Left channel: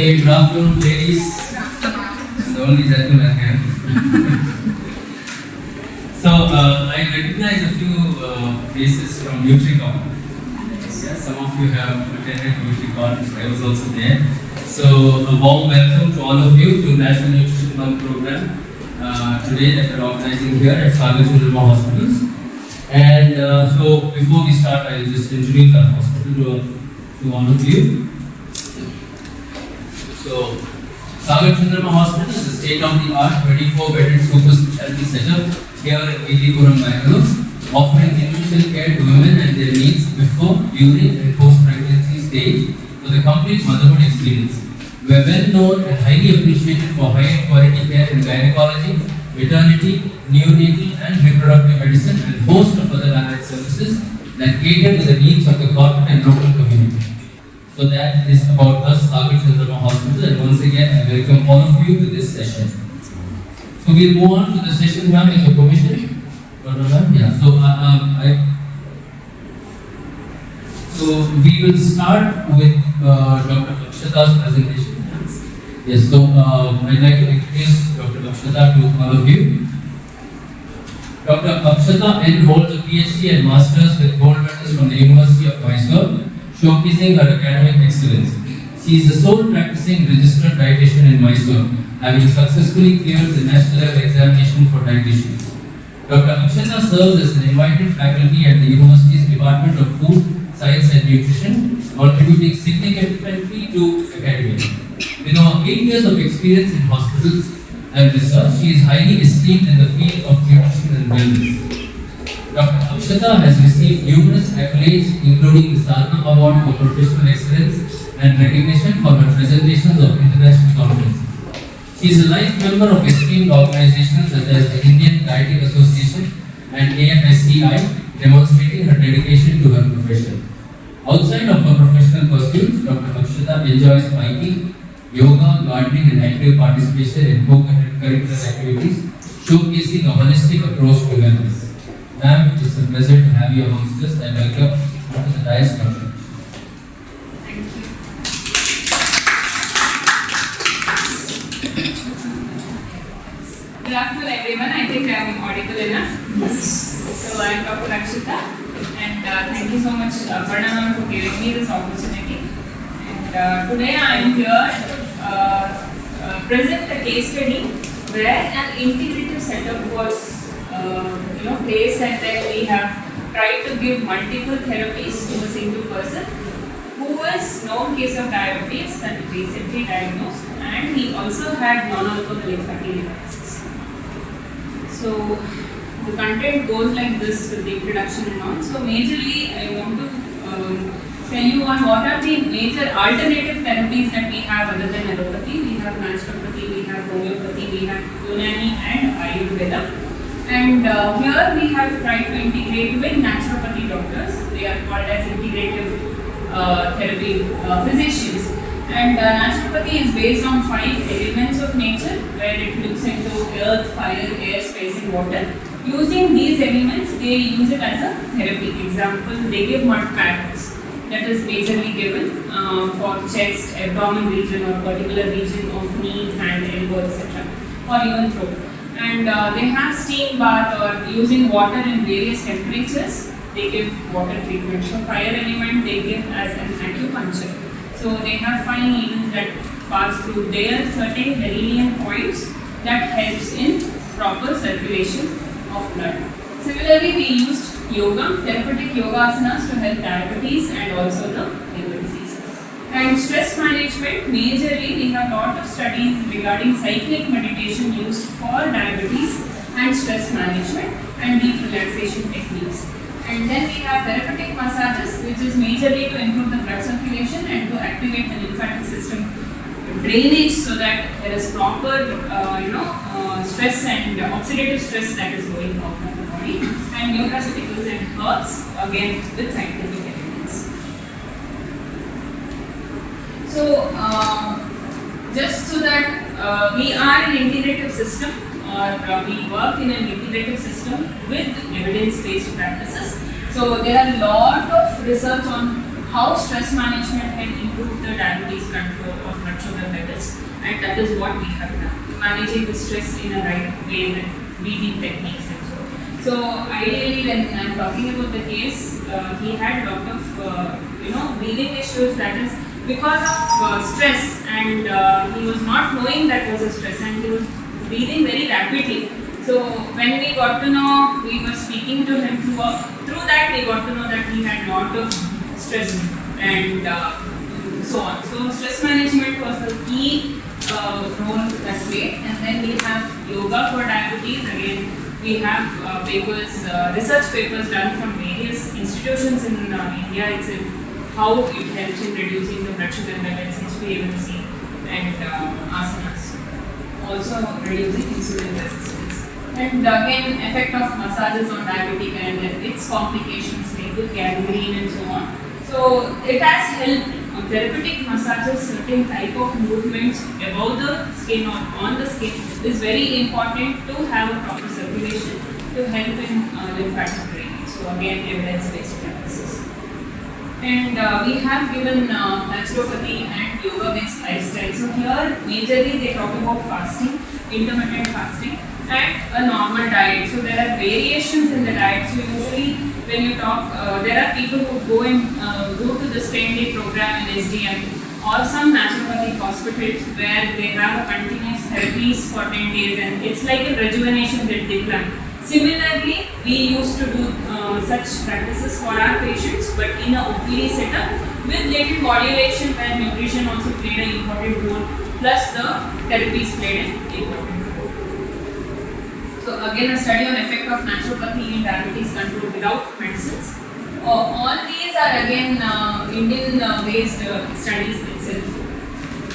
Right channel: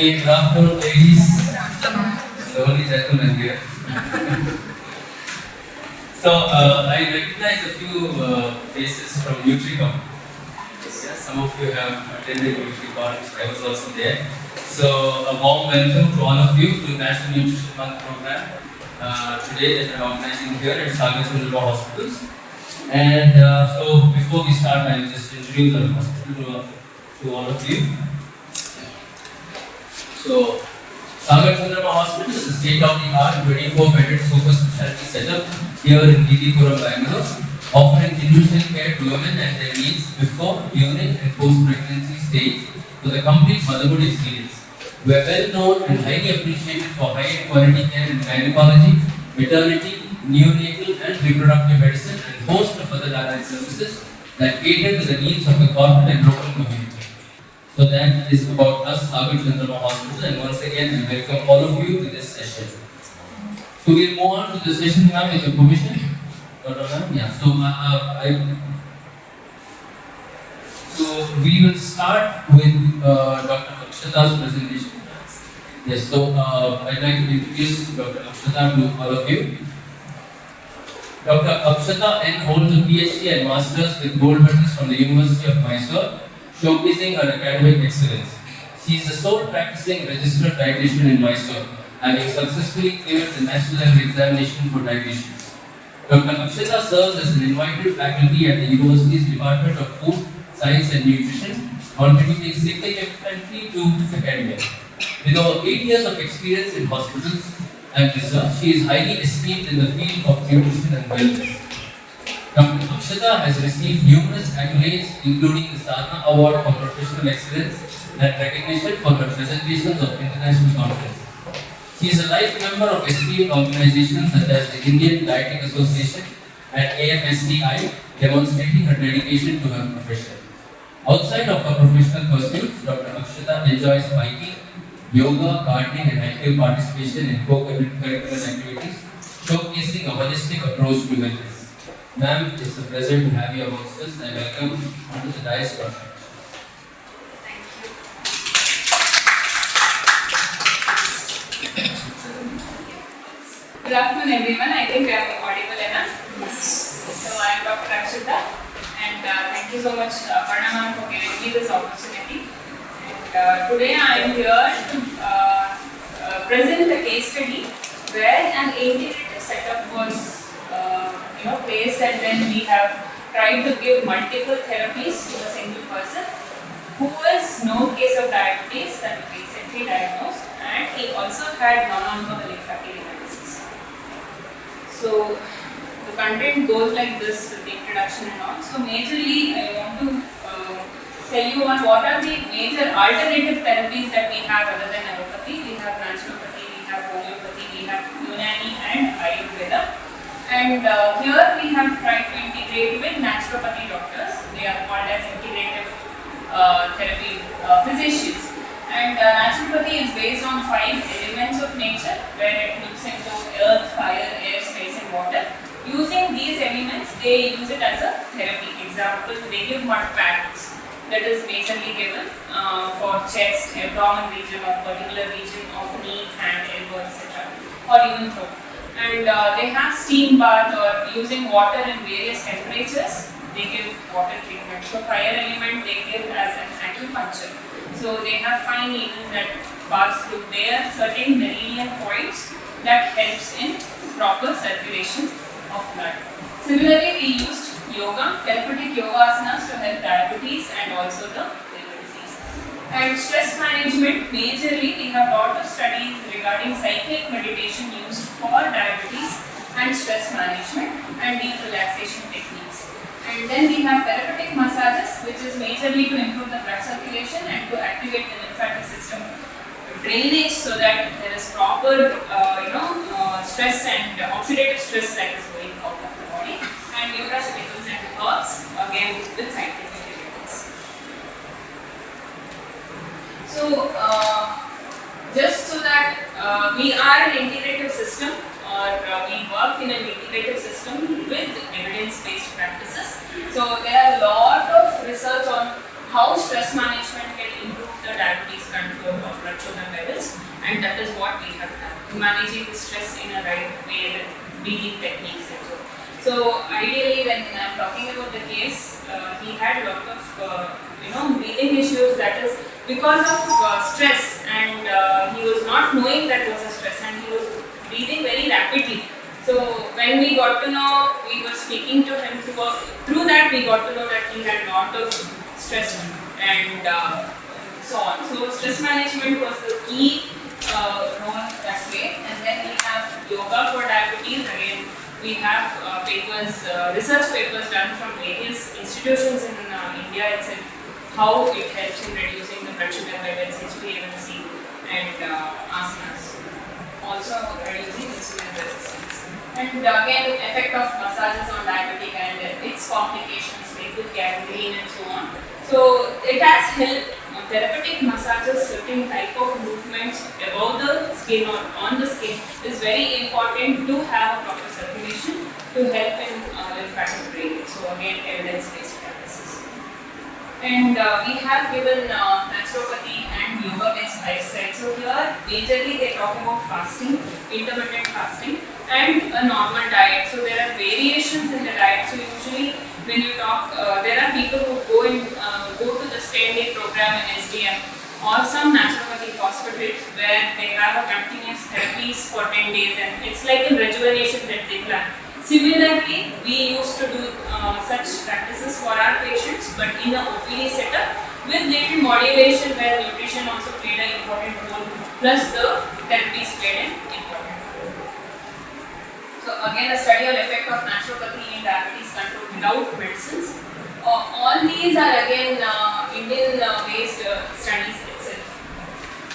Hey, good afternoon, ladies. The only gentleman here. So, I recognize a few faces from NutriCon. Yeah, some of you have attended NutriCon, I was also there. So, a warm welcome to all of you to National Nutrition Month program today that we are organizing here at Sagar Chandramma Hospitals. And so, before we start, I will just introduce our hospital to all of you. So, Sagar Chandramma Hospital is a state-of-the-art 24-bedded super specialty setup here in Leaky, Bangalore, offering individual care to women and their needs before, during, and post-pregnancy stage with a complete motherhood experience. We are well known and highly appreciated for high quality care in gynecology, maternity, neonatal, and reproductive medicine, and host of other allied services that cater to the needs of the corporate and local community. So that is about us, Sagar Chandramma Hospital, and once again I welcome all of you to this session. So we'll move on to the session, ma'am, with your permission. Yeah. So we will start with Dr. Akshata's presentation. Yes. So I'd like to introduce Dr. Akshata to all of you. Dr. Akshata N holds a PhD and Masters with gold medals from the University of Mysore, showcasing her academic excellence. She is the sole practicing registered dietitian in Mysore, having successfully cleared the national level examination for dietitians. Dr. Akshata serves as an invited faculty at the university's Department of Food, Science and Nutrition, contributing significantly to academia. With over 8 years of experience in hospitals and research, she is highly esteemed in the field of nutrition and wellness. Dr. Akshata has received numerous accolades, including the Sarna Award for Professional Excellence and recognition for her presentations of international conferences. She is a life member of esteemed organizations such as the Indian Dieting Association and AFSCI, demonstrating her dedication to her profession. Outside of her professional pursuits, Dr. Akshata enjoys biking, yoga, gardening, and active participation in co-curricular activities, showcasing a holistic approach to wellness. Ma'am, it's a pleasure to have you amongst us. I welcome you to the dais, Dr. Akshata. Good afternoon, everyone. I think I am audible enough. Yes. So I am Dr. Akshata, and thank you so much, Pranam, for giving me this opportunity. And today I am here to present a case study where an integrative setup was placed, and then we have tried to give multiple therapies to a single person who was known case of diabetes and recently diagnosed, and he also had non-alcoholic fatty liver disease. So the content goes like this with the introduction and all. So majorly I want to tell you on what are the major alternative therapies that we have other than allopathy. We have naturopathy, we have homeopathy, we have Unani and Ayurveda. And here we have tried to integrate with naturopathy doctors. They are called as integrative therapy physicians. And naturopathy is based on 5 elements of nature, where it looks into earth, fire, air, space and water. Using these elements, they use it as a therapy. Example, they give mud packs that is majorly given for chest, abdomen region or particular region of knee, hand, elbow, etc. or even throat. And they have steam bath or using water in various temperatures. They give water treatment. So fire element they give as an acupuncture. So they have fine needles that pass through their certain meridian points that helps in proper circulation of blood. Similarly, we used yoga, therapeutic yoga asanas to help diabetes and also the liver disease. And stress management, majorly we have a lot of studies regarding cyclic meditation used for diabetes and stress management and deep relaxation techniques. And then we have therapeutic massages, which is majorly to improve the blood circulation and to activate the lymphatic system drainage so that there is proper stress and oxidative stress that is going off of the body. And nutraceuticals and herbs, again with scientific evidence. So just so that we are an integrative system, or we work in an integrative system with evidence-based practices. So there are a lot of research on how stress management can improve the diabetes control of blood sugar levels, and that is what we have done, managing the stress in a right way with breathing techniques and so. So ideally, when I'm talking about the case, he had a lot of breathing issues. That is because of stress, and he was not knowing that was a stress, and he was breathing very rapidly. So when we got to know, we were speaking to him through that, we got to know that he had a lot of stress and so on. So stress management was the key role that way. And then we have yoga for diabetes. Again, we have research papers done from various institutions in India itself, how it helps in reducing the blood sugar levels, HbA1c, and asanas. Also reducing insulin resistance. And again, effect of massages on diabetic and its complications like the gangrene and so on. So it has helped. Therapeutic massages, certain type of movements above the skin or on the skin is very important to have a proper circulation to help in lymphatic drainage. So again, evidence-based practices. And we have given naturopathy and yoga-based lifestyle. So here, majorly they talk about fasting, intermittent fasting, and a normal diet. So there are variations in the diet. So usually, when you talk, there are people who go to the 10-day program in SDM or some naturopathic hospitals where they have a continuous therapies for 10 days, and it's like a rejuvenation that they plan. Similarly, we used to do such practices for our patients, but in a OPD setup with little modulation where nutrition also played an important role, plus the therapies played an important role. So again, a study on effect of naturopathy in diabetes control without medicines. All these are again Indian-based studies itself.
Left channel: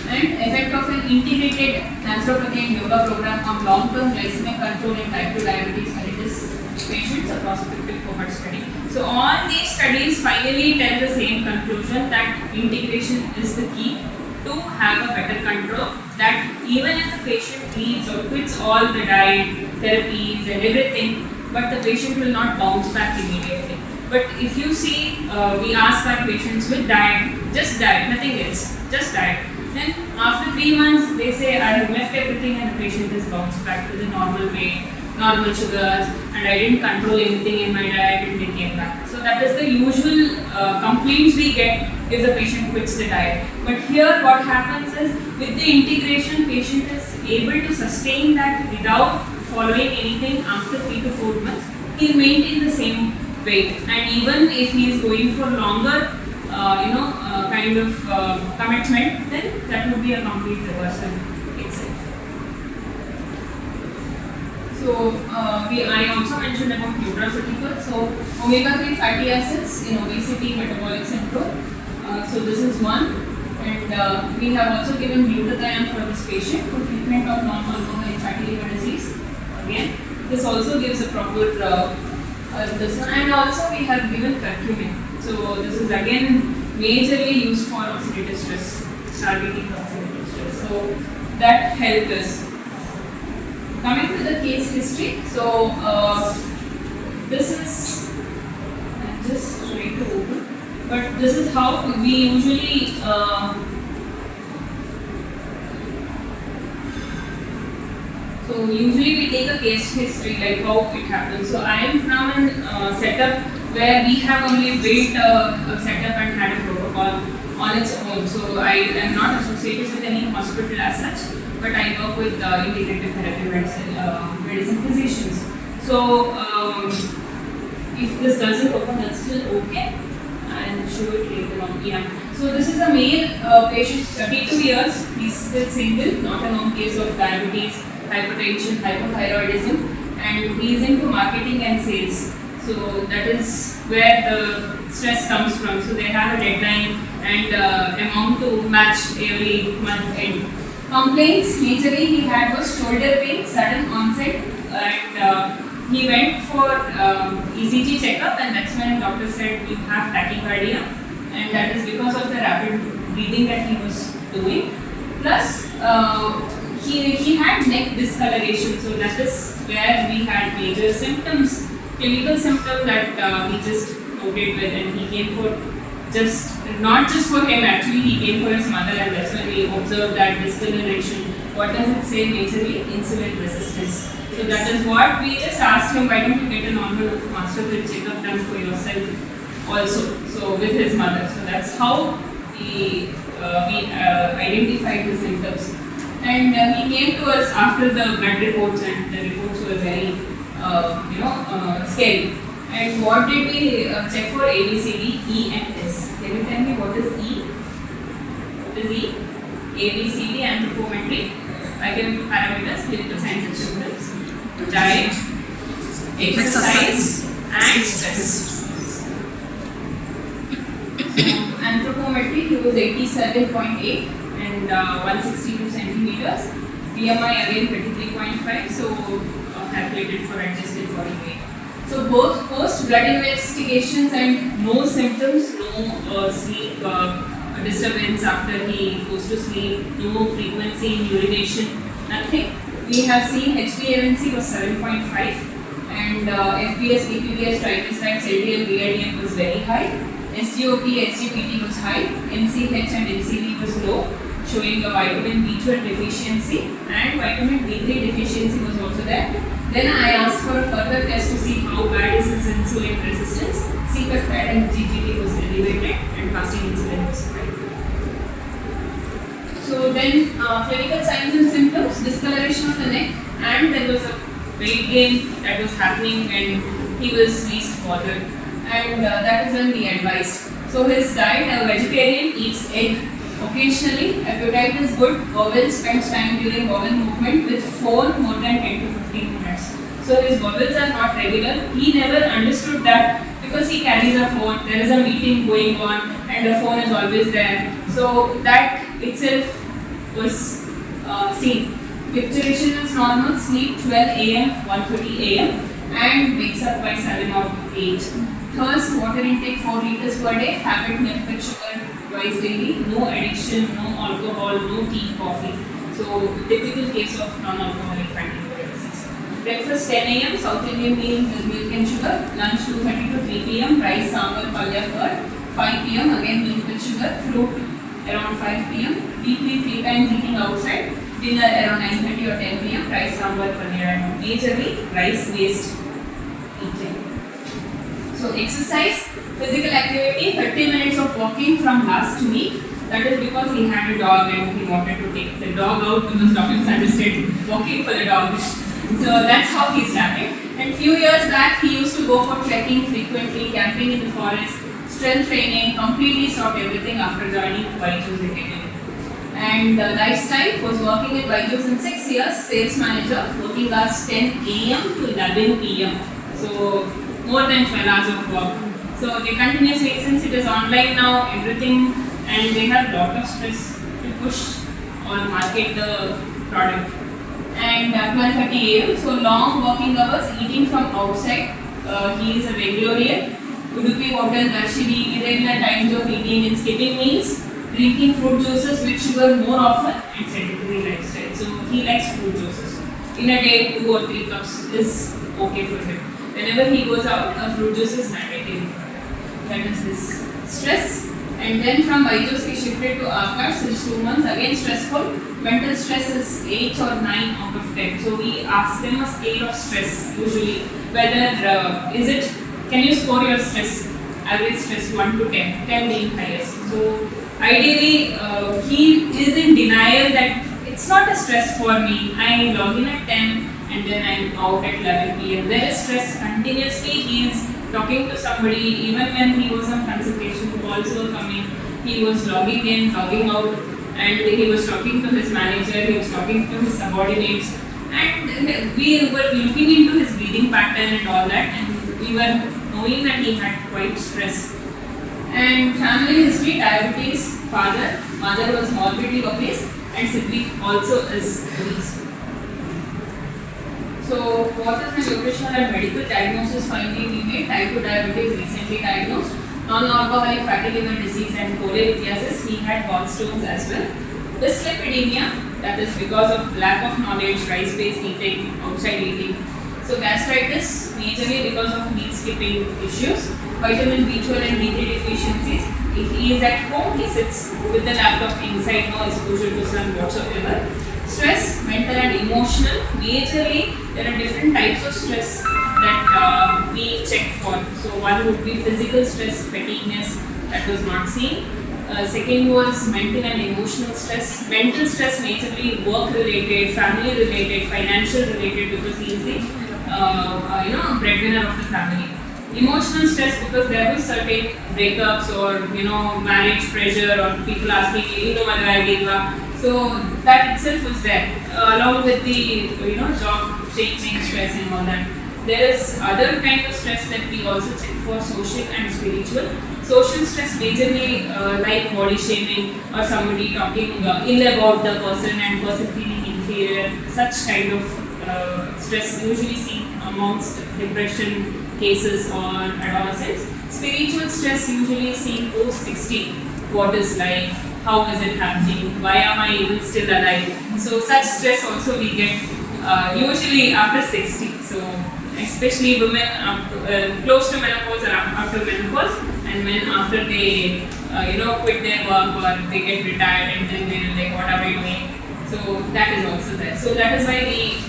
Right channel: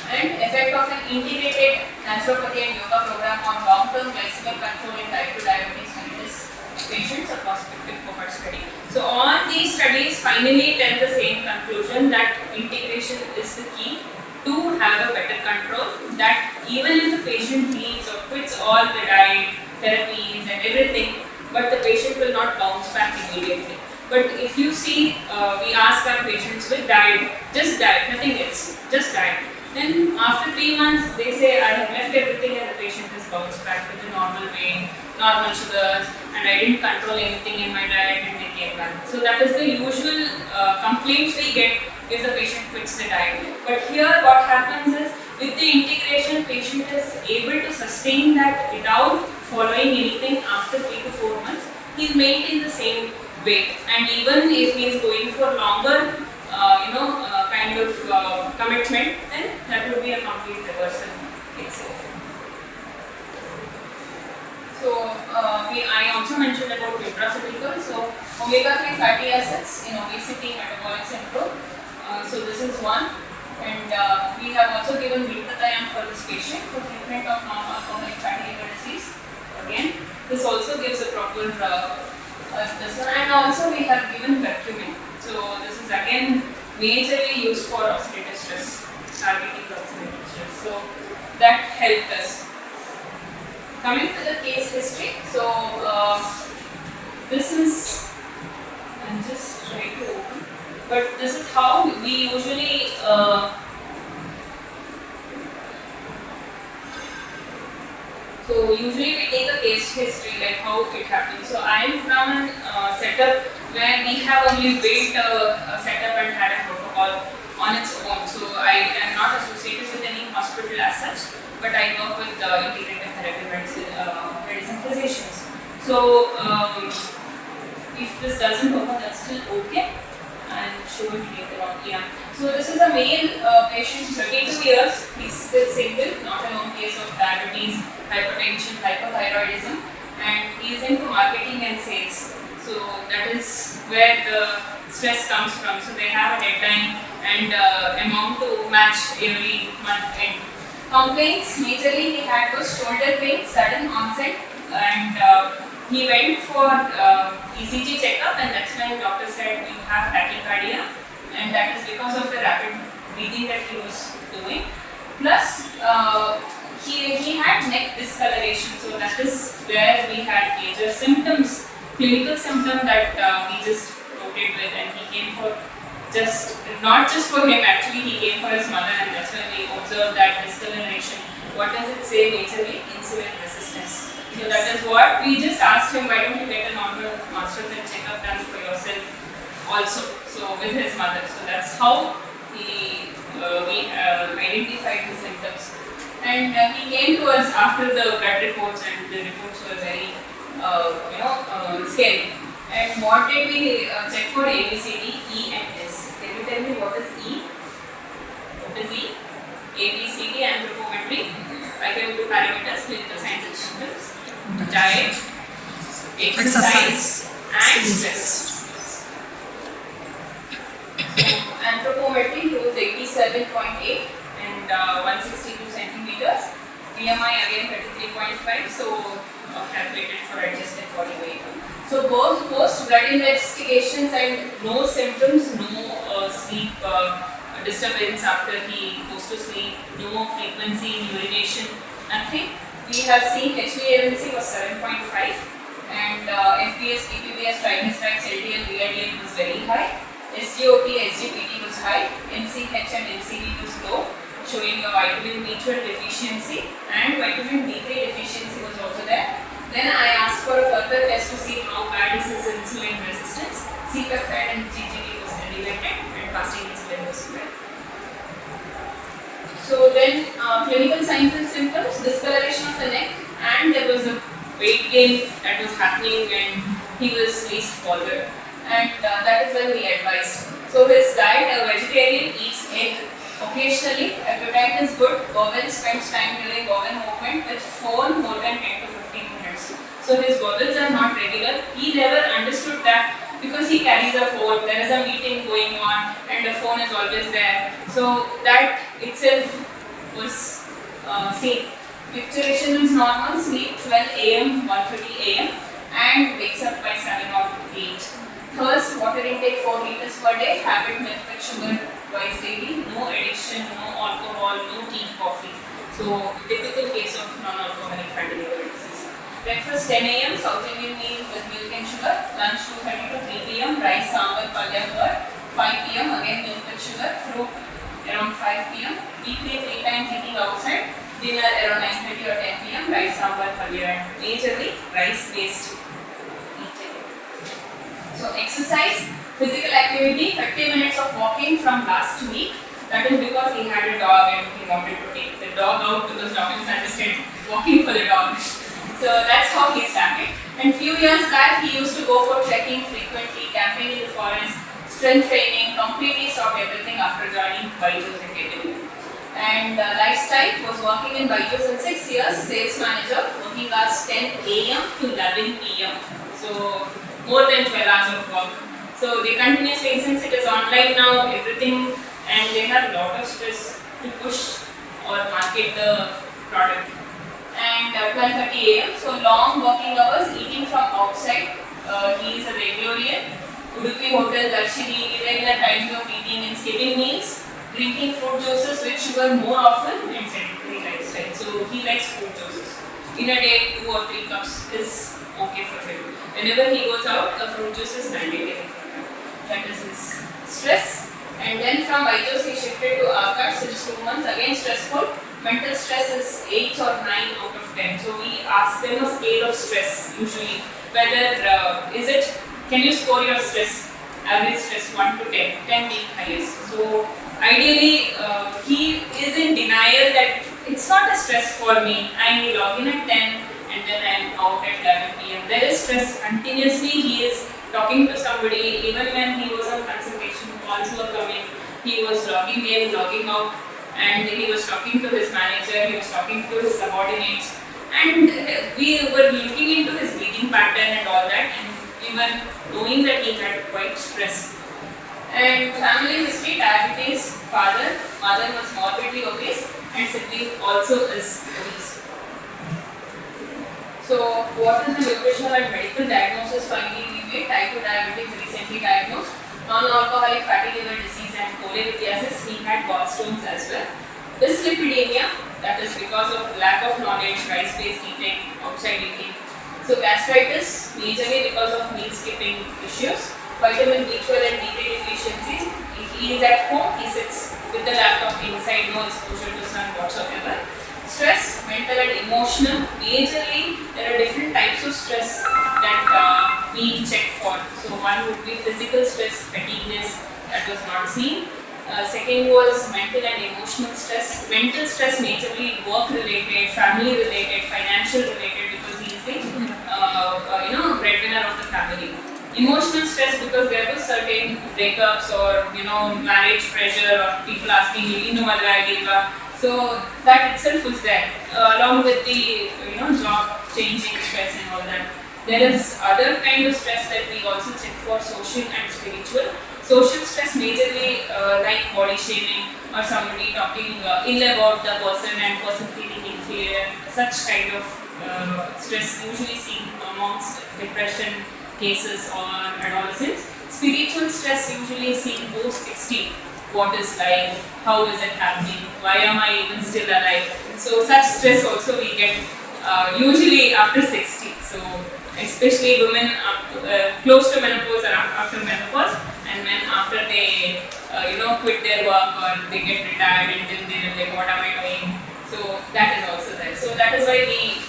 And effect of an integrated naturopathy and yoga program on long-term glycemic control in type 2 diabetes mellitus patients across 50 cohort study. So all these studies finally tell the same conclusion, that integration is the key to have a better control, that even if the patient leaves or quits all the diet, therapies and everything, but the patient will not bounce back immediately. But if you see, we ask our patients with diet, just diet, nothing else, just diet. Then after 3 months, they say, I have left everything and the patient is bounced back to the normal weight, normal sugars, and I didn't control anything in my diet and they came back. So that is the usual complaints we get if the patient quits the diet. But here what happens is, with the integration, patient is able to sustain that without following anything after 3 to 4 months. He maintain the same weight, and even if he is going for longer kind of commitment, then that would be a complete reversal itself. So I also mentioned about nutraceuticals. So omega-3 fatty acids in obesity, metabolic syndrome. So this is one, and we have also given glutathione for this patient for treatment of non-alcoholic fatty liver disease. Again, this also gives a proper this one, and also we have given curcumin. So this is again majorly used for oxidative stress, targeting oxidative stress. So that helped us. Coming to the case history, so this is, I'm just trying to open, but this is how we usually so usually we take a case history, like how it happens. So I am from a setup where we have only built a setup and had a protocol on its own. So I am not associated with any hospital as such, but I work with integrated therapy medicine physicians. So if this doesn't open, that's still okay. I'll show it later on. Yeah. So this is a male patient, 32 years. He's still single, not a known case of diabetes, hypertension, hypothyroidism, and he is into marketing and sales. So that is where the stress comes from. So they have a deadline and amount to match every month end. Complaints, majorly he had was shoulder pain, sudden onset, and he went for ECG checkup, and that's when doctor said you have tachycardia, and that is because of the rapid breathing that he was doing. Plus, he had neck discoloration, so that is where we had major symptoms, clinical symptom that he just noted with, and he came for just not just for him, actually he came for his mother, and that's when we observed that discoloration. What does it say majorly? Insulin resistance. So that is what we just asked him, why don't you get a normal master checkup done for yourself also, so with his mother. So that's how we identified the symptoms. And he came to us after the blood reports, and the reports were very scary. And what did we check for? ABCD, E and S. Can you tell me what is E? What is E? ABCD, anthropometry, biochemical parameters, clinical scientific symptoms, diet, exercise, and stress. Anthropometry, he was 87.8 and 162 centimeters. BMI again 33.5, so calculated for adjusted body weight. So both post blood investigations and no symptoms, no sleep disturbance after he goes to sleep, no frequency in urination, nothing. We have seen HbA1c was 7.5 and FPS, PPBS, triglycerides, LDL, VLDL was very high. SGOT, SGPT was high. NCH and NCV was low, showing a vitamin B12 deficiency, and vitamin D3 deficiency was also there. Then I asked for a further test to see how bad is his insulin resistance. C-peptide and GGT was elevated and fasting insulin was high. So then clinical signs and symptoms, discoloration of the neck, and there was a weight gain that was happening and he was least bothered. And that is when we advised. So his diet, a vegetarian, eats egg occasionally. Appetite is good. Bowel spends time during bowel movement with phone more than 10 to 15 minutes. So his bowels are not regular. He never understood that because he carries a phone, there is a meeting going on and the phone is always there. So that itself was seen. Picturation is normal, sleep 12 am, 1:30 am and wakes up by 7 or 8. Thirst, water intake 4 liters per day, habit milk with sugar twice daily, no addiction, no alcohol, no tea, coffee. So typical case of non-alcoholic fatty liver disease. Breakfast 10 am, South Indian meal with milk and sugar, lunch 2:30 to 3 pm, rice, sambar, palya, curd, 5 pm again milk with sugar, fruit around 5 pm, weekly 3 times eating outside, dinner around 9:30 or 10 pm, rice, sambar, palya, and majorly rice based eating. So exercise, physical activity, 30 minutes of walking from last week. That is because he had a dog and he wanted to take the dog out because doctors suggested walking for the dog. So that's how he started. And few years back he used to go for trekking frequently, camping in the forest, strength training, completely stopped everything after joining Byju's Academy. And lifestyle, was working in Byju's in 6 years, sales manager, working hours 10 am to 11 pm. So more than 12 hours of work. So they continuously, since it is online now, everything, and they have a lot of stress to push or market the product. And 12:30 am, so long working hours, eating from outside. He is a vegetarian. Udupi Hotel, Darshini, irregular times of eating and skipping meals, drinking fruit juices with sugar more often, and sedentary lifestyle. So he likes fruit juices. In a day, 2 or 3 cups is okay for him. Whenever he goes out, a fruit juice is mandatory. That is his stress. And then from Byju's he shifted to Aavula since 2 months. Again stressful. Mental stress is 8 or 9 out of 10. So we ask them a scale of stress usually. Whether is it, can you score your stress? Average stress 1 to 10. 10 being highest. So ideally he is in denial that it's not a stress for me. I log in at 10. And then I'm out at 11 pm. There is stress continuously. He is talking to somebody. Even when he was on consultation, calls were coming. He was logging in, logging out, and he was talking to his manager. He was talking to his subordinates, and we were looking into his breathing pattern and all that, and we were knowing that he had quite stress. And family history: diabetes, father, mother was morbidly obese, and sibling also is obese. So what is the nutritional and medical diagnosis finally we made? Type 2 diabetes recently diagnosed, non-alcoholic fatty liver disease and cholelithiasis. He had gallstones as well. Dyslipidemia, that is because of lack of knowledge, rice-based eating, outside eating. So gastritis, majorly because of meat skipping issues. Vitamin B12 and D3 deficiencies. he is at home, he sits with the laptop inside, no exposure to sun whatsoever. Stress, mental and emotional. Majorly, there are different types of stress that we check for. So one would be physical stress, fatigueness, that was not seen. Second was mental and emotional stress. Mental stress majorly work related, family related, financial related, because he is the breadwinner of the family. Emotional stress because there was certain breakups or marriage pressure or people asking so that itself was there along with the job changing stress and all that. There is other kind of stress that we also check for, social and spiritual. Social stress majorly like body shaming or somebody talking ill about the person and person feeling inferior. Such kind of stress usually seen amongst depression cases or adolescents. Spiritual stress usually seen post 60. What is life? How is it happening? Why am I even still alive? So such stress also we get usually after 60. So especially women close to menopause or after menopause, and men after they quit their work or they get retired and then they're like, what are we doing? So that is also there. So that is why we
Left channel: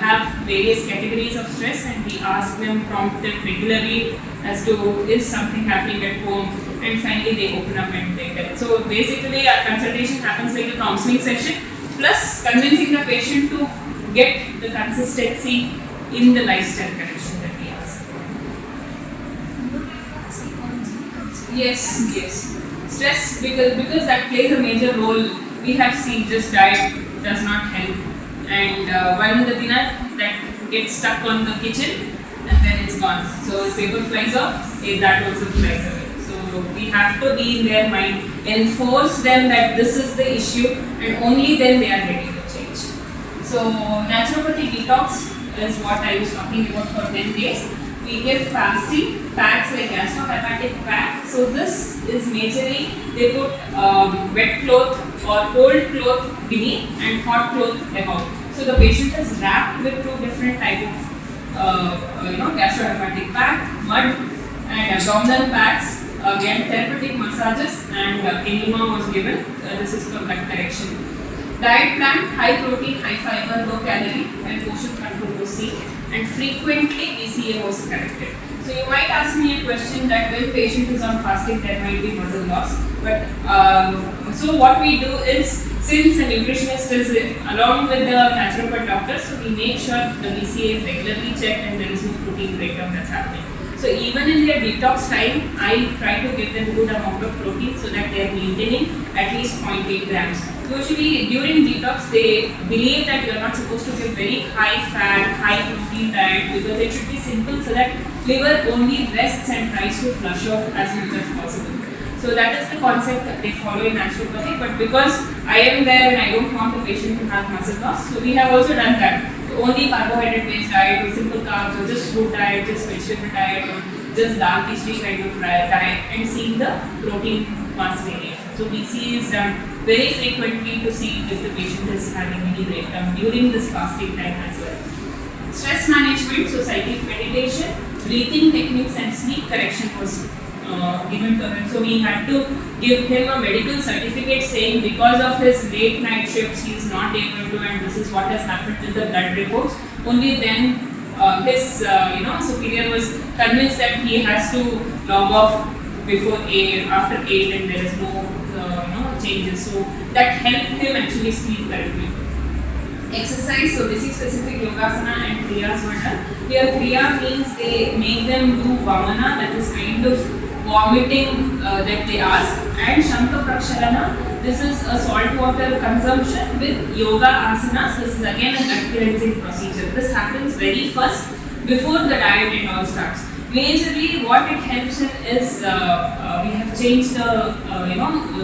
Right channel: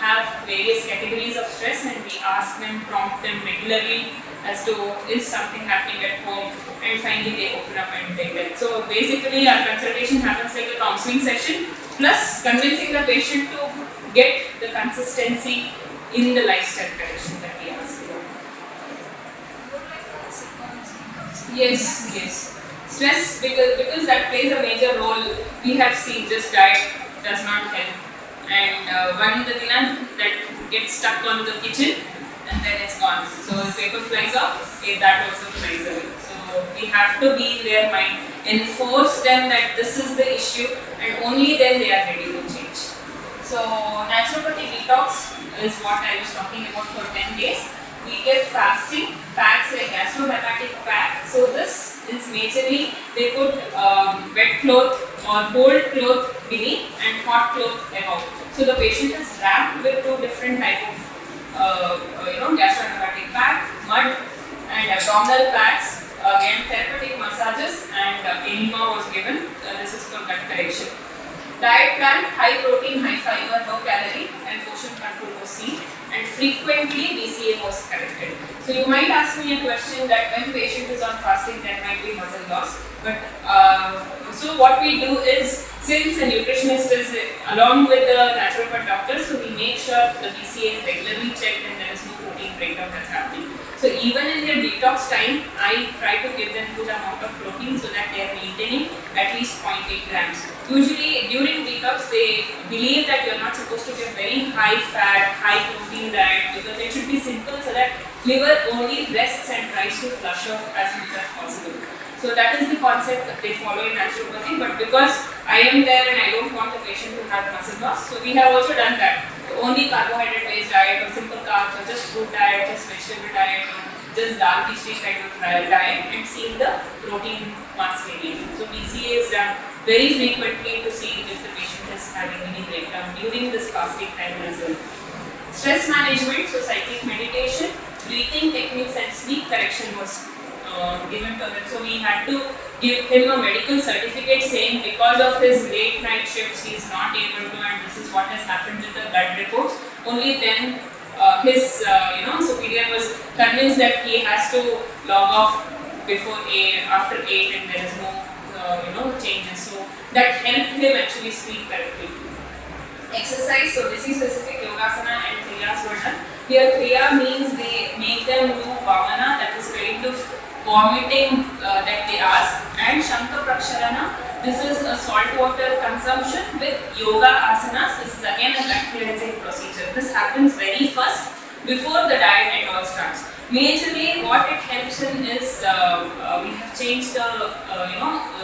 have various categories of stress, and we ask them, prompt them regularly as to is something happening at home, and finally they open up and they tell. So basically our consultation happens like a counseling session plus convincing the patient to get the consistency in the lifestyle correction that we ask for. Yes. Stress, because that plays a major role. We have seen just diet does not help, and one the dinner that gets stuck on the kitchen and then it's gone. So the paper flies off, that also flies away. So we have to be in their mind, enforce them that this is the issue, and only then they are ready to change. So naturopathy detox is what I was talking about for 10 days. We give fasting packs like gastrohepatic pack. So this is majorly they put wet cloth or cold cloth beneath and hot cloth above. So the patient is wrapped with two different type of gastrohepatic pack, mud and abdominal packs. Again therapeutic massages and enema was given. This is for gut correction. Diet plan: high protein, high fiber, low calorie, and portion control was seen, and frequently BCA was corrected. So you might ask me a question that when patient is on fasting, there might be muscle loss. But so what we do is, since the nutritionist is along with the naturopath doctor, so we make sure the BCA is regularly checked and there is no protein breakdown that's happening. So even in their detox time, I try to give them good amount of protein so that they are maintaining at least 0.8 grams. Usually during detox, they believe that you are not supposed to give very high fat, high protein diet because it should be simple so that liver only rests and tries to flush out as much as possible. So that is the concept that they follow in naturopathy. But because I am there and I don't want the patient to have muscle loss, so we have also done that. Only carbohydrate-based diet or simple carbs or just food diet, just vegetable diet or just dal khichdi kind of diet, and seeing the protein mass variation. So BCA is done very frequently to see if the patient is having any breakdown during this fasting time as well. Stress management, so cyclic meditation, breathing techniques and sleep correction was given to him. So we had to give him a medical certificate saying because of his late night shifts he is not able to, and this is what has happened with the blood reports. Only then his superior was convinced that he has to log off before 8, after 8, and there is no changes. So that helped him actually sleep correctly. Exercise, so disease specific yogasana and kriyas were done. Here kriya means they make them do vamana, that is kind of vomiting that they ask, and Shankha Prakshalana, this is a salt water consumption with yoga asanas. This is again a gut cleansing procedure. This happens very first before the diet and all starts. Majorly what it helps in is we have changed the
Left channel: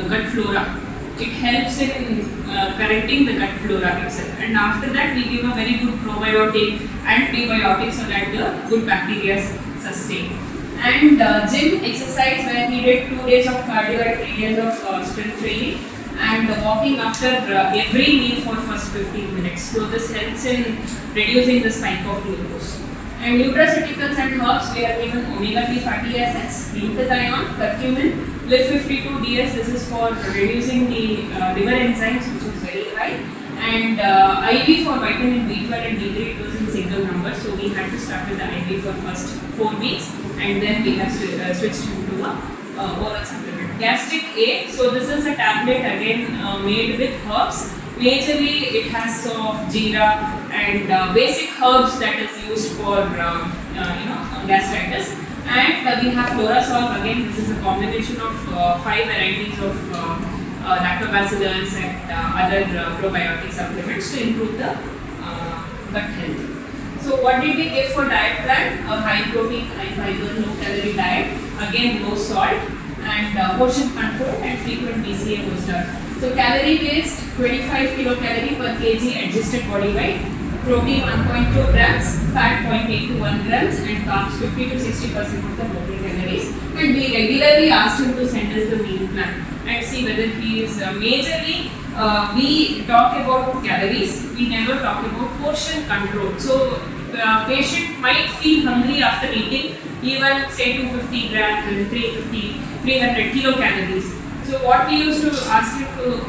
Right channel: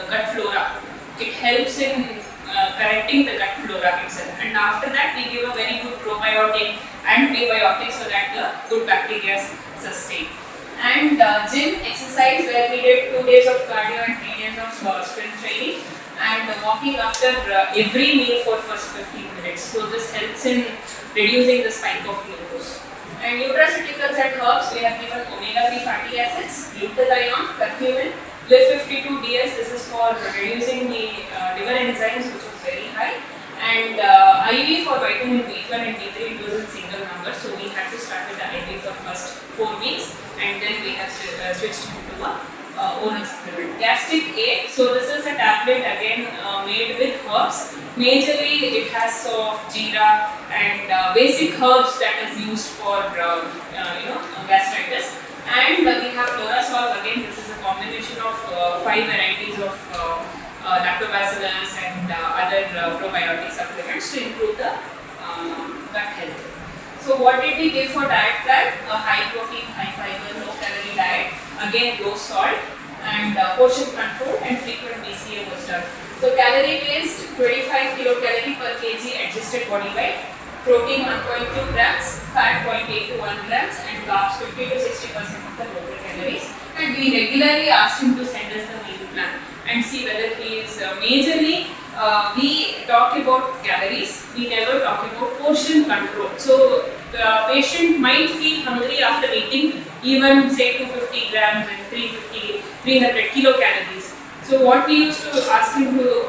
gut flora. It helps in correcting the gut flora itself, and after that we give a very good probiotic and prebiotic so that the good bacteria sustain. And gym exercise where we did 2 days of cardio and 3 days of strength training, and walking after every meal for first 15 minutes. So this helps in reducing the spike of glucose. And nutraceuticals and herbs, we have given omega-3 fatty acids, glutathione, curcumin, LIV52DS, this is for reducing the liver enzymes, which is very high, and IV for vitamin B12 and B3, it was in single numbers, so we had to start with the IV for first 4 weeks, and then we have switched into a oral supplement. Gastric A, so this is a tablet again made with herbs. Majorly it has soft, jeera and basic herbs that is used for gastritis. And we have Florasol, again this is a combination of 5 varieties of lactobacillus and other probiotic supplements to improve the gut health. So what did we give for diet plan? A high protein, high fiber, low calorie diet, again low salt and portion control and frequent BCA was done. So calorie based 25 kilocalorie per kg adjusted body weight, protein 1.2 grams, fat 0.8 to 1 grams and carbs 50 to 60% of the total calories. And we regularly asked him to send us the meal plan and see whether he is majorly we talk about calories, we never talk about portion control. So patient might feel hungry after eating even say 250 grams and 300 kilocalories. So what we used to ask him to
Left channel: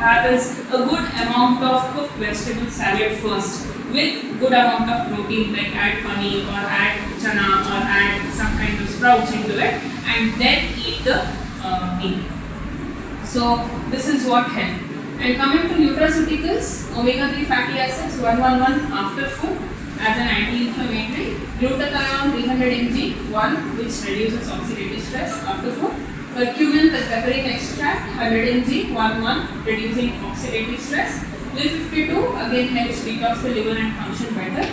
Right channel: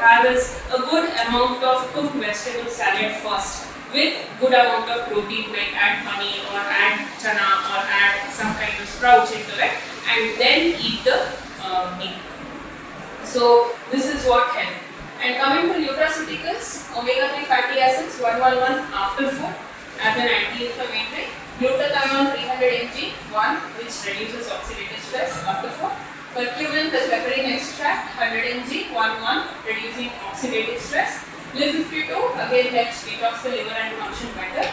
have is a good amount of cooked vegetable salad first with good amount of protein, like add honey or add chana or add some kind of sprouts into it and then eat the meat. So this is what helped. And coming to nutraceuticals, omega-3 fatty acids 111 after food as an anti-inflammatory, glutathione 300 mg 1 which reduces oxidative stress after food, curcumin with pepperine extract 100 mg 1 reducing oxidative stress, LIV52 again helps detox the liver and function better,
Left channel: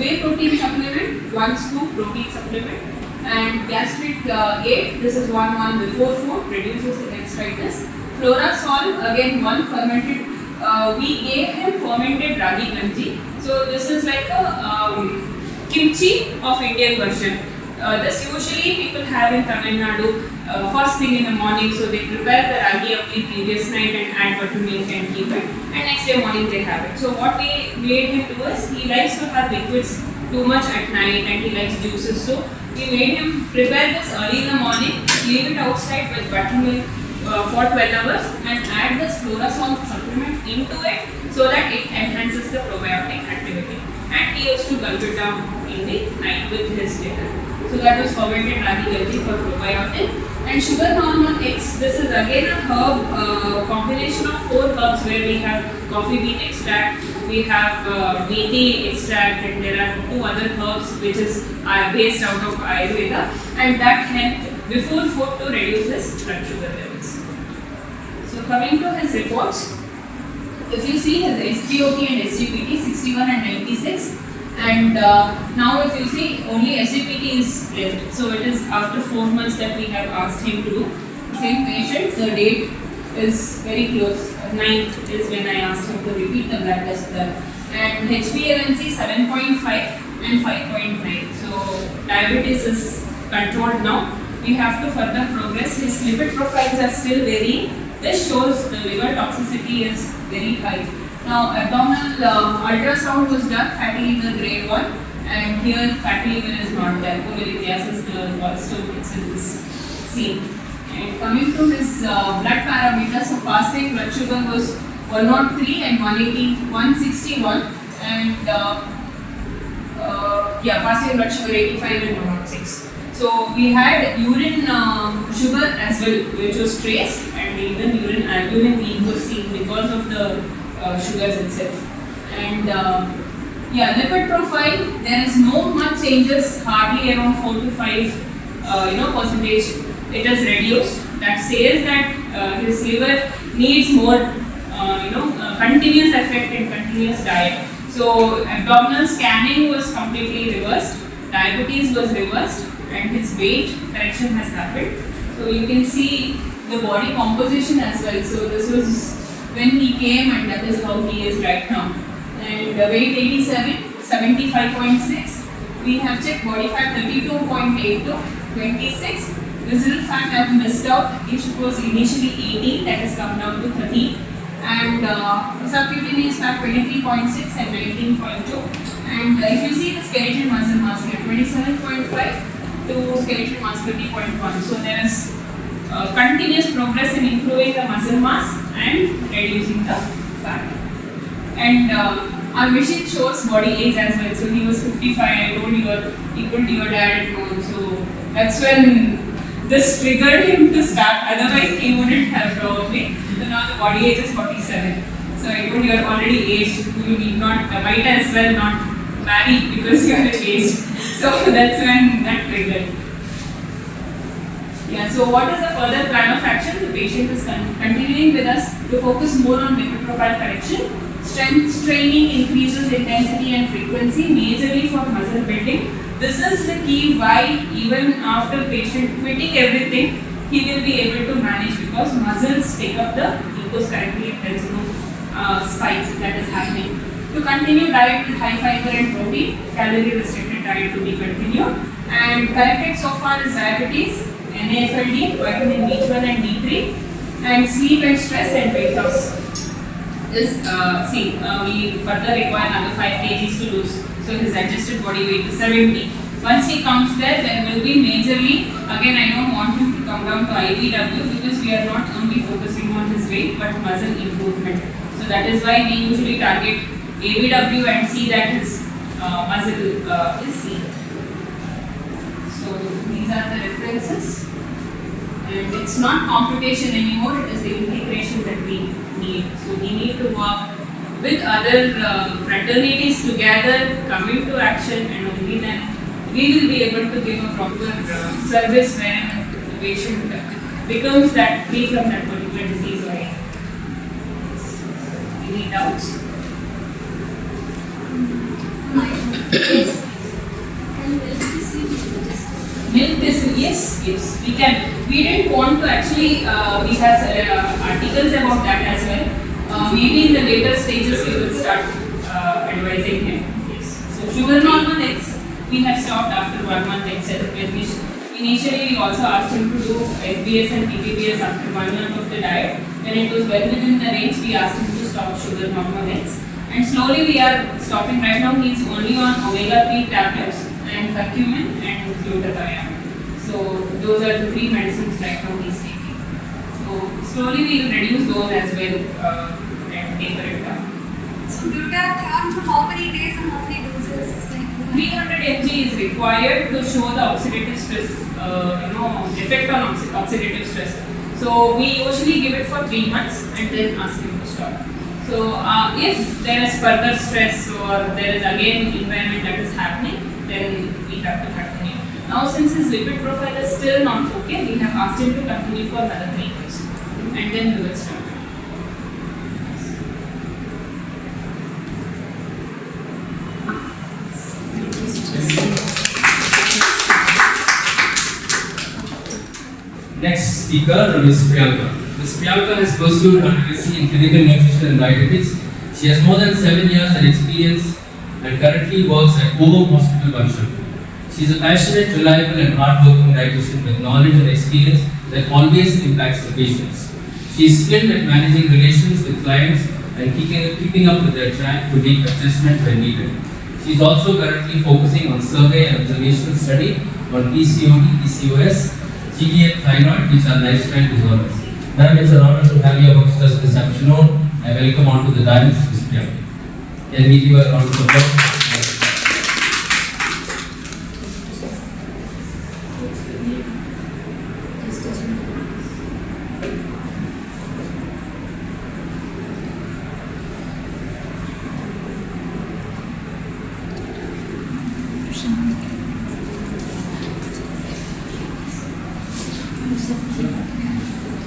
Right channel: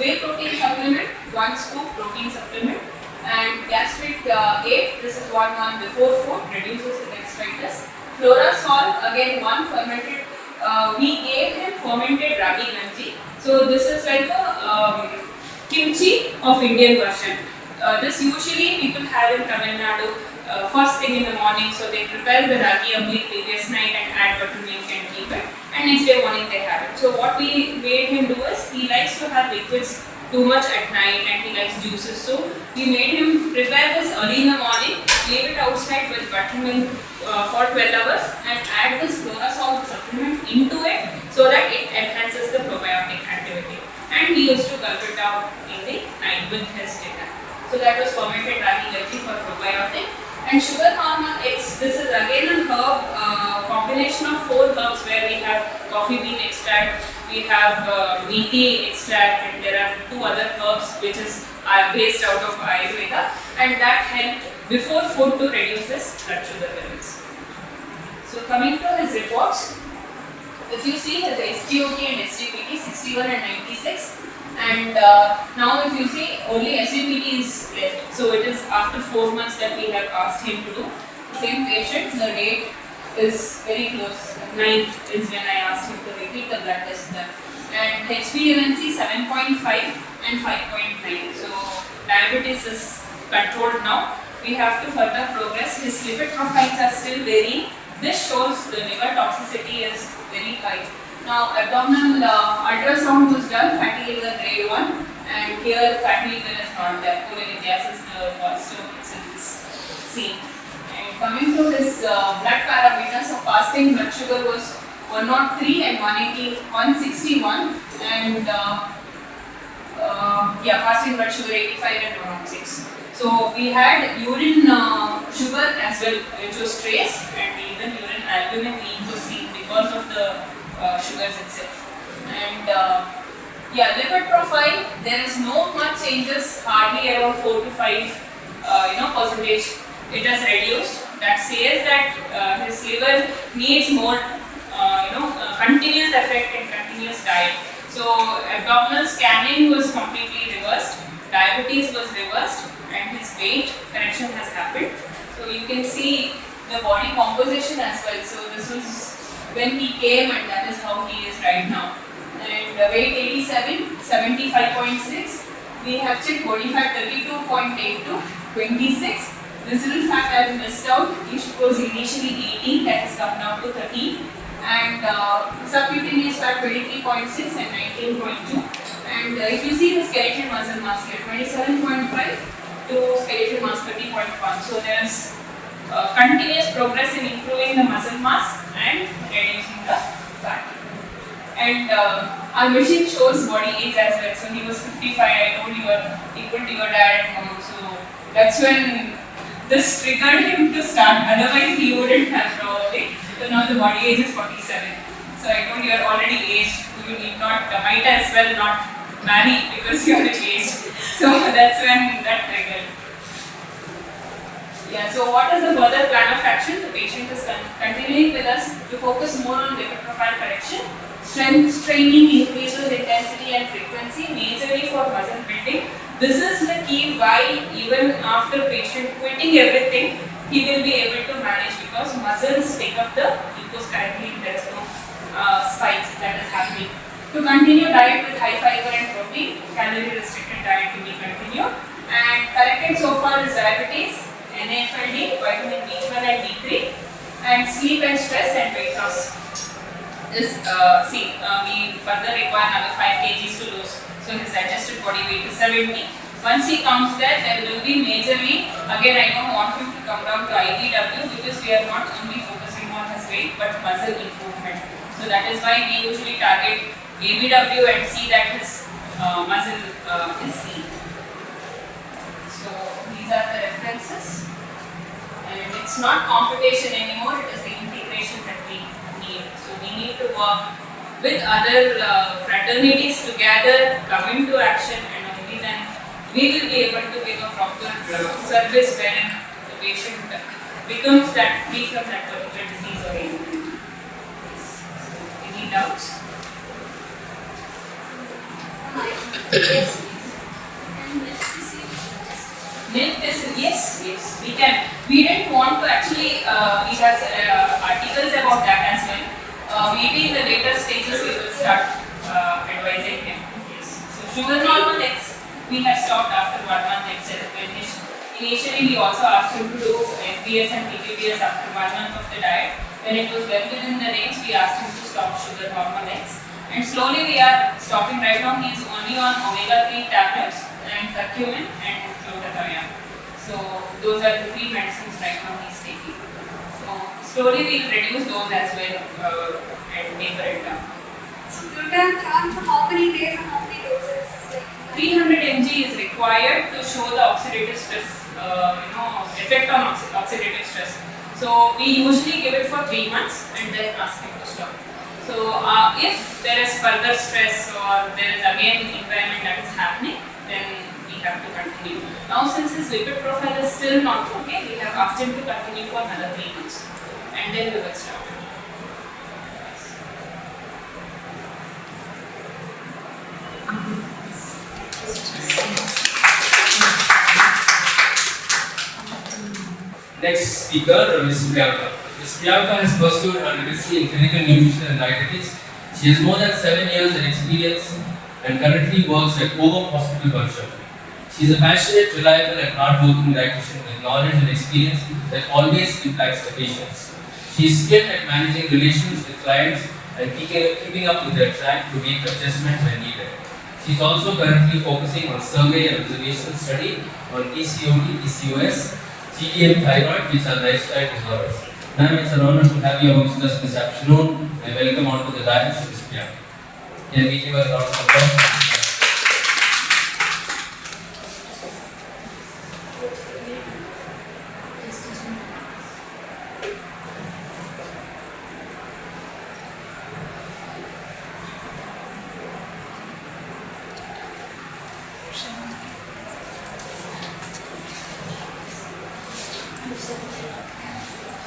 whey protein supplement 1 scoop protein supplement, and gastric 8 this is 1 before food reduces the gastritis. Florasol again 1 fermented, we gave him fermented ragi ganji. So this is like a kimchi of Indian version. This usually people have in Tamil Nadu first thing in the morning, so they prepare the ragi of the previous night and add buttermilk and keep it, and next day morning they have it. So what we made him do is, he likes to have liquids too much at night and he likes juices, so we made him prepare this early in the morning, leave it outside with buttermilk for 12 hours and add this Florasol supplement into it so that it enhances the probiotic activity. And he used to gulp it down in the night with his dinner. So that was fermented ragi ganji for probiotic. And sugar hormone X, this is again a herb combination of 4 herbs where we have coffee bean extract, we have methi extract, and there are 2 other herbs which is based out of Ayurveda, and that helped before food to reduce his blood sugar levels. So coming to his reports, if you see his SGOT and SGPT 61 and 96, and now if you see only SGPT is left, so it is after 4 months that we have asked him to do. Same patient, the date is very close, 9th is when I asked him to repeat the blood test done. And HbA1c 7.5 and 5.9, so diabetes is controlled now. We have to further progress. His lipid profiles are still varying. This shows the liver toxicity is very high. Now abdominal ultrasound was done, fatty liver grade 1, and here fatty liver is not there. Cholelithiasis, the gallstone itself is seen. And coming to his blood parameters, so fasting blood sugar was 103 and 161, and fasting blood sugar 85 and 106. So we had urine sugar as well, which was traced, and even urine albumin leak was seen because of the sugars itself. And lipid profile, there is no much changes, hardly around 4 to 5 percentage. It has reduced. That says that his liver needs more continuous effect and continuous diet. So abdominal scanning was completely reversed, diabetes was reversed, and his weight correction has happened. So you can see the body composition as well. So this was when he came, and that is how he is right now. And weight 87, 75.6. We have checked body fat 32.8 to 26. Visceral fat I have missed out. It was initially 18, that has come down to 13. And subcutaneous fat 23.6 and 19.2. And if you see the skeletal muscle mass here, 27.5 to skeletal mass 30.1. So there is continuous progress in improving the muscle mass and reducing the fat. And our machine shows body age as well. So he was 55. I told you were equal to your dad at home. So that's when this triggered him to start. Otherwise, he wouldn't have probably. So now the body age is 47. So I told you are already aged. You need not, might as well not marry because you are aged. So that's when that triggered. Yeah, so what is the further plan of action? The patient is continuing with us to focus more on lipid profile correction. Strength training increases intensity and frequency, majorly for muscle building. This is the key why even after patient quitting everything, he will be able to manage because muscles take up the glucose currently. There is no spikes that is happening. To continue diet with high fiber and protein, calorie restricted diet to be continued. And corrected so far is diabetes, NAFLD, vitamin B12 and D3, and sleep and stress and weight loss. We further require another 5 kgs to lose. So his adjusted body weight is 70. Once he comes there will be majorly, again I don't want him to come down to IBW because we are not only focusing on his weight but muscle improvement. So that is why we usually target ABW and see that his muscle is seen. So these are the references. And it's not computation anymore, it is the integration that we need. So we need to work with other fraternities together, come into action, and only then we will be able to give a proper service when the patient becomes that free from that particular disease or anything. Any doubts? Yes. Milk thistle, yes, we can. We didn't want to actually, we have articles about that as well. Maybe in the later stages we will start advising him. Yes. So sugar normal, we have stopped after 1 month itself. Initially we also asked him to do FBS and PPBS after 1 month of the diet. When it was well within the range, we asked him to stop sugar normal eggs. And slowly we are stopping. Right now he is only on omega-3 tablets and curcumin and glutathione. So those are the 3 medicines right now he is taking. So slowly we will reduce those as well and taper it down. So glutathione for how many days and how many doses? 300 mg is required to show the oxidative stress, effect on oxidative stress. So we usually give it for 3 months and then ask him to stop. So if there is further stress or there is again environment that is happening, then we have to continue. Now since his lipid profile is still not okay, we have asked him to continue for another 3 months and then we will stop. Next speaker, Ms. Priyanka. Ms. Priyanka has pursued her legacy in clinical nutrition and dietetics. She has more than 7 years of experience and currently works at Ovum Hospital, Banshaw. She is a passionate, reliable and hard-working dietitian with knowledge and experience that always impacts the patients. She is skilled at managing relations with clients and keeping up with their track to make adjustments when needed. She is also currently focusing on survey and observational study on PCOD, PCOS, GDM thyroid, which are lifestyle disorders. Ma'am, it's an honor to have you amongst us this afternoon. I welcome onto the dais Ms. Priyanka. Can we give a round of applause?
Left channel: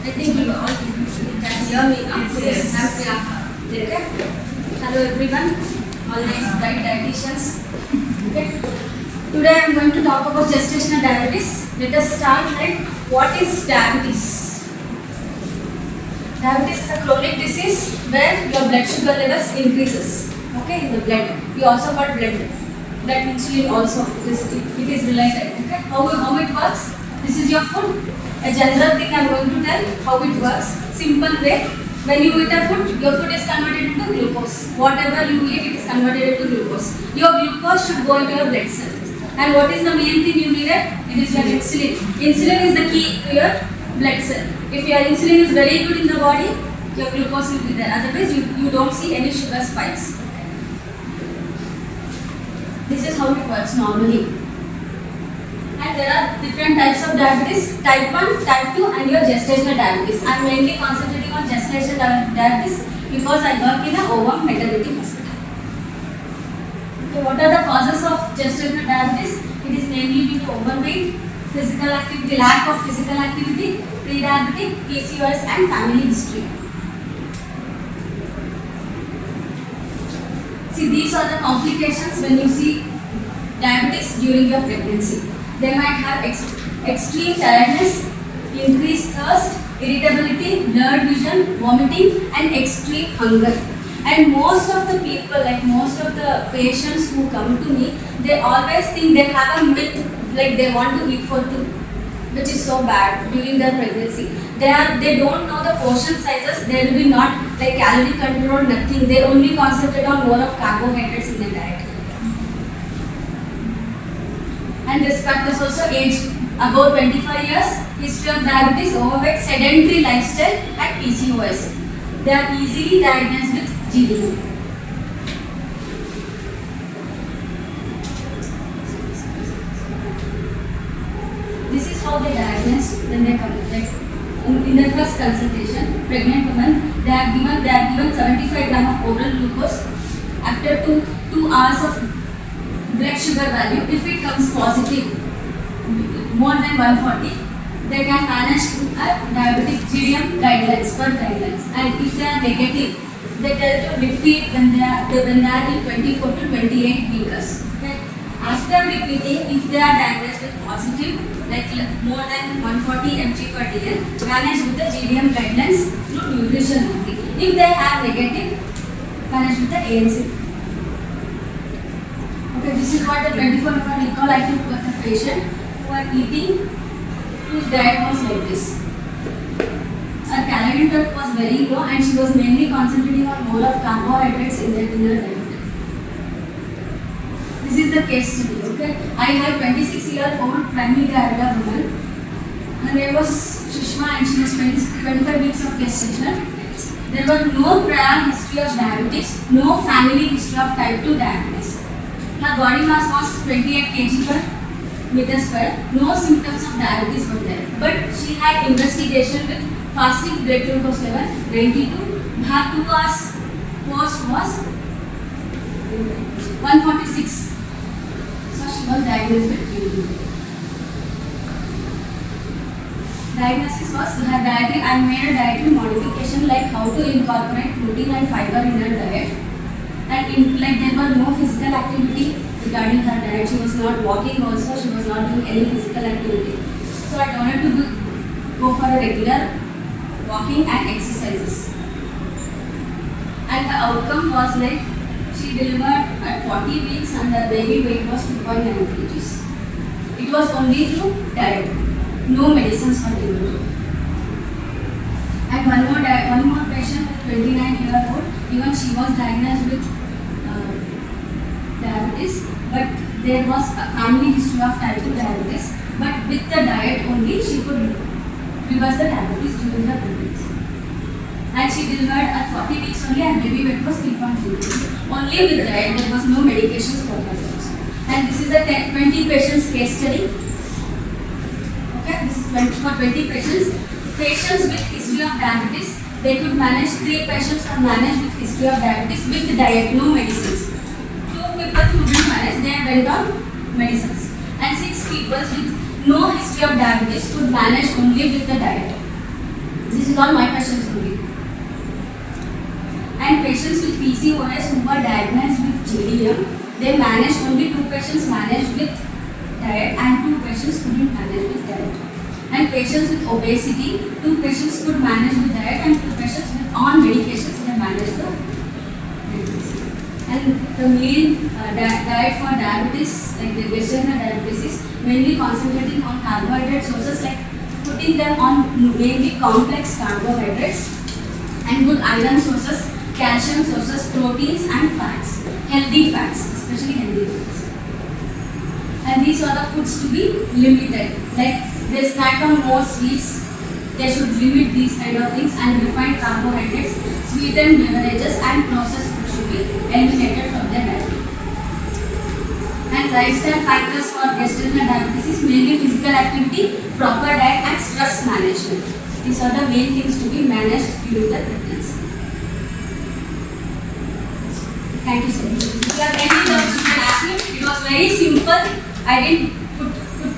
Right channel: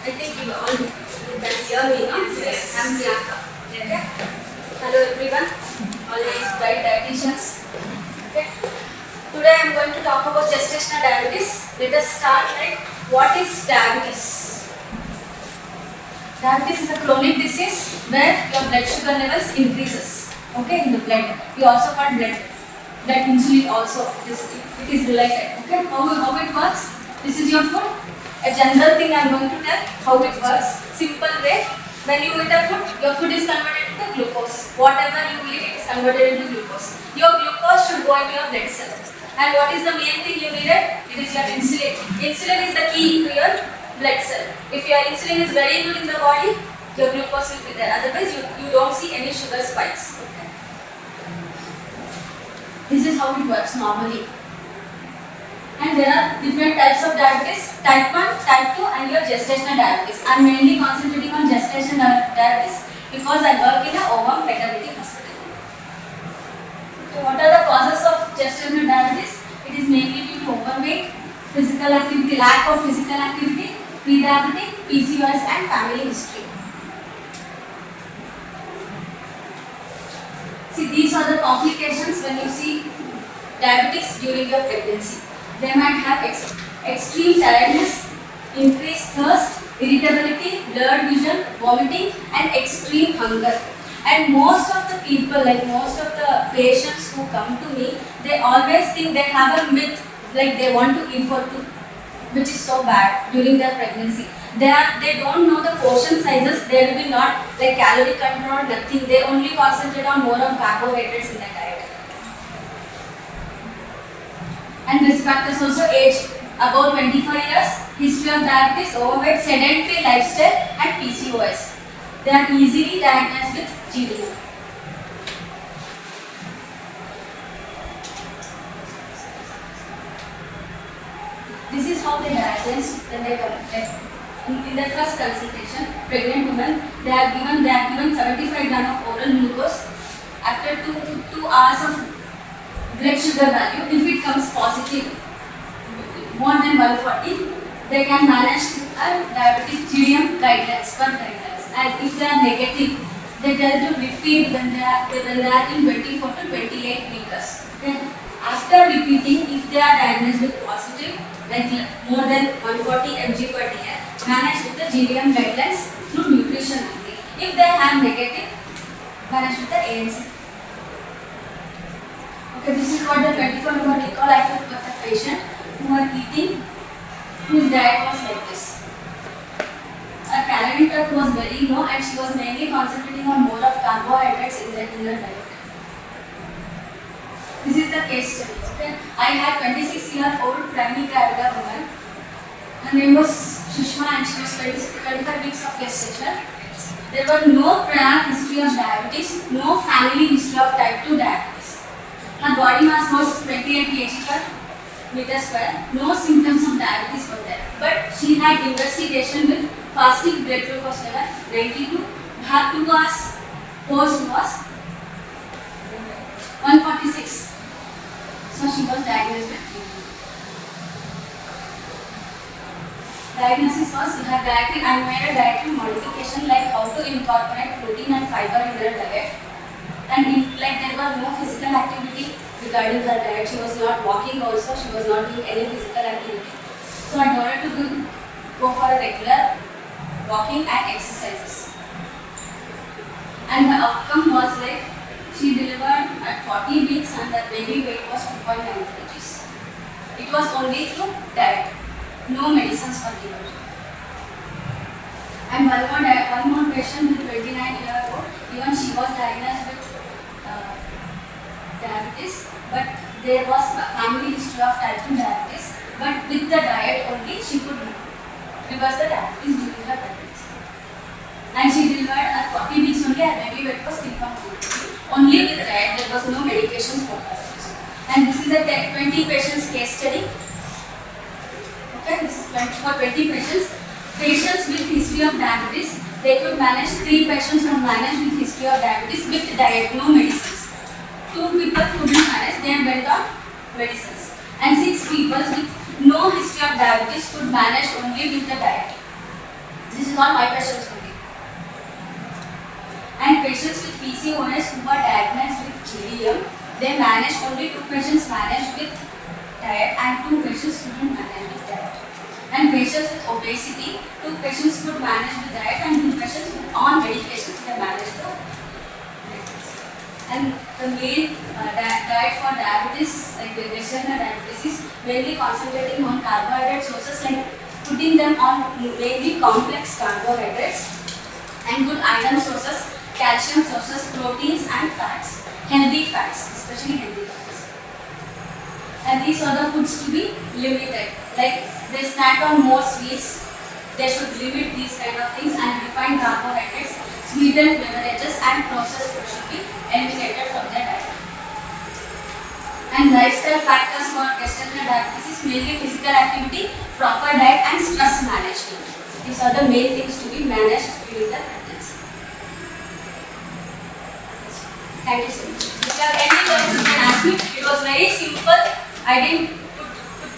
I think you all that's your yes. I'm Priyanka. Okay. Hello everyone, all these dietitians. Okay. Today I am going to talk about gestational diabetes. Let us start what is diabetes? Diabetes is a chronic disease where your blood sugar levels increases. Okay, in the blood. We also call blood. That insulin also it is related. Okay, how it works? This is your food. A general thing I am going to tell how it works. Simple way. When you eat a food, your food is converted into glucose. Whatever you eat, it is converted into glucose. Your glucose should go into your blood cells. And what is the main thing you needed? It is your insulin. Insulin is the key to your blood cell. If your insulin is very good in the body, your glucose will be there. Otherwise, you don't see any sugar spikes. This is how it works normally. And there are different types of diabetes, type 1, type 2 and your gestational diabetes. I am mainly concentrating on gestational diabetes because I work in a Ovum maternity hospital. Okay, what are the causes of gestational diabetes? It is mainly due to overweight, physical activity, lack of physical activity, pre-diabetic, PCOS and family history. See, these are the complications when you see diabetes during your pregnancy. They might have extreme tiredness, increased thirst, irritability, blurred vision, vomiting and extreme hunger. And most of the people, like most of the patients who come to me, they always think they have a myth, like they want to eat for two, which is so bad during their pregnancy. They don't know the portion sizes. There will be not like calorie control, nothing. They only concentrate on more of carbohydrates in the diet. And risk factors also: age above 25 years, history of diabetes, overweight, sedentary lifestyle and PCOS. They are easily diagnosed with GDM. This is how they diagnose when they come. Like in their first consultation, pregnant women, they are given 75 grams of oral glucose. After 2 hours of blood sugar value, if it comes positive, more than 140, they can manage a diabetic GDM guidelines, per guidelines. And if they are negative, they tell to repeat when they are in 24 to 28 liters. Okay. After repeating, if they are diagnosed with positive, like more than 140 mg per dl, manage with the GDM guidelines through nutrition only. If they are negative, manage with the ANC. Okay, this is what the 24-hour recall I took with the patient who are eating, whose diet was like this. Her calorie intake was very low and she was mainly concentrating on more of carbohydrates in her diet. This is the case study. Okay, I had 26-year-old primary gravida woman. Her name was Sushma and she was 25 weeks of gestation. There was no prior history of diabetes, no family history of type 2 diabetes. Her body mass was 28 kg per meter square. No symptoms of diabetes were there. But she had investigation with fasting blood glucose level 22. Her 2 hours post was 146. So she was diagnosed with TB. Diagnosis was her dietary. I made a dietary modification like how to incorporate protein and fiber in her diet. And like there was no physical activity regarding her diet. She was not walking also. She was not doing any physical activity. So I told her to go for a regular walking and exercises. And the outcome was like she delivered at 40 weeks and the baby weight was 2.9 kgs. It was only through diet, no medicines for delivery. And one more patient with 29-year-old, even she was diagnosed with diabetes, but there was a family history of type 2 diabetes. But with the diet only, she could reverse the diabetes during the pregnancy. And she delivered at 40 weeks only and baby weight was 3.2 kg. Only with diet, there was no medications for her. And this is a 20 patients case study. Okay, this is for 20 patients. Patients with history of diabetes, they could manage 3 patients from managed with history of diabetes with diet, no medicines. 2 people who didn't manage, they went on medicines. And 6 people with no history of diabetes could manage only with the diet. This is all my patients only. And patients with PCOS who were diagnosed with GDM, they managed only 2 patients managed with diet and 2 patients couldn't manage with diet. And patients with obesity, 2 patients could manage with diet and 2 patients with on medications they managed the pregnancy. And the main diet for diabetes, like the gestational diabetes, is mainly concentrating on carbohydrate sources, like putting them on mainly complex carbohydrates and good iron sources, calcium sources, proteins and fats, healthy fats, especially healthy fats. And these are the foods to be limited. Like they snack on more sweets, they should limit these kind of things, and refined carbohydrates, sweetened beverages and processed food should be eliminated from their diet. And lifestyle factors for gestational diabetes is mainly physical activity, proper diet and stress management. These are the main things to be managed during the pregnancy. Thank you so much. If you have any doubts, you can ask me. It was very simple. I didn't put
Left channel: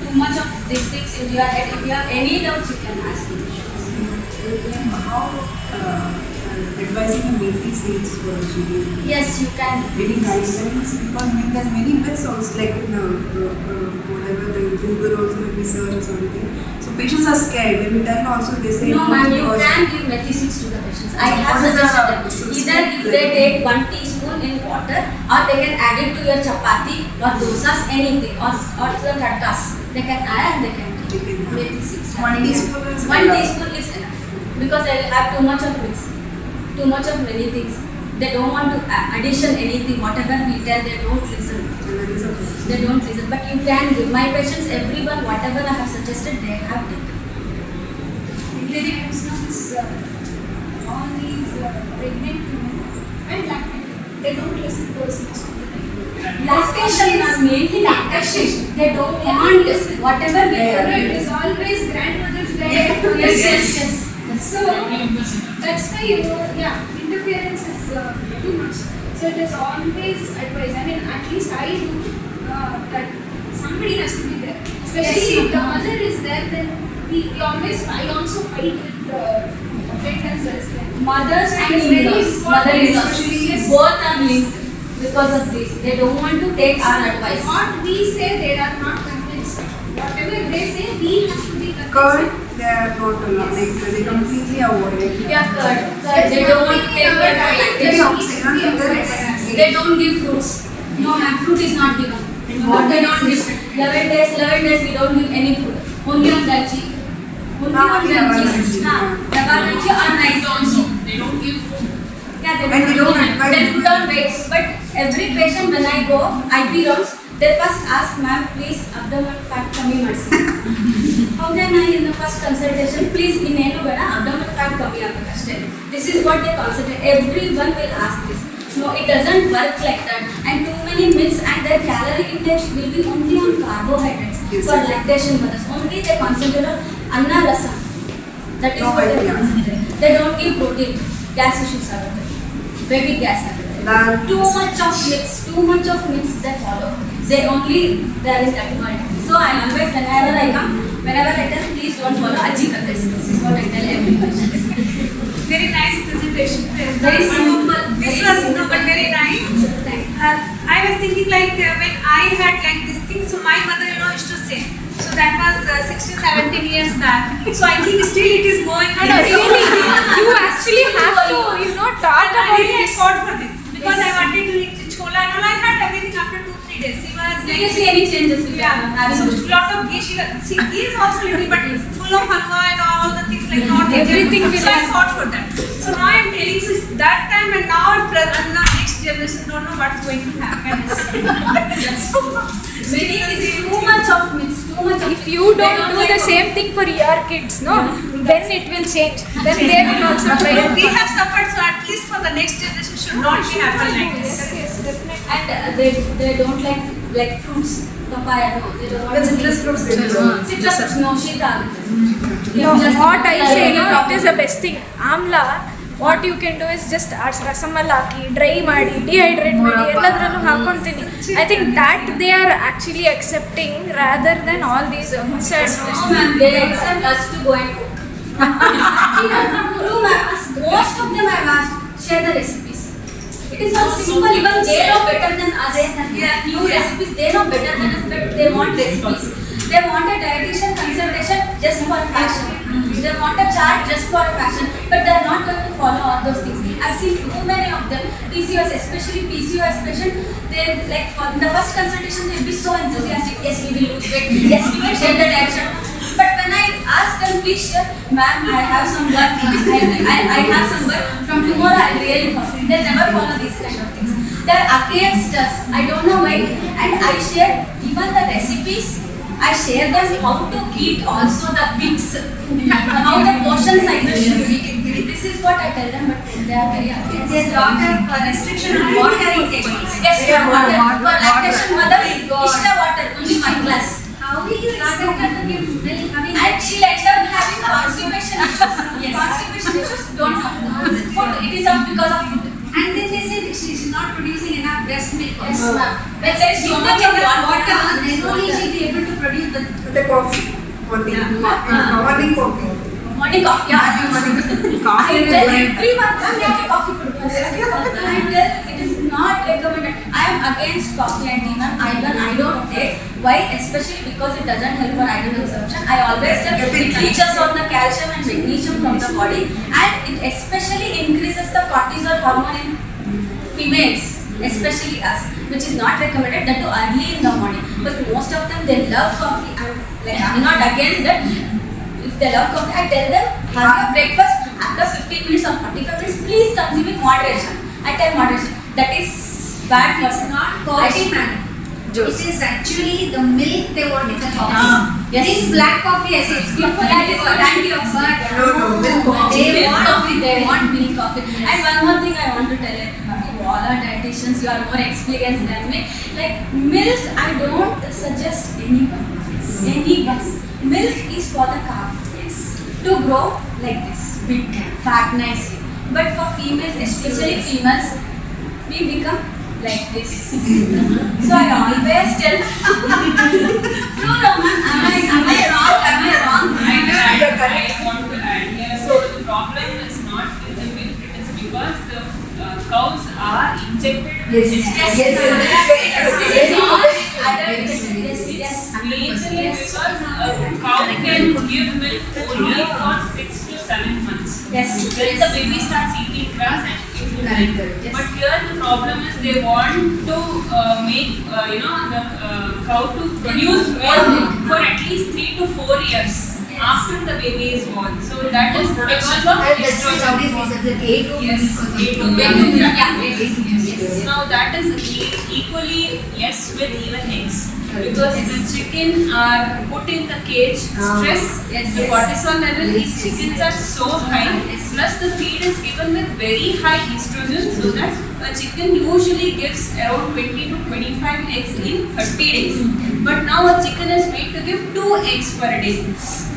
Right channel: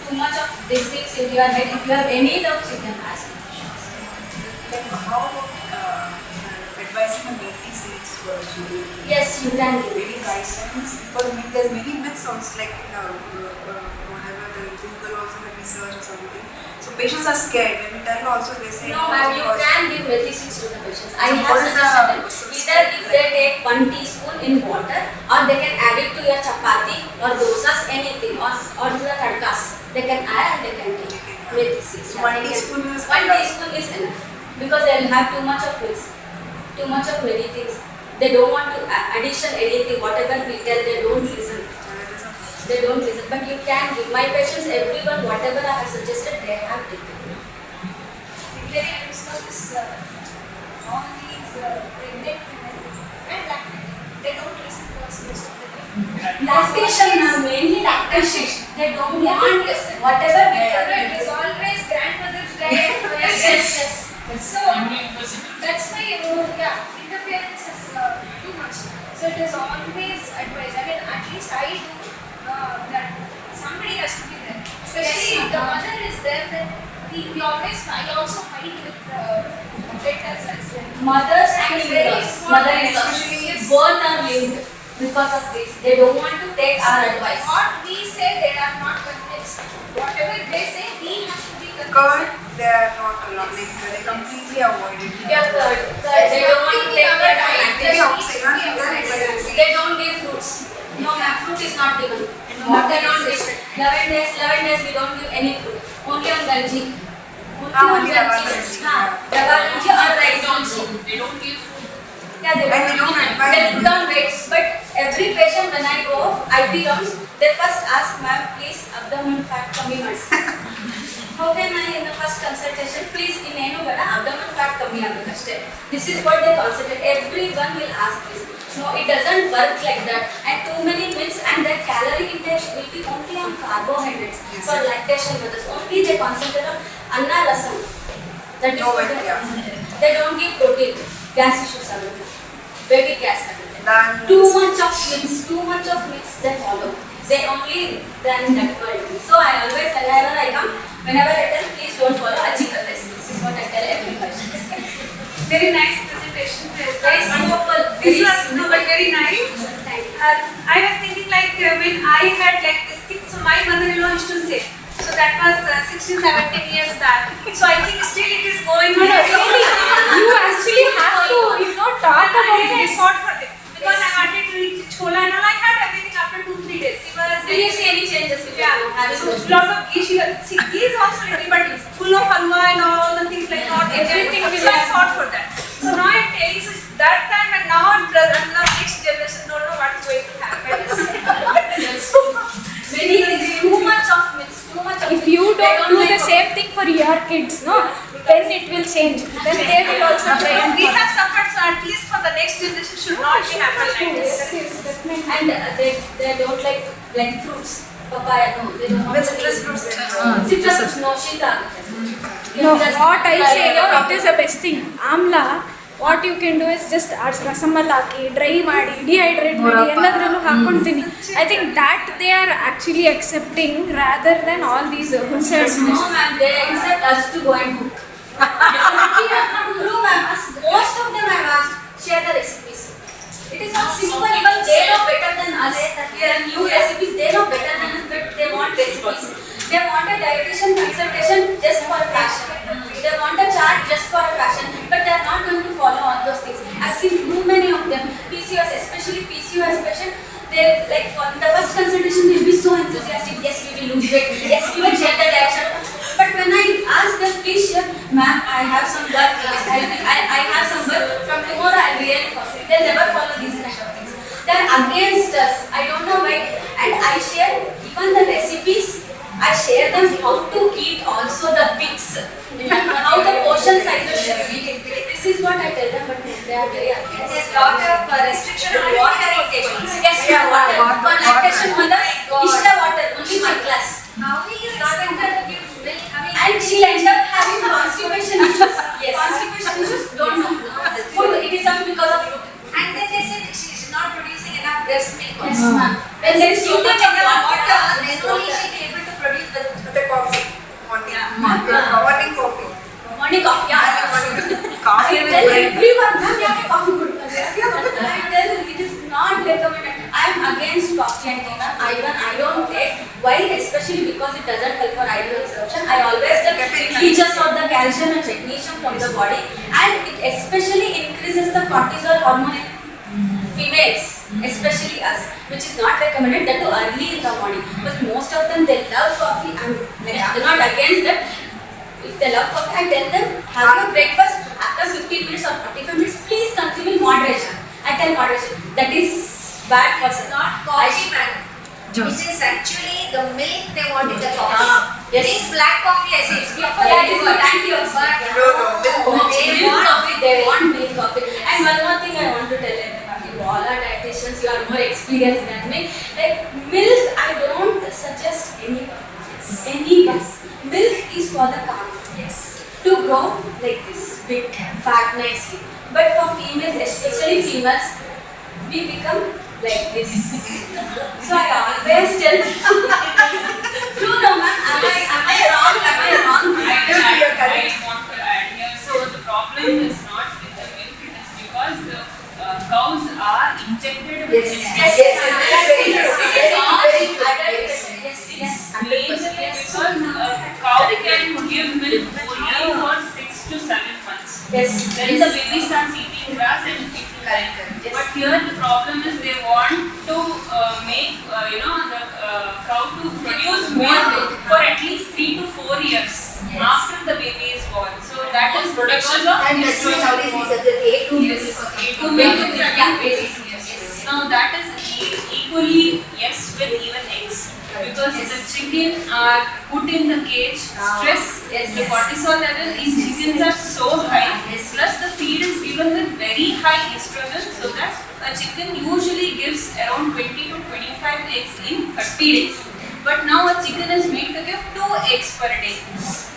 too much of these things in your head. If you have any doubts, you can ask me. How advising on making seeds for children? Yes, you can. Reading guidelines, because there are many myths also, like in whatever the Google also research or something. So patients are scared. When we tell also, they say No, ma'am, you can give medicines to the patients. I have suggested them. Either if they take 1 teaspoon in water, or they can add it to your chapati or dosas, anything, or to the tadkas. They can add and they can give medicines. 1 teaspoon is 1 enough. teaspoon is enough, because they will have too much of mix, too much of many things. They don't want to addition anything. Whatever we tell, they don't listen. They don't listen. But you can give. My patients, everyone, whatever I have suggested, they have taken. Maybe I was notice all these pregnant women and lactating, they don't listen to us most of the time. Lactation, ma'am, mainly lactation. They don't want whatever we tell It them. is always grandmother's diet. Yes. So that's why interference is too much. So it is always advised. I mean, at least I do that somebody has to be there. Especially if the mother is there, then I also fight with the pregnant as well. Mothers and in-laws, mother-in-laws, both are linked because of this. They don't want to take our advice. What we say, they are not convinced. Whatever they say, we have to be convinced. Curd, they are not allowed. They completely avoid it. Yeah, curd. They don't want to take their lactation. They don't give fruits. No, ma'am, fruit is not given. What they don't give. 11 days we don't give any fruit. Only on ganji. Only on ganji. Rava ganji or rice ganji. They don't give food. Yeah, they And don't they give. don't They put on weight. But every patient when I go, IP rounds, they first ask, ma'am, please abdomen fat kami madsi. How can I in the first consultation, please in eno bada abdomen fat kami agakashte. This is what they consider. Everyone will ask this. No, it doesn't work like that. And too many myths, and their calorie intake will be only on carbohydrates for lactation mothers. Only they concentrate on anna lasam. That is what they concentrate. They don't give protein. Gas issues are there. Baby gas are there. Too much of myths they follow. They are in that world. So I always, whenever I come, whenever I tell, please don't follow Ajikates. This is what I tell every patient. Very nice presentation. Very simple. This was but very nice. Thank you. I was thinking like when I had like this thing, so my mother-in-law used to say. So that was 16, 17 years back. So I think still it is going on. You actually have to, talk about I this. fought for this because I wanted to eat chola and all. I had everything after 2-3 days. It was Do you see any changes with yeah, having so lot of ghee. Ghee is also little but full of halwa and all the things like not Everything eatable. we So I have. fought for that. So now I am telling you that time and now and the next generation don't know what's going to happen. Maybe it's too much of myths, too much of If you They don't do like the what- same thing for your kids, no, then it will change. Then they will also try and We have suffered, so at least for the next generation should not be happen like this. Yes, definitely. And they don't like fruits, papaya, no, they don't want The to citrus eat. fruits they don't. Citrus fruits, no, shita. No, what I say, it is the best thing. Amla, what you can do is just rasamal haki, dry ಮಾಡಿ, dehydrate ಮಾಡಿ, ಎಲ್ಲದರಲ್ಲೂ ಹಾಕೊಂತೀನಿ. I think that they are actually accepting rather than all these inside. No, ma'am, they accept us to go and cook. True, ma'am. Most of them have asked, share the recipes. It is not simple, even they know better than us. They are new recipes, they know better than us, but they want recipes. They want a dietitian consultation just for a fraction. They want a chart just for a fraction, but they are not going to follow all those things. I've seen too many of them, PCOS, especially PCOS patient, they'll like for the first consultation they'll be so enthusiastic, yes we will lose weight, yes we will share the diet chart. But when I ask them, please share, ma'am, I have some blood, I have some blood, tomorrow I'll really follow. They'll never follow these kind of things. They're against us. I don't know why. And I share even the recipes. I share them how to eat also the bits. How the portion sizes should be. This is what I tell them, but they are very against. There's a lot of restriction on water intake. Yes, water. For lactation mothers, Ishta water, only 1 glass. How will you expect her to give milk? And she'll end up having constipation issues. Yes. Constipation issues, don't know. Food, it is up because of food. And then they say that she is not producing enough breast milk. Yes, ma'am. When there is so much of water, then only she will be able to produce The coffee. Morning coffee. morning coffee, yeah. Coffee I is tell great. everyone, ma'am, yeah, coffee good. I tell it is not recommended. I am against coffee and tea, ma'am. I don't take. Why? Especially because it doesn't help for iron absorption. I always tell it leaches out the calcium and magnesium from the body, and it especially increases the cortisol hormone in females, especially us, which is not recommended, that too early in the morning. But most of them, they love coffee. I'm not against that. If they love coffee, I tell them, have your breakfast after 15 minutes or 45 minutes, please consume in moderation. I tell moderation. That is bad for It's not coffee, man. It is actually the milk they want in the coffee. Yes. Drink black coffee, I say it's good for That is you. good antioxidant. Milk coffee. Milk coffee, they want milk coffee. And one more thing I want to tell you all are dietitians, you are more experienced than me. Like milk, I don't suggest anyone. Milk is for the calf. Yes. To grow like this, big, fat, nicely. But for females, especially females, we become like this. So I always tell, true no ma'am, am I wrong? I want to add here. So the problem is not with the milk, it is because the cows are injected with Yes. Legally, because a cow can give milk only for 6 to 7 months. Yes. Then the baby starts eating grass and it will die. Yes. But here the problem is they want to make the cow to produce milk for at least 3 to 4 years after the baby is born. So that is production of Now that is equally yes with even eggs. Because the chicken are put in the cage, stress, the cortisol level in chickens are so high, plus the feed is given with very high estrogen, so that a chicken usually gives around 20 to 25 eggs in 30 days. But now a chicken is made to give 2 eggs per day.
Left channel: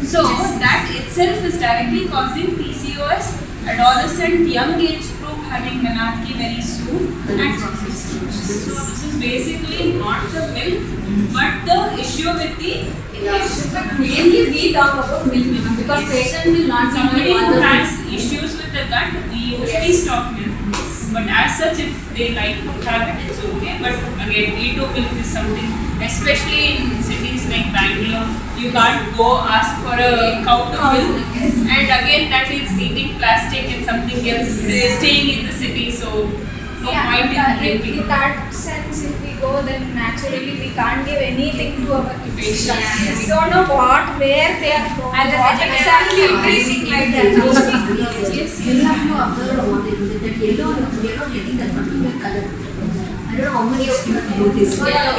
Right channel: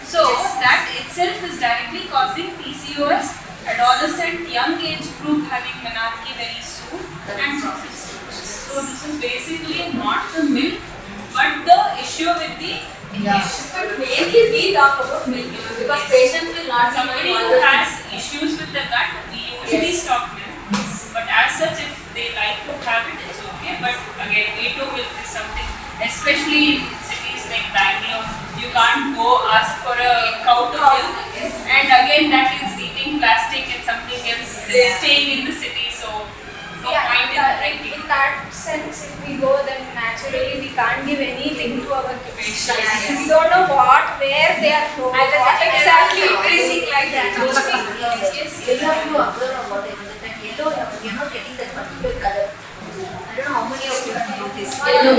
So that itself is directly causing PCOS, adolescent, young age group having menarche very soon, and processed foods. So this is basically not the milk, but the issue with the But mainly we talk about milk because patient will not somebody know all who the has things. issues with the gut, we usually stop milk. But as such, if they like to have it, it's okay. But again, A2 milk is something, especially in cities like Bangalore, you can't go ask for a cow to milk. And again, that is eating plastic and something else staying in the city. So no point in drinking. in that sense, if we go, then naturally we can't give anything to our kids. We don't know where they are growing, what exactly increasing like that. You have to observe what it is. That yellow, you're not getting the complete color. I don't know how many of you have noticed. Yellow.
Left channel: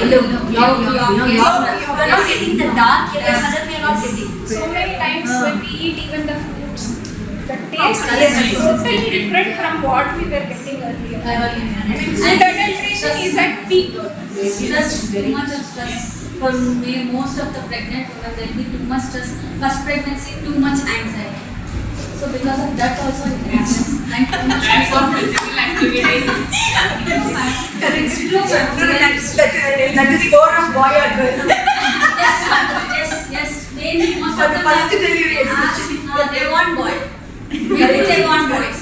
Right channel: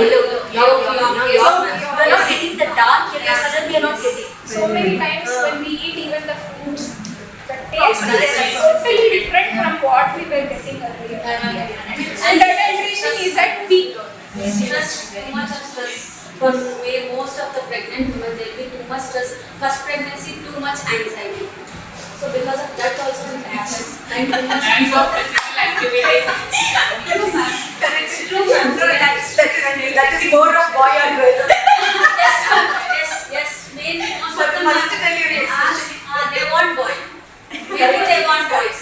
You're not getting the dark yellow color, we are not getting. So many times when we eat even the fruits, the taste is totally different from what we were getting earlier. And adulteration is at peak. Stress, too much of stress. For most of the pregnant women, there will be too much stress. First pregnancy, too much anxiety. So because of that also it happens. And too much Lack of physical activity. That is true. That is more of boy or girl. Yes. Mainly most But of them first tell you they want boy. Maybe they want boys.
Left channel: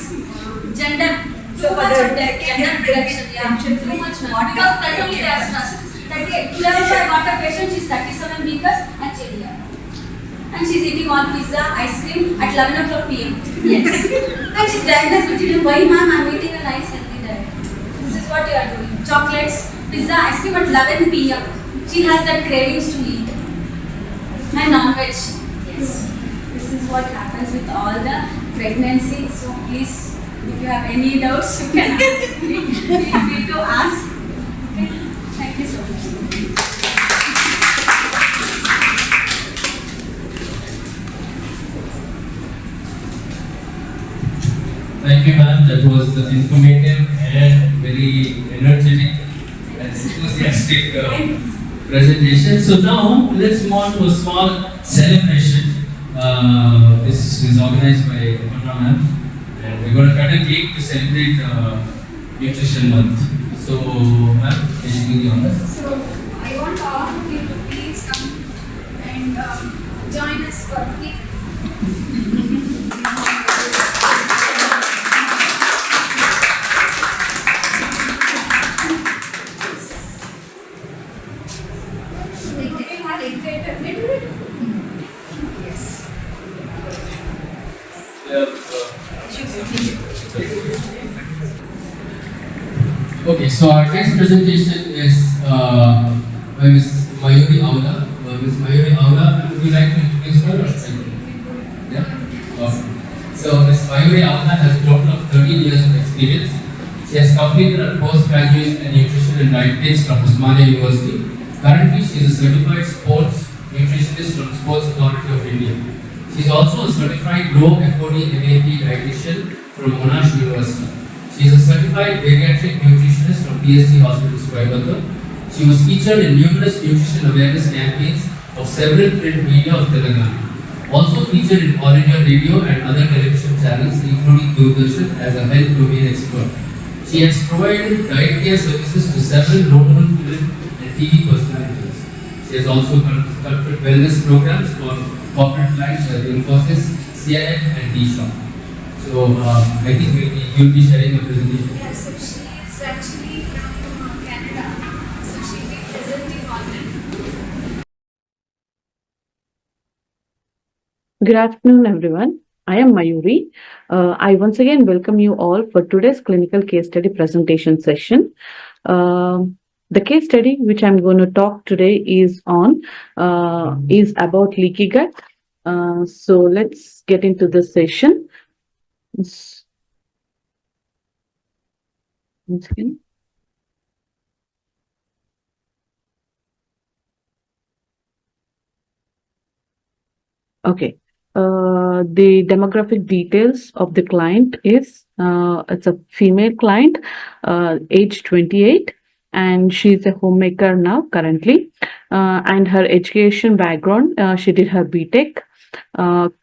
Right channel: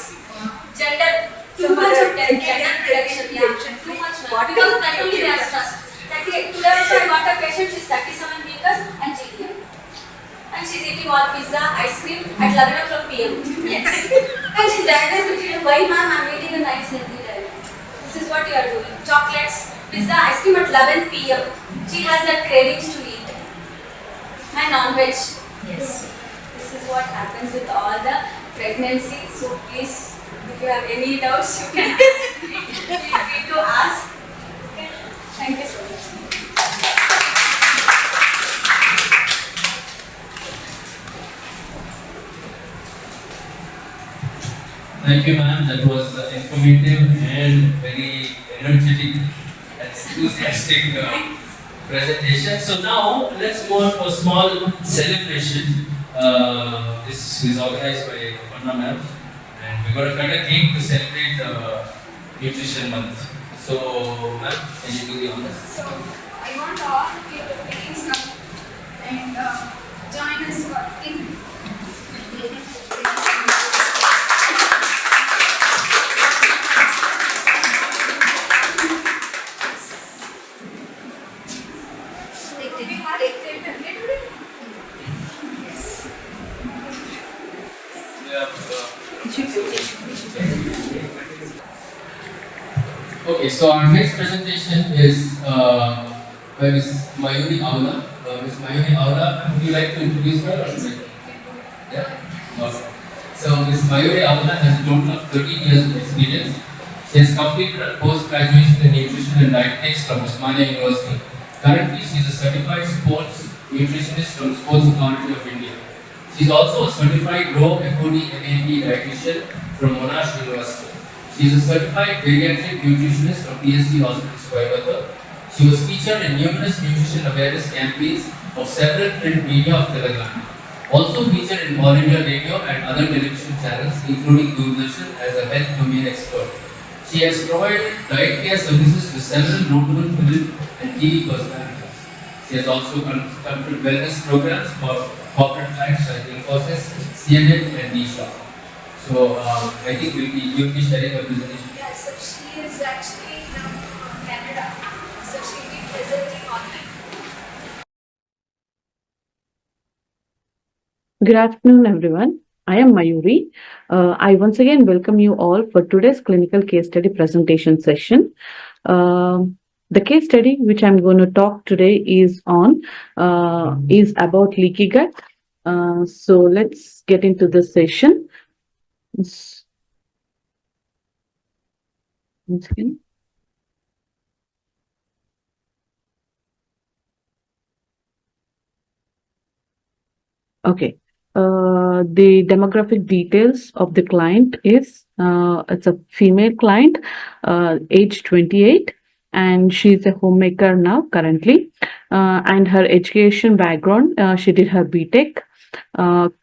Gender, too much of gender prediction. Yeah, too much. Because of that only they are stressed. Today also I got a patient, she's 37 weeks and she's here. And she's eating all pizza, ice cream at 11 o'clock p.m. Yes. And she's diagnosed with it. Why ma'am, I'm eating a nice healthy diet. This is what you are doing. Chocolates, pizza, ice cream at 11 p.m. She has that cravings to eat. And non-veg. Yes. This is what happens with all the pregnancy. So please If you have any doubts, you can ask me. Feel free to ask. Okay. Thank you so much. Thank you, ma'am. That was informative and very energetic and enthusiastic presentation. So now let's move on to a small celebration. This is organized by Aparna ma'am, and we're going to cut a cake to celebrate Nutrition Month. So, ma'am, can you do the honors? So I want all of you to please come and join us for cake. Yes. Okay, so our next presentation is by Ms. Mayuri Aavula. Ms. Mayuri Aavula, would you like to introduce her? Or should I- Yeah? Awesome. So Ms. Mayuri Aavula has a total of 13 years of experience. She has completed a post-graduation in nutrition and dietetics from Osmania University. Currently, she is a certified sports nutritionist from Sports Authority of India. She is also a certified Raw FOD MAP dietitian from Monash University. She is a certified pediatric nutritionist from PSG Hospitals, Coimbatore. She was featured in numerous nutrition awareness campaigns of several print media of Telangana. Also featured in All India Radio and other television channels, including Doordarshan, as a health domain expert. She has provided diet care services to several notable film and TV personalities. She has also conducted wellness programs for corporate clients like Infosys, CNN, and D-Shop. So I think you'll be sharing a presentation. Yeah, so she is actually from Canada. So she'll be presenting online. Good afternoon, everyone. I am Mayuri. I once again welcome you all for today's clinical case study presentation session. The case study which I'm going to talk today is about leaky gut. So let's get into the session. Once again. Okay. The demographic details of the client is it's a female client, age 28, and she's a homemaker now currently. And her education background, she did her BTech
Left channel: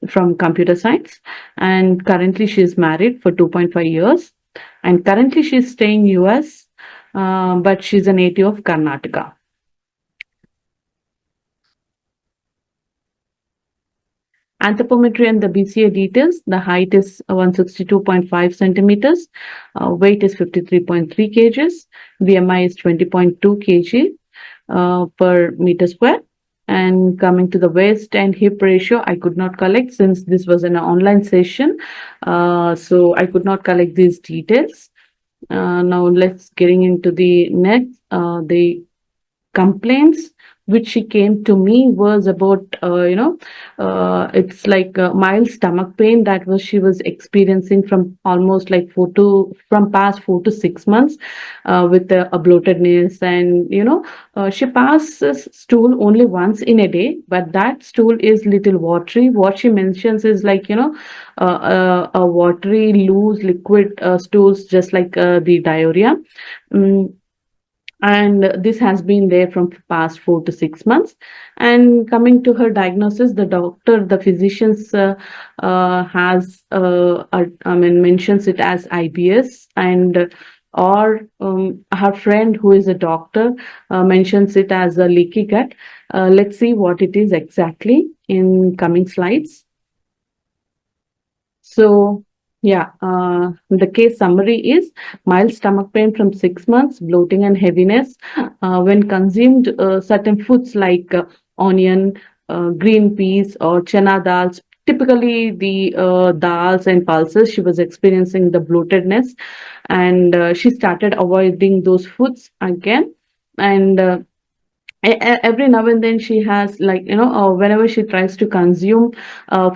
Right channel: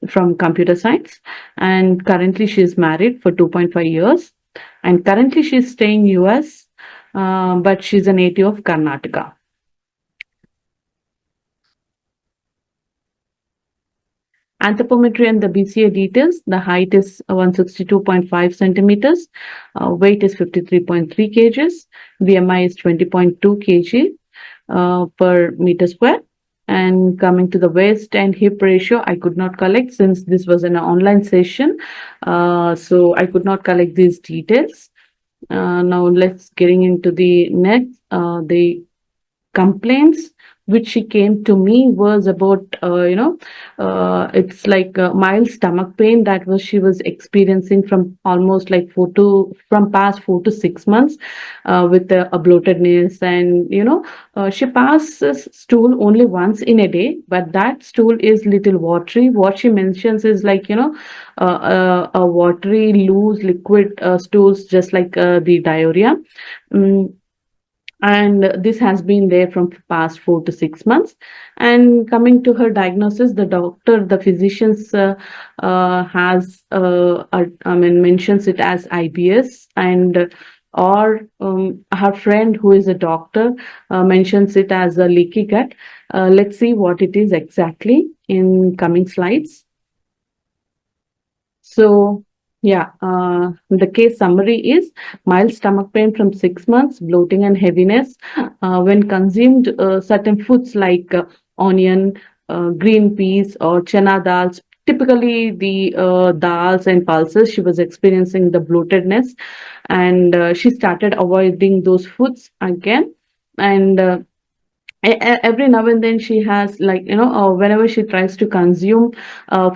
from computer science, and currently she is married for 2.5 years. And currently she's staying US, but she's a native of Karnataka. Anthropometry and the BCA details. The height is 162.5 centimeters. Weight is 53.3 kgs. BMI is 20.2 kg per meter square. And coming to the waist and hip ratio, I could not collect since this was an online session. So I could not collect these details. Now let's getting into the next. The complaints which she came to me was about it's like mild stomach pain that she was experiencing from almost like past 4 to 6 months, with a bloatedness, and she passes stool only once in a day, but that stool is little watery. What she mentions is like a watery loose liquid stools, just like the diarrhea. And this has been there from past 4 to 6 months. And coming to her diagnosis, the physicians mentions it as IBS, and or her friend who is a doctor mentions it as a leaky gut. Let's see what it is exactly in coming slides. So yeah, the case summary is mild stomach pain from 6 months, bloating and heaviness when consumed certain foods like onion, green peas, or chana dals. Typically, the dals and pulses, she was experiencing the bloatedness, and she started avoiding those foods again. And every now and then she has, like, whenever she tries to consume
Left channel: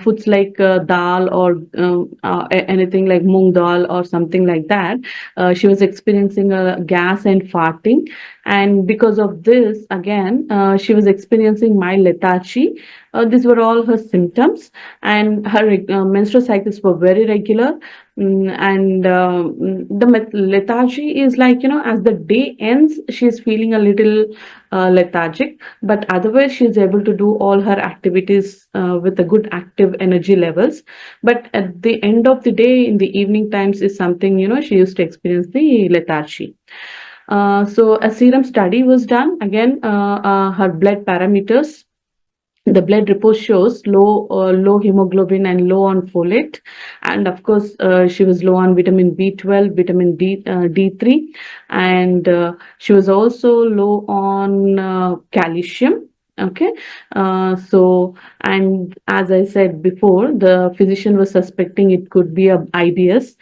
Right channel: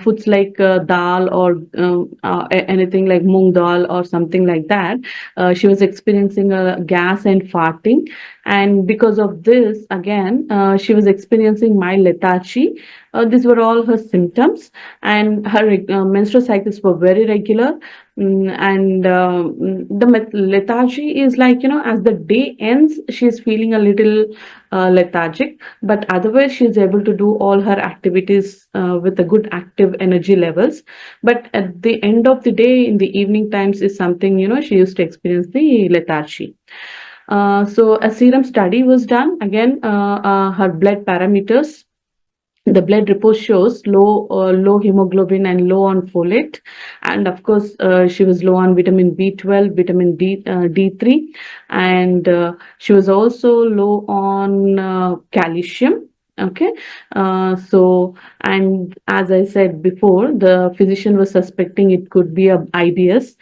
foods like dal or anything like moong dal or something like that, she was experiencing gas and farting. And because of this, again, she was experiencing mild lethargy. These were all her symptoms, and her menstrual cycles were very regular. And the lethargy is like, as the day ends, she's feeling a little lethargic, but otherwise she's able to do all her activities with a good active energy levels. But at the end of the day, in the evening times, is something, she used to experience the lethargy. So a serum study was done. Again, her blood parameters, the blood report shows low hemoglobin and low on folate, and of course she was low on vitamin B12, vitamin D3, and she was also low on calcium. Okay. So, and as I said before, the physician was suspecting it could be a IBS,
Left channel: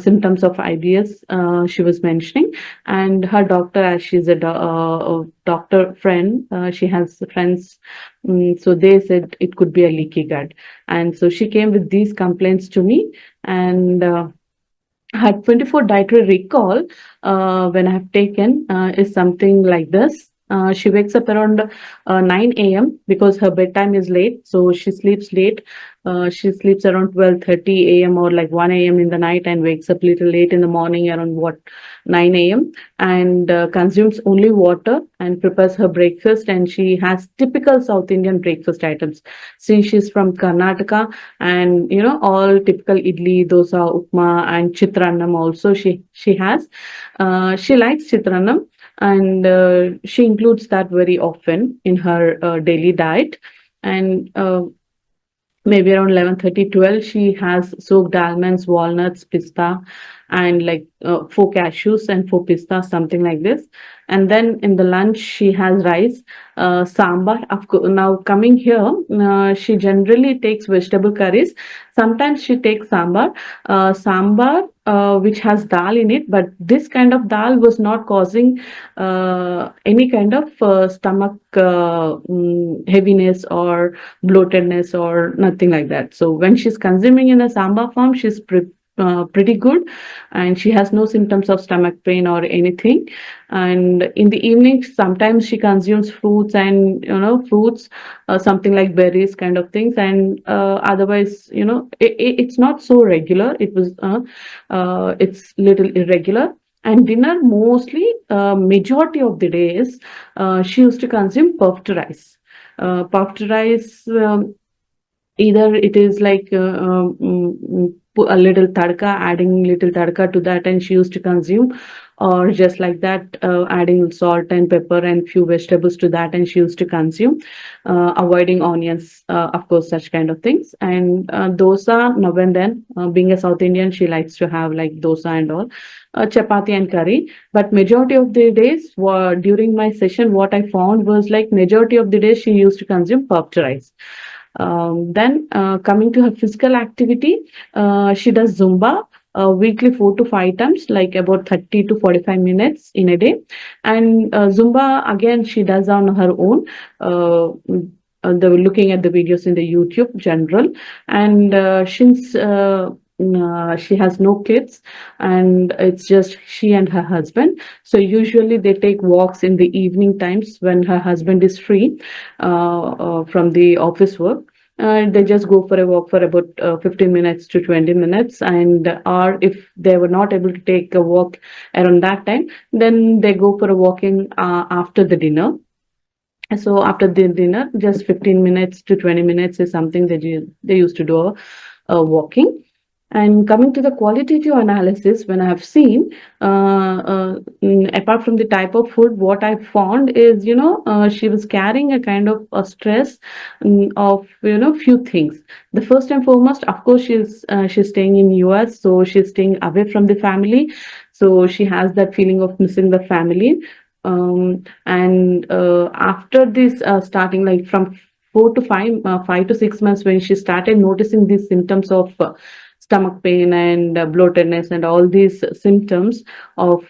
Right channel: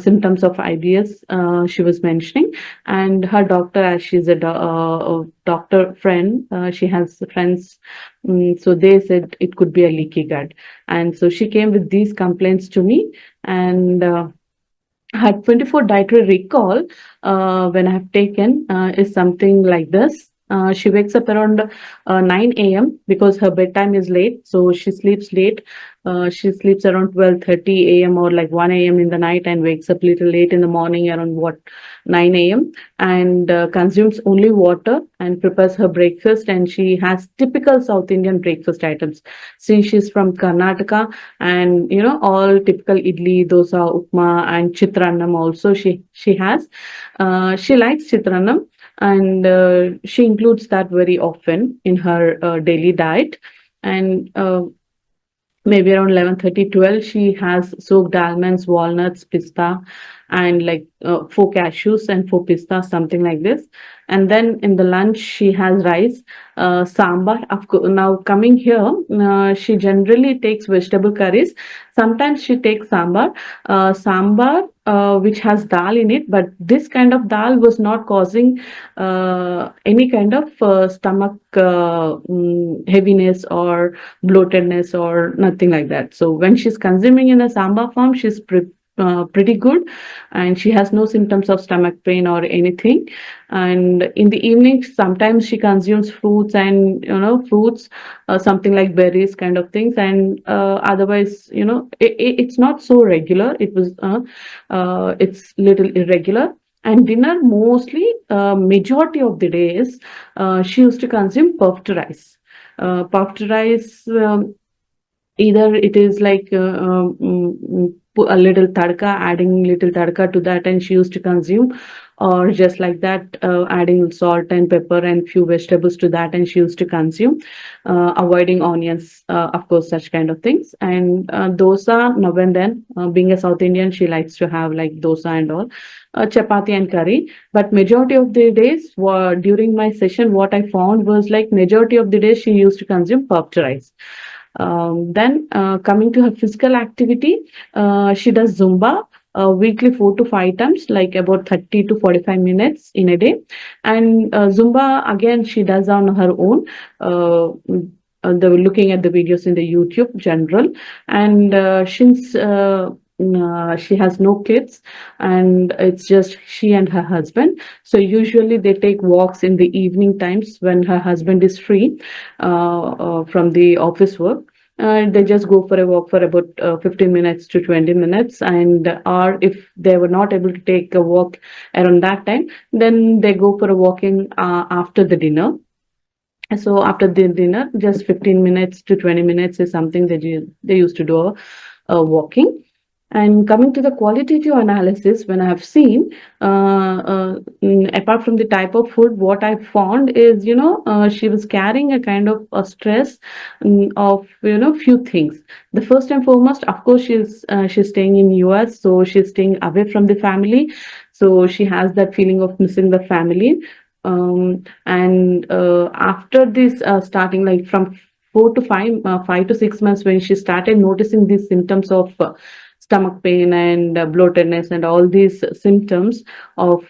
symptoms of IBS, she was mentioning. And her doctor, as she's a doctor friend, she has friends. So they said it could be a leaky gut. And so she came with these complaints to me, and her 24 dietary recall, when I have taken, is something like this. She wakes up around 9 a.m. because her bedtime is late, so she sleeps late. She sleeps around 12:30 a.m. or like 1 a.m. in the night, and wakes up little late in the morning around 9 a.m., and consumes only water and prepares her breakfast. And she has typical South Indian breakfast items. Since she's from Karnataka, and all typical idli, dosa, upma, and chitrannam also she has. She likes chitrannam, and she includes that very often in her daily diet. And maybe around 11:30, 12, she has soaked almonds, walnuts, pista, and like 4 cashews and 4 pistas, something like this. And then in the lunch, she has rice, sambar. Of course, now coming here, she generally takes vegetable curries. Sometimes she takes sambar, which has dal in it, but this kind of dal was not causing any kind of stomach heaviness or bloatedness or nothing like that. So when she's consuming in a sambar form, she's pretty good, and she has no symptoms of stomach pain or anything. And in the evening, sometimes she consumes fruits, and fruits, something like berries kind of things. And otherwise, it's not so regular. It's little irregular. And dinner, mostly, majority of the days, she used to consume puffed rice. Puffed rice, either it is like put a little tadka, adding little tadka to that, and she used to consume, or just like that, adding salt and pepper and few vegetables to that, and she used to consume, avoiding onions, of course, such kind of things. And dosa, now and then, being a South Indian, she likes to have like dosa and all, chapati and curry. But majority of the days, during my session, what I found was like majority of the days she used to consume puffed rice. Then coming to her physical activity, she does Zumba weekly 4 to 5 times, like about 30 to 45 minutes in a day. And Zumba, again, she does on her own. Looking at the videos in the YouTube general. And since she has no kids, and it's just she and her husband, so usually they take walks in the evening times when her husband is free from the office work. They just go for a walk for about 15 minutes to 20 minutes. And or if they were not able to take a walk around that time, then they go for a walking after the dinner. So after the dinner, just 15 minutes to 20 minutes is something that they used to do walking. And coming to the qualitative analysis, when I have seen, apart from the type of food, what I found is, she was carrying a kind of a stress of, few things. The first and foremost, of course, she's staying in US, so she's staying away from the family. So she has that feeling of missing the family. And after this, starting like from 4 to 5, 5 to 6 months, when she started noticing these symptoms of stomach pain and bloatedness and all these symptoms of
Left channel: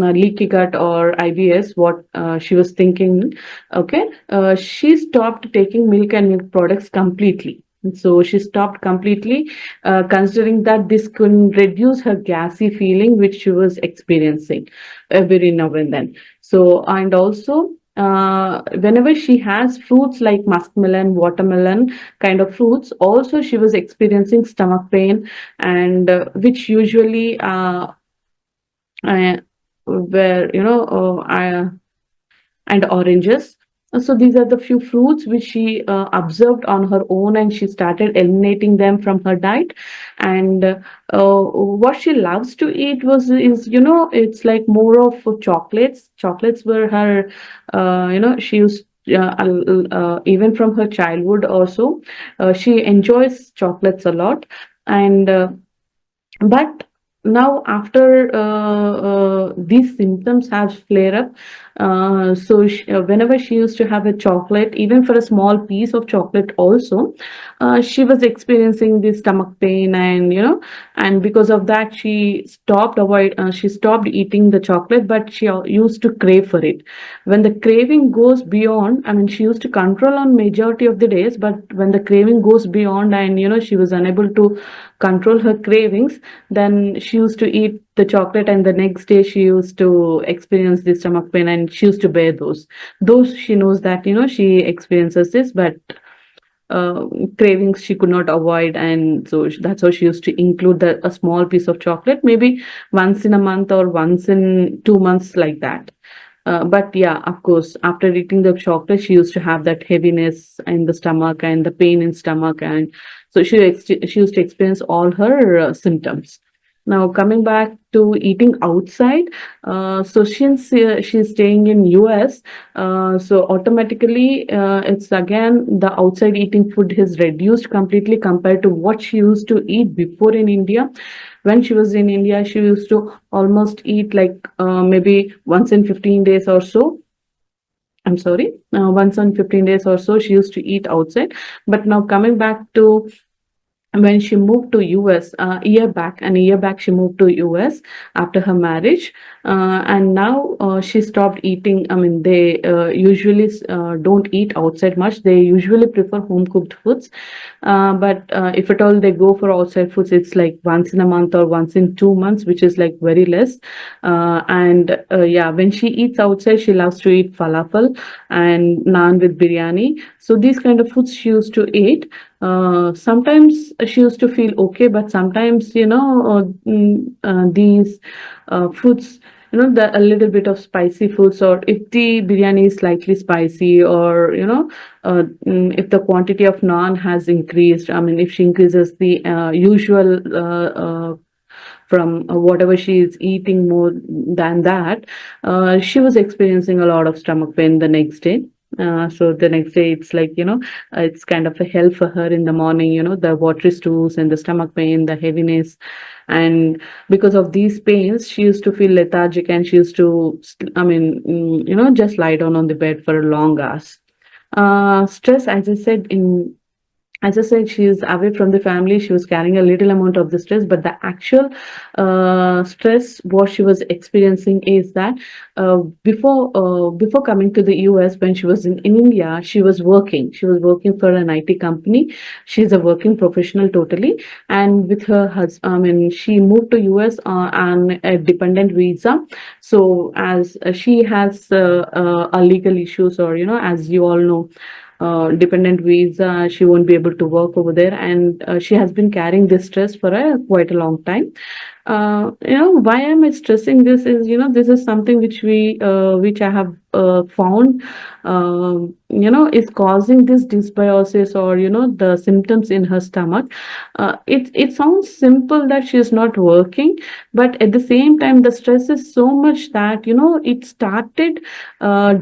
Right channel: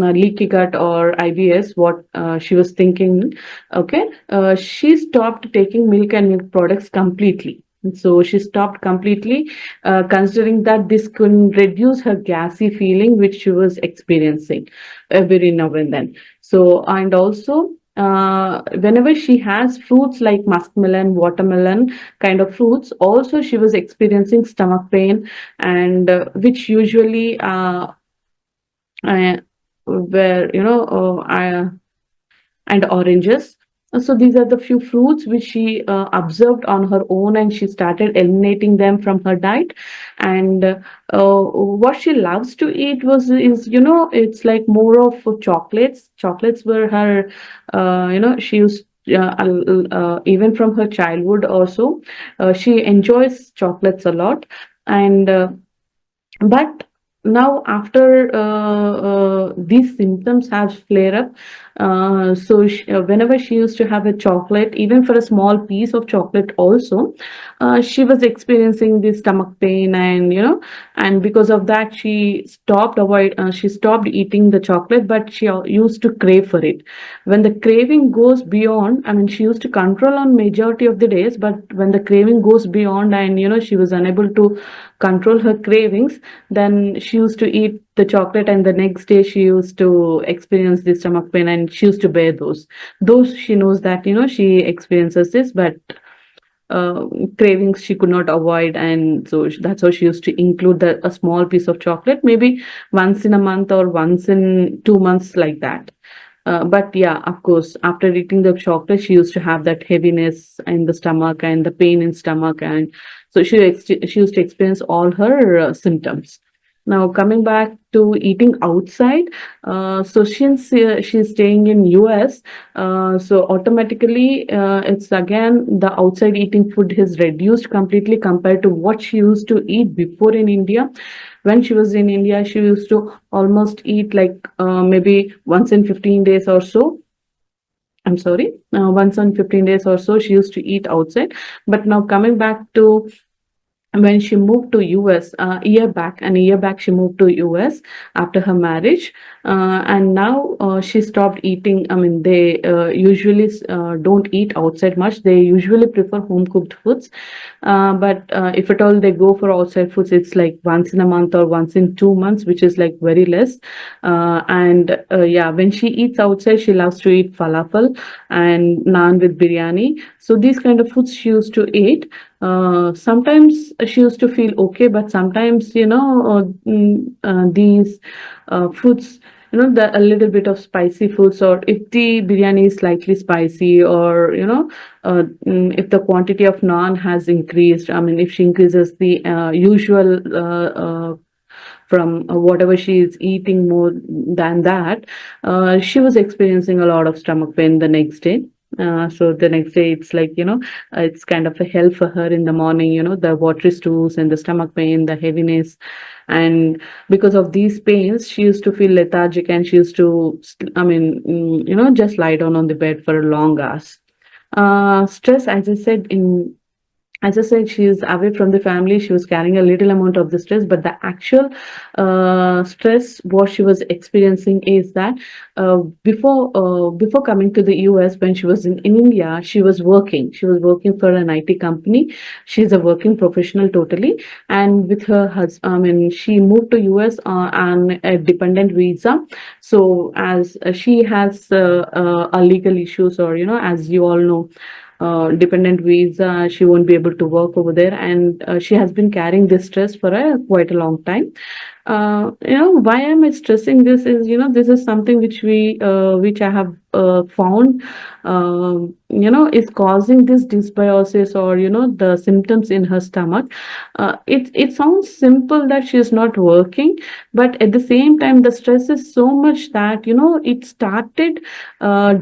leaky gut or IBS, what she was thinking. Okay, she stopped taking milk and milk products completely. So she stopped completely, considering that this could reduce her gassy feeling which she was experiencing every now and then. So, and also whenever she has fruits like muskmelon, watermelon kind of fruits, also she was experiencing stomach pain, and which usually where and oranges. So these are the few fruits which she observed on her own, and she started eliminating them from her diet. And what she loves to eat was is it's like more of chocolates. Chocolates were her she used. Even from her childhood also, she enjoys chocolates a lot. And but now after these symptoms have flare up, whenever she used to have a chocolate, even for a small piece of chocolate also, she was experiencing this stomach pain. And and because of that she stopped eating the chocolate, but she used to crave for it. When the craving goes beyond, I mean, she used to control on majority of the days, but when the craving goes beyond, and she was unable to control her cravings, then she used to eat the chocolate, and the next day she used to experience the stomach pain, and she used to bear those she knows that she experiences this, but uh, cravings she could not avoid. And so that's how she used to include a small piece of chocolate, maybe once in a month or once in 2 months, like that. But yeah, of course, after eating the chocolate, she used to have that heaviness in the stomach and the pain in stomach, and so she used to experience all her symptoms. Now coming back to eating outside, so since she's staying in US, so automatically it's again the outside eating food has reduced completely compared to what she used to eat before in India. When she was in India, she used to almost eat like maybe once in 15 days or so. I'm sorry, once in 15 days or so, she used to eat outside. But now coming back to when she moved to US a year back she moved to US after her marriage, and now she stopped eating. I mean, they usually don't eat outside much. They usually prefer home cooked foods, but if at all they go for outside foods, it's like once in a month or once in 2 months, which is like very less. And yeah, when she eats outside, she loves to eat falafel and naan with biryani. So these kind of foods she used to eat. Sometimes she used to feel okay, but sometimes these foods, the a little bit of spicy foods, or if the biryani is slightly spicy, or if the quantity of naan has increased, I mean, if she increases the usual from whatever she is eating more than that, she was experiencing a lot of stomach pain the next day. So the next day, it's like, it's kind of a hell for her in the morning, the watery stools and the stomach pain, the heaviness. And because of these pains, she used to feel lethargic, and she used to, I mean, just lie down on the bed for long hours. Stress, as I said, she is away from the family. She was carrying a little amount of the stress, but the actual stress what she was experiencing is that before coming to the US, when she was in India, she was working. She was working for an IT company. She's a working professional totally, and with her husband, I mean, she moved to US on a dependent visa. So as she has a legal issues, or as you all know, dependent visa, she won't be able to work over there, and she has been carrying this stress for quite a long time. Why am I stressing this is, this is something which I have found, is causing this dysbiosis, or the symptoms in her stomach. It sounds simple that she is not working, but at the same time the stress is so much that it started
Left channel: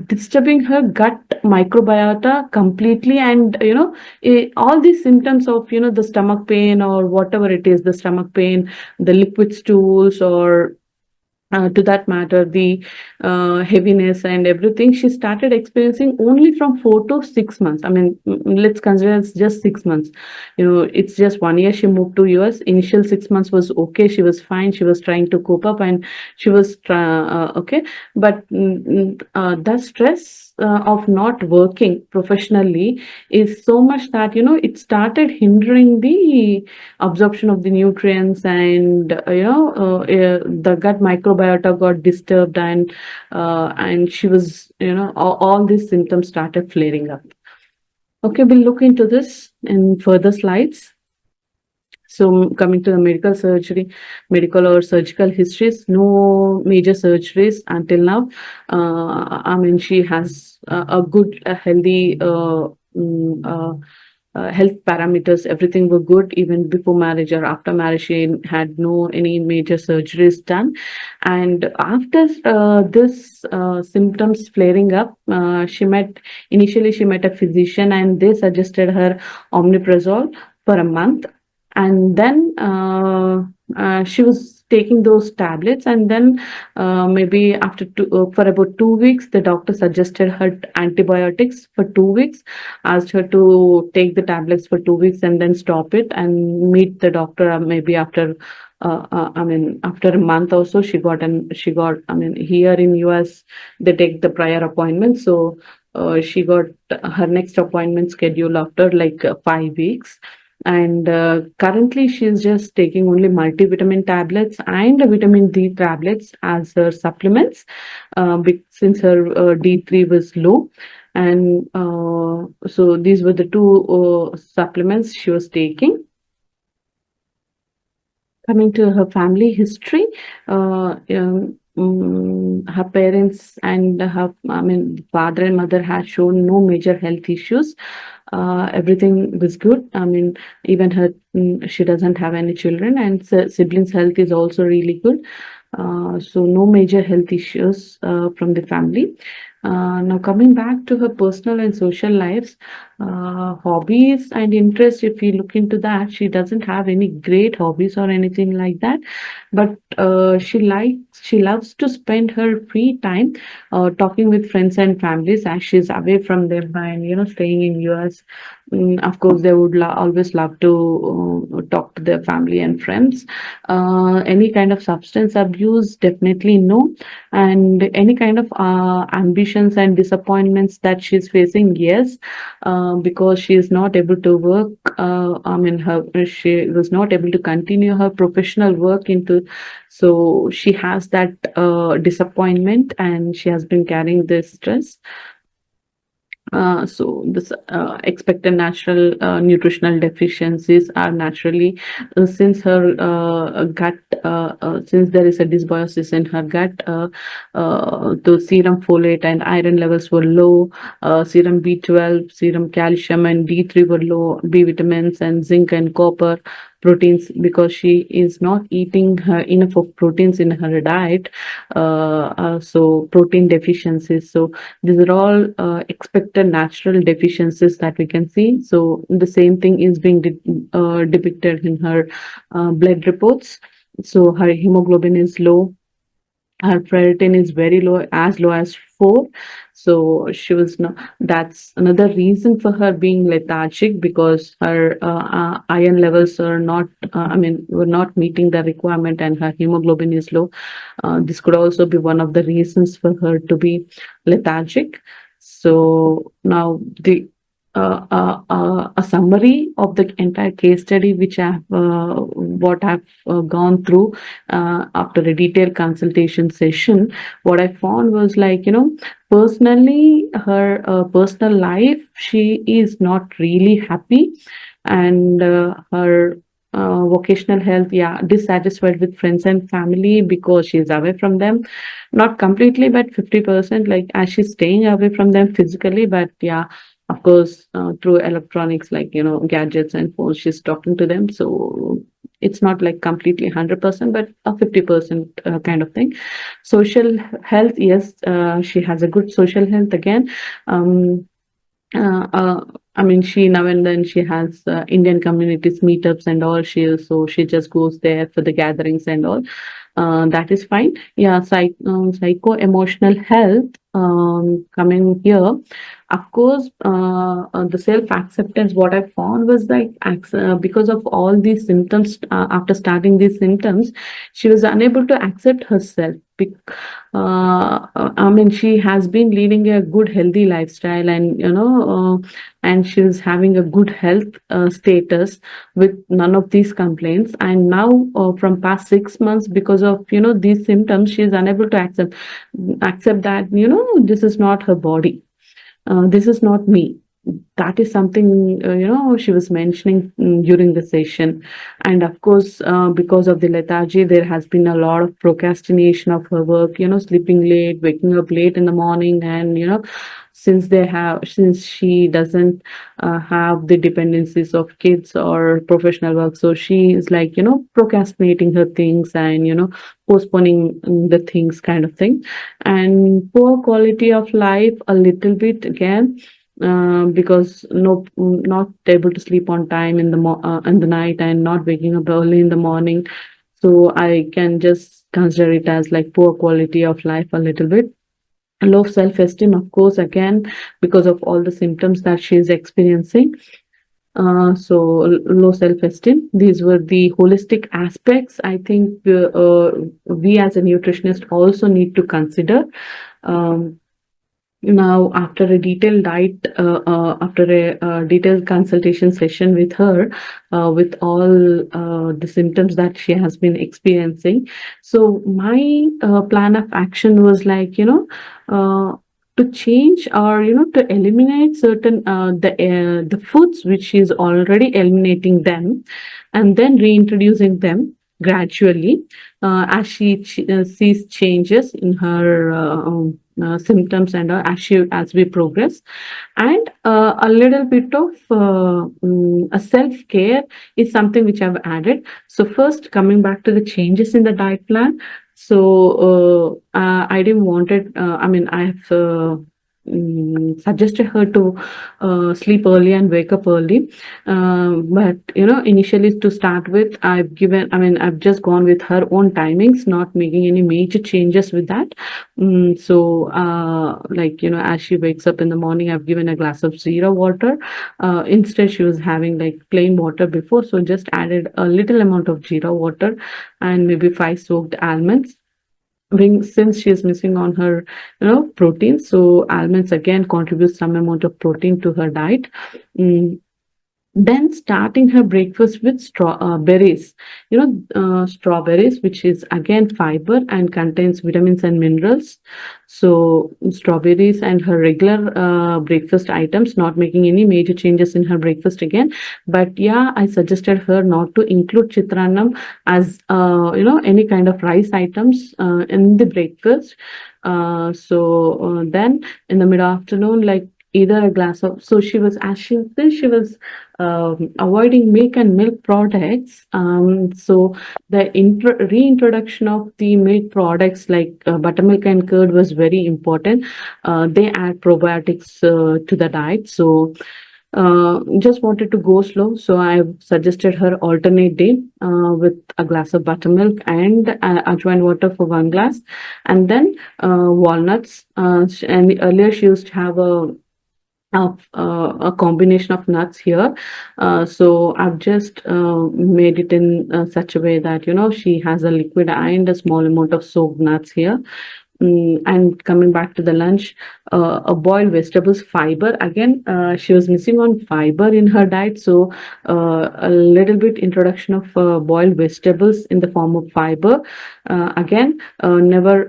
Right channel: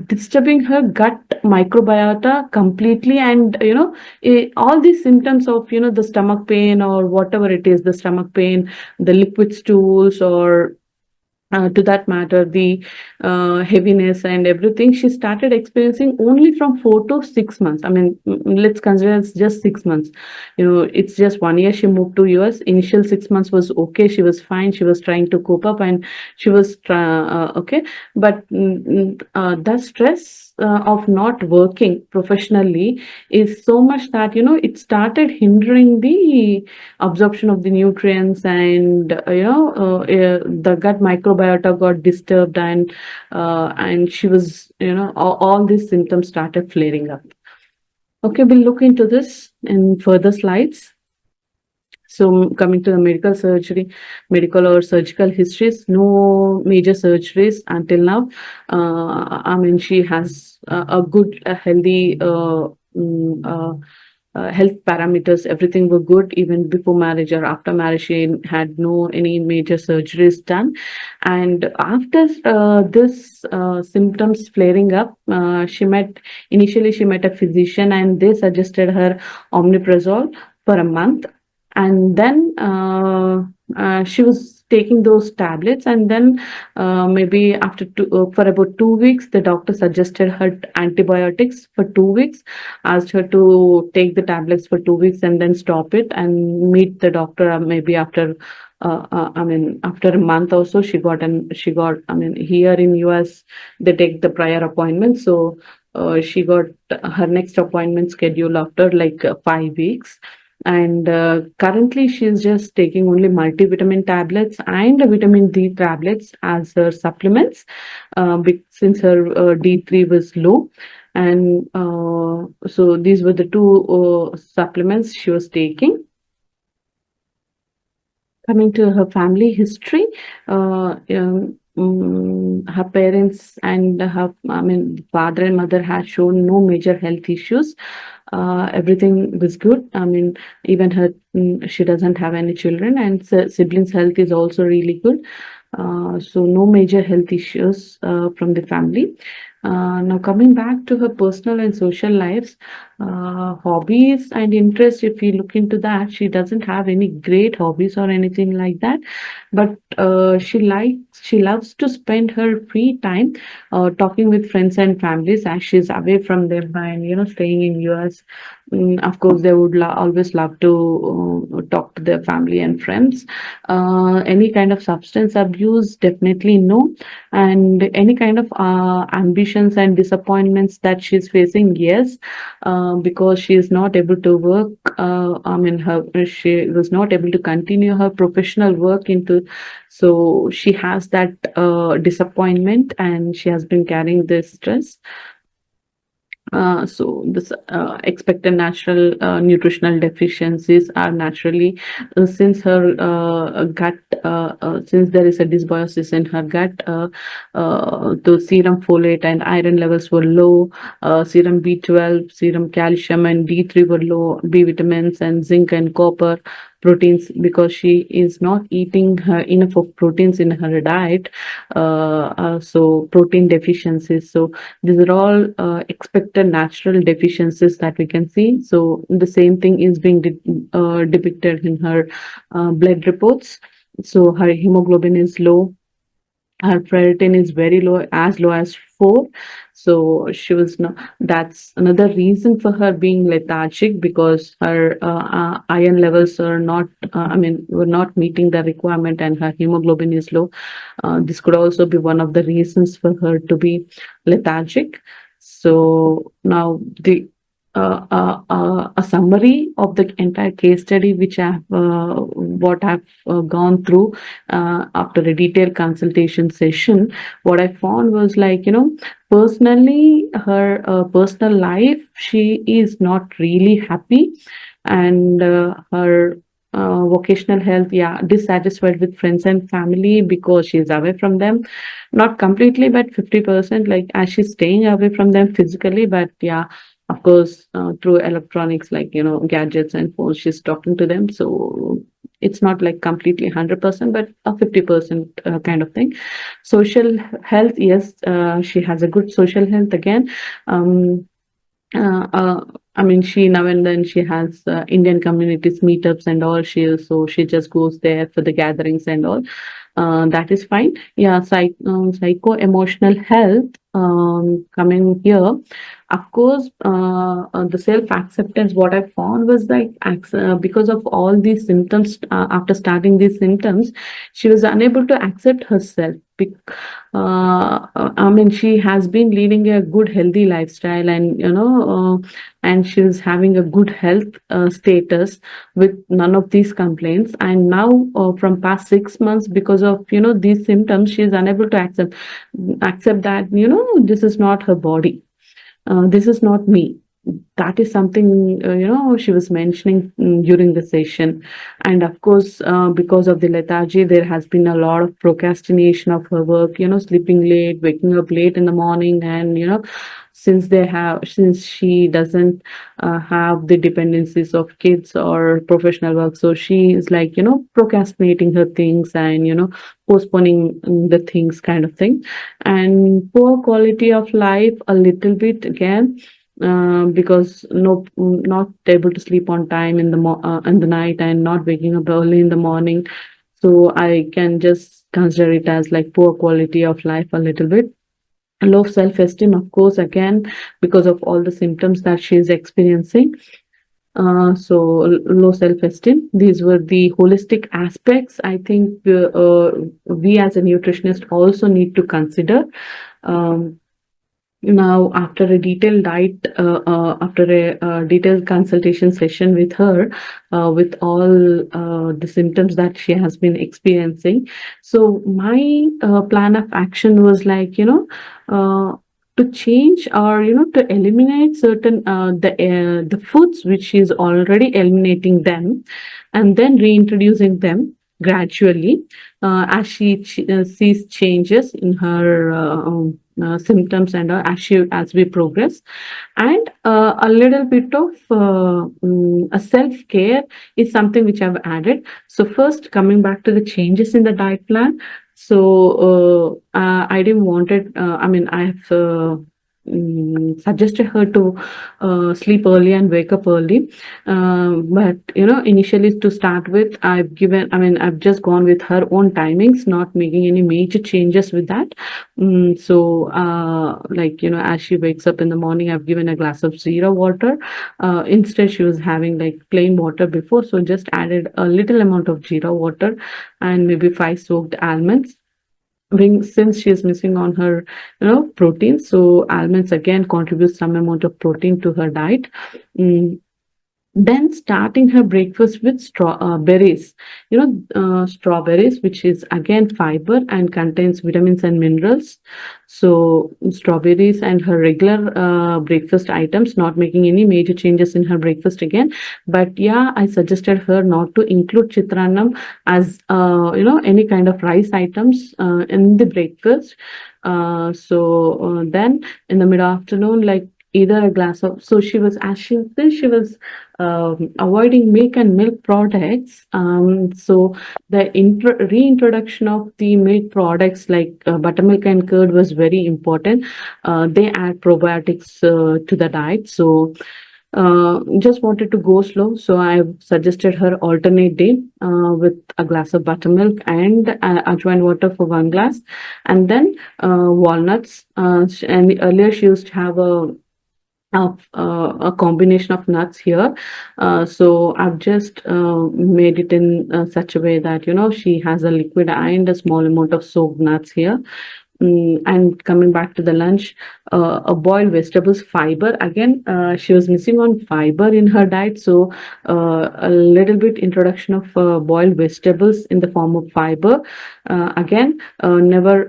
disturbing her gut microbiota completely. And all these symptoms of the stomach pain, or whatever it is, the stomach pain, the liquid stools, or to that matter, the heaviness and everything, she started experiencing only from 4 to 6 months. I mean, let's consider it's just 6 months. It's just 1 year she moved to US. Initial 6 months was okay. She was fine. She was trying to cope up, and she was okay. But the stress of not working professionally is so much that it started hindering the absorption of the nutrients, and the gut microbiota got disturbed, and she was all these symptoms started flaring up. Okay, we'll look into this in further slides. So coming to the medical or surgical histories, no major surgeries until now. I mean, she has a good, healthy health parameters. Everything were good even before marriage or after marriage. She had no any major surgeries done. And after this symptoms flaring up, initially she met a physician, and they suggested her omeprazole for a month. And then she was taking those tablets, and then maybe after for about 2 weeks, the doctor suggested her antibiotics for 2 weeks, asked her to take the tablets for 2 weeks and then stop it and meet the doctor maybe after I mean, after a month or so. I mean, here in US they take the prior appointment, so she got her next appointment scheduled after like 5 weeks. And currently she's just taking only multivitamin tablets and vitamin D tablets as her supplements, since her D3 was low. And so these were the two supplements she was taking. Coming to her family history, her parents and father and mother had shown no major health issues. Everything was good. I mean, even she doesn't have any children, and siblings' health is also really good. So no major health issues from the family. Now coming back to her personal and social lives, hobbies and interests, if we look into that, she doesn't have any great hobbies or anything like that. But she loves to spend her free time talking with friends and families as she's away from them and staying in US. Of course, they would always love to talk to their family and friends. Any kind of substance abuse, definitely no. And any kind of ambitions and disappointments that she's facing, yes, because she is not able to work. She was not able to continue her professional work so she has that disappointment, and she has been carrying this stress. So this expected natural nutritional deficiencies are naturally, since her gut, since there is a dysbiosis in her gut, the serum folate and iron levels were low, serum B12, serum calcium and D3 were low, B vitamins and zinc and copper, proteins, because she is not eating enough of proteins in her diet, so protein deficiencies. So these are all expected natural deficiencies that we can see. So the same thing is being depicted in her blood reports. So her hemoglobin is low, her ferritin is very low as 4. So she was not, that's another reason for her being lethargic, because her iron levels are not, were not meeting the requirement, and her hemoglobin is low. This could also be one of the reasons for her to be lethargic. So now a summary of the entire case study, which what I've gone through after a detailed consultation session. What I found was, personally, her personal life, she is not really happy, and her vocational health, dissatisfied with friends and family because she's away from them, not completely, but 50%, as she's staying away from them physically, but of course, through electronics, gadgets and phones, she's talking to them. So it's not like completely 100%, but a 50% kind of thing. Social health, yes, she has a good social health again. She now and then she has Indian communities meetups and all. She just goes there for the gatherings and all. That is fine. Yeah, psycho emotional health. Coming here, of course, the self acceptance. What I found was like because of all these symptoms. After starting these symptoms, she was unable to accept herself. I mean, she has been leading a good, healthy lifestyle, and and she's having a good health status with none of these complaints. And now, from past 6 months, because of these symptoms, she is unable to accept that this is not her body, this is not me. That is something she was mentioning during the session. And of course, because of the lethargy, there has been a lot of procrastination of her work, sleeping late, waking up late in the morning. And since she doesn't have the dependencies of kids or professional work, so she is like procrastinating her things, and postponing the things, kind of thing. And poor quality of life a little bit again, because not able to sleep on time in the night, and not waking up early in the morning. So I can just consider it as like poor quality of life a little bit. Low self-esteem, of course, again, because of all the symptoms that she is experiencing. Low self-esteem. These were the holistic aspects. I think we as a nutritionist also need to consider. Um, Now, after a detailed detailed consultation session with her, with all the symptoms that she has been experiencing, so my plan of action was like, to change, or to eliminate certain the foods which she is already eliminating them, and then reintroducing them gradually, as she sees changes in her symptoms, and as we progress. And a little bit of a self care is something which I've added. So first, coming back to the changes in the diet plan. So I didn't want it. I mean, I've suggested her to sleep early and wake up early. But initially, to start with, I've just gone with her own timings, not making any major changes with that. Like, as she wakes up in the morning, I've given a glass of zero water. Instead, she was having like plain water before, so just added a little amount of zero water, and maybe 5 soaked almonds. Since she is missing on her protein, so almonds again contribute some amount of protein to her diet. Mm, then starting her breakfast with berries, strawberries, which is again fiber and contains vitamins and minerals. So strawberries and her regular breakfast items, not making any major changes in her breakfast again. But yeah, I suggested her not to include chitranam as any kind of rice items in the breakfast. Then in the mid afternoon, like either a glass of, so she was, as she was avoiding milk and milk products. So the reintroduction of the milk products like buttermilk and curd was very important. They add probiotics to the diet. So just wanted to go slow. So I suggested her alternate day with a glass of buttermilk and ajwain water for 1 glass, and then walnuts. And earlier she used to have a combination of nuts here. So I've just made it in such a way that she has a liquid and a small amount of soaked nuts here. And coming back to the lunch, a boiled vegetables, fiber. Again, she was missing on fiber in her diet, so a little bit introduction of boiled vegetables in the form of fiber. Again, never.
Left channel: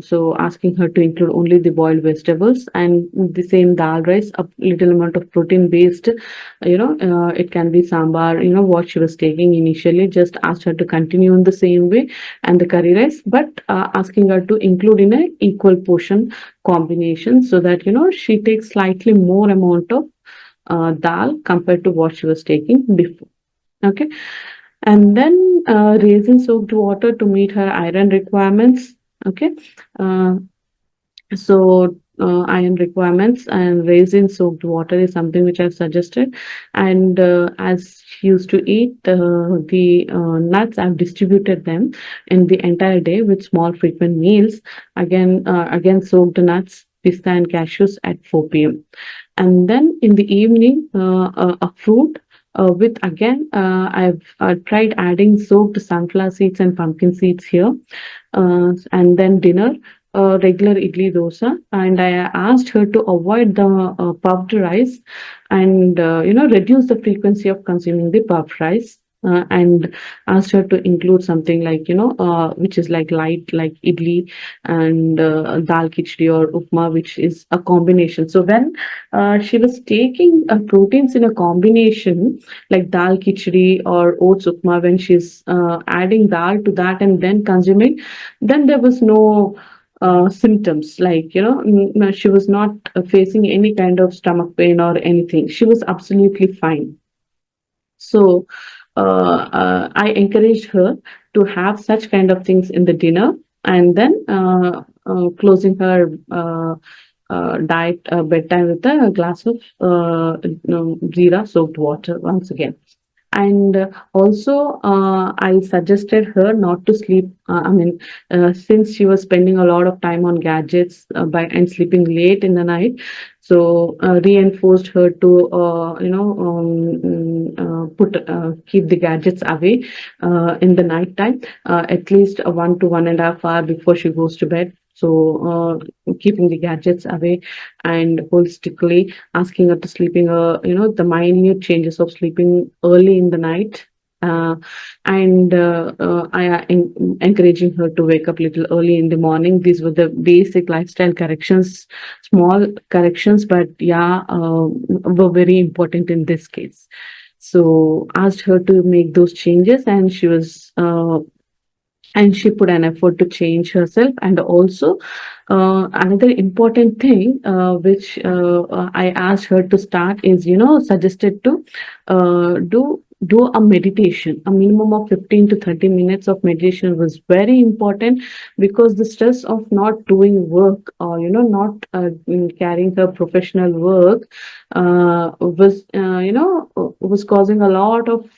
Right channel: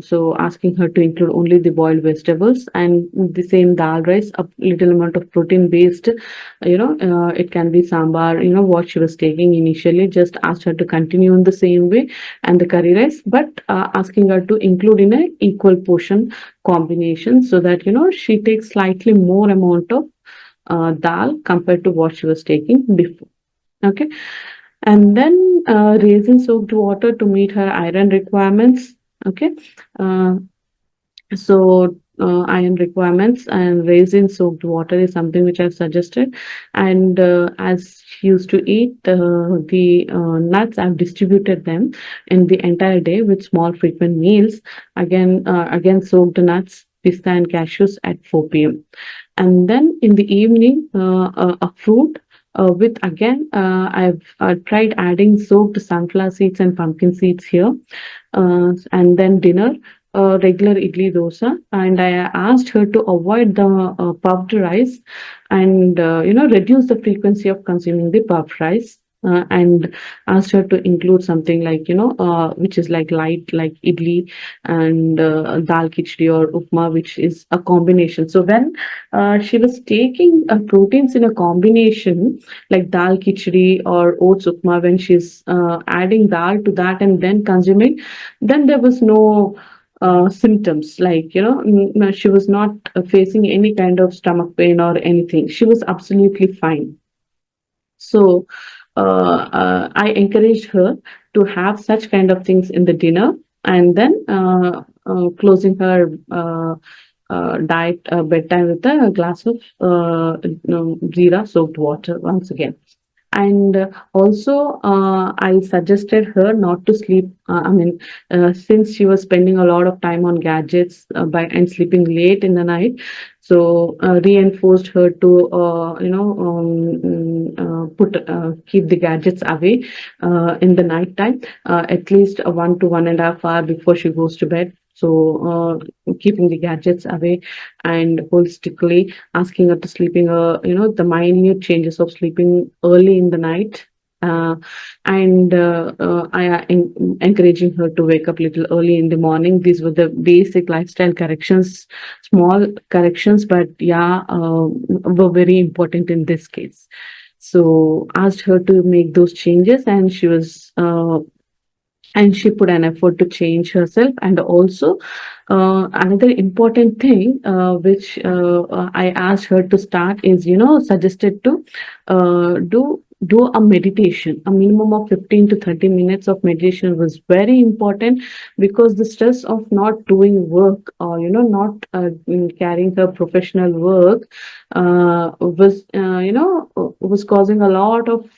So asking her to include only the boiled vegetables, and the same dal rice, a little amount of protein based. It can be sambar. What she was taking initially. Just asked her to continue in the same way, and the curry rice, but asking her to include in a equal portion combination, so that she takes slightly more amount of dal compared to what she was taking before. Okay. And then raisin soaked water to meet her iron requirements. Okay. uh, so iron requirements, and raisin soaked water is something which I've suggested. And as she used to eat the nuts, I've distributed them in the entire day with small frequent meals. Again soaked nuts, pista and cashews at 4 p.m. And then in the evening, a fruit with again, I've tried adding soaked sunflower seeds and pumpkin seeds here. And then dinner, regular idli dosa. And I asked her to avoid the puffed rice and, reduce the frequency of consuming the puffed rice. And asked her to include something like, which is like light, like idli and dal khichdi or upma, which is a combination. So when she was taking proteins in a combination like dal khichdi or oats upma, when she's adding dal to that and then consuming, then there was no symptoms like, she was not facing any kind of stomach pain or anything. She was absolutely fine. So I encouraged her to have such kind of things in the dinner, and then closing her diet bedtime with a glass of jeera soaked water once again. And also, I suggested her not to sleep. Since she was spending a lot of time on gadgets by and sleeping late in the night, so reinforced her to, put keep the gadgets away in the night time, at least 1 to 1.5 hours before she goes to bed. So keeping the gadgets away, and holistically asking her to sleeping, the minute changes of sleeping early in the night. And encouraging her to wake up little early in the morning. These were the basic lifestyle corrections, small corrections, but yeah, were very important in this case. So asked her to make those changes, and she put an effort to change herself. And also another important thing which I asked her to start is, suggested to do a meditation. A minimum of 15 to 30 minutes of meditation was very important, because the stress of not doing work, or not carrying her professional work was causing a lot of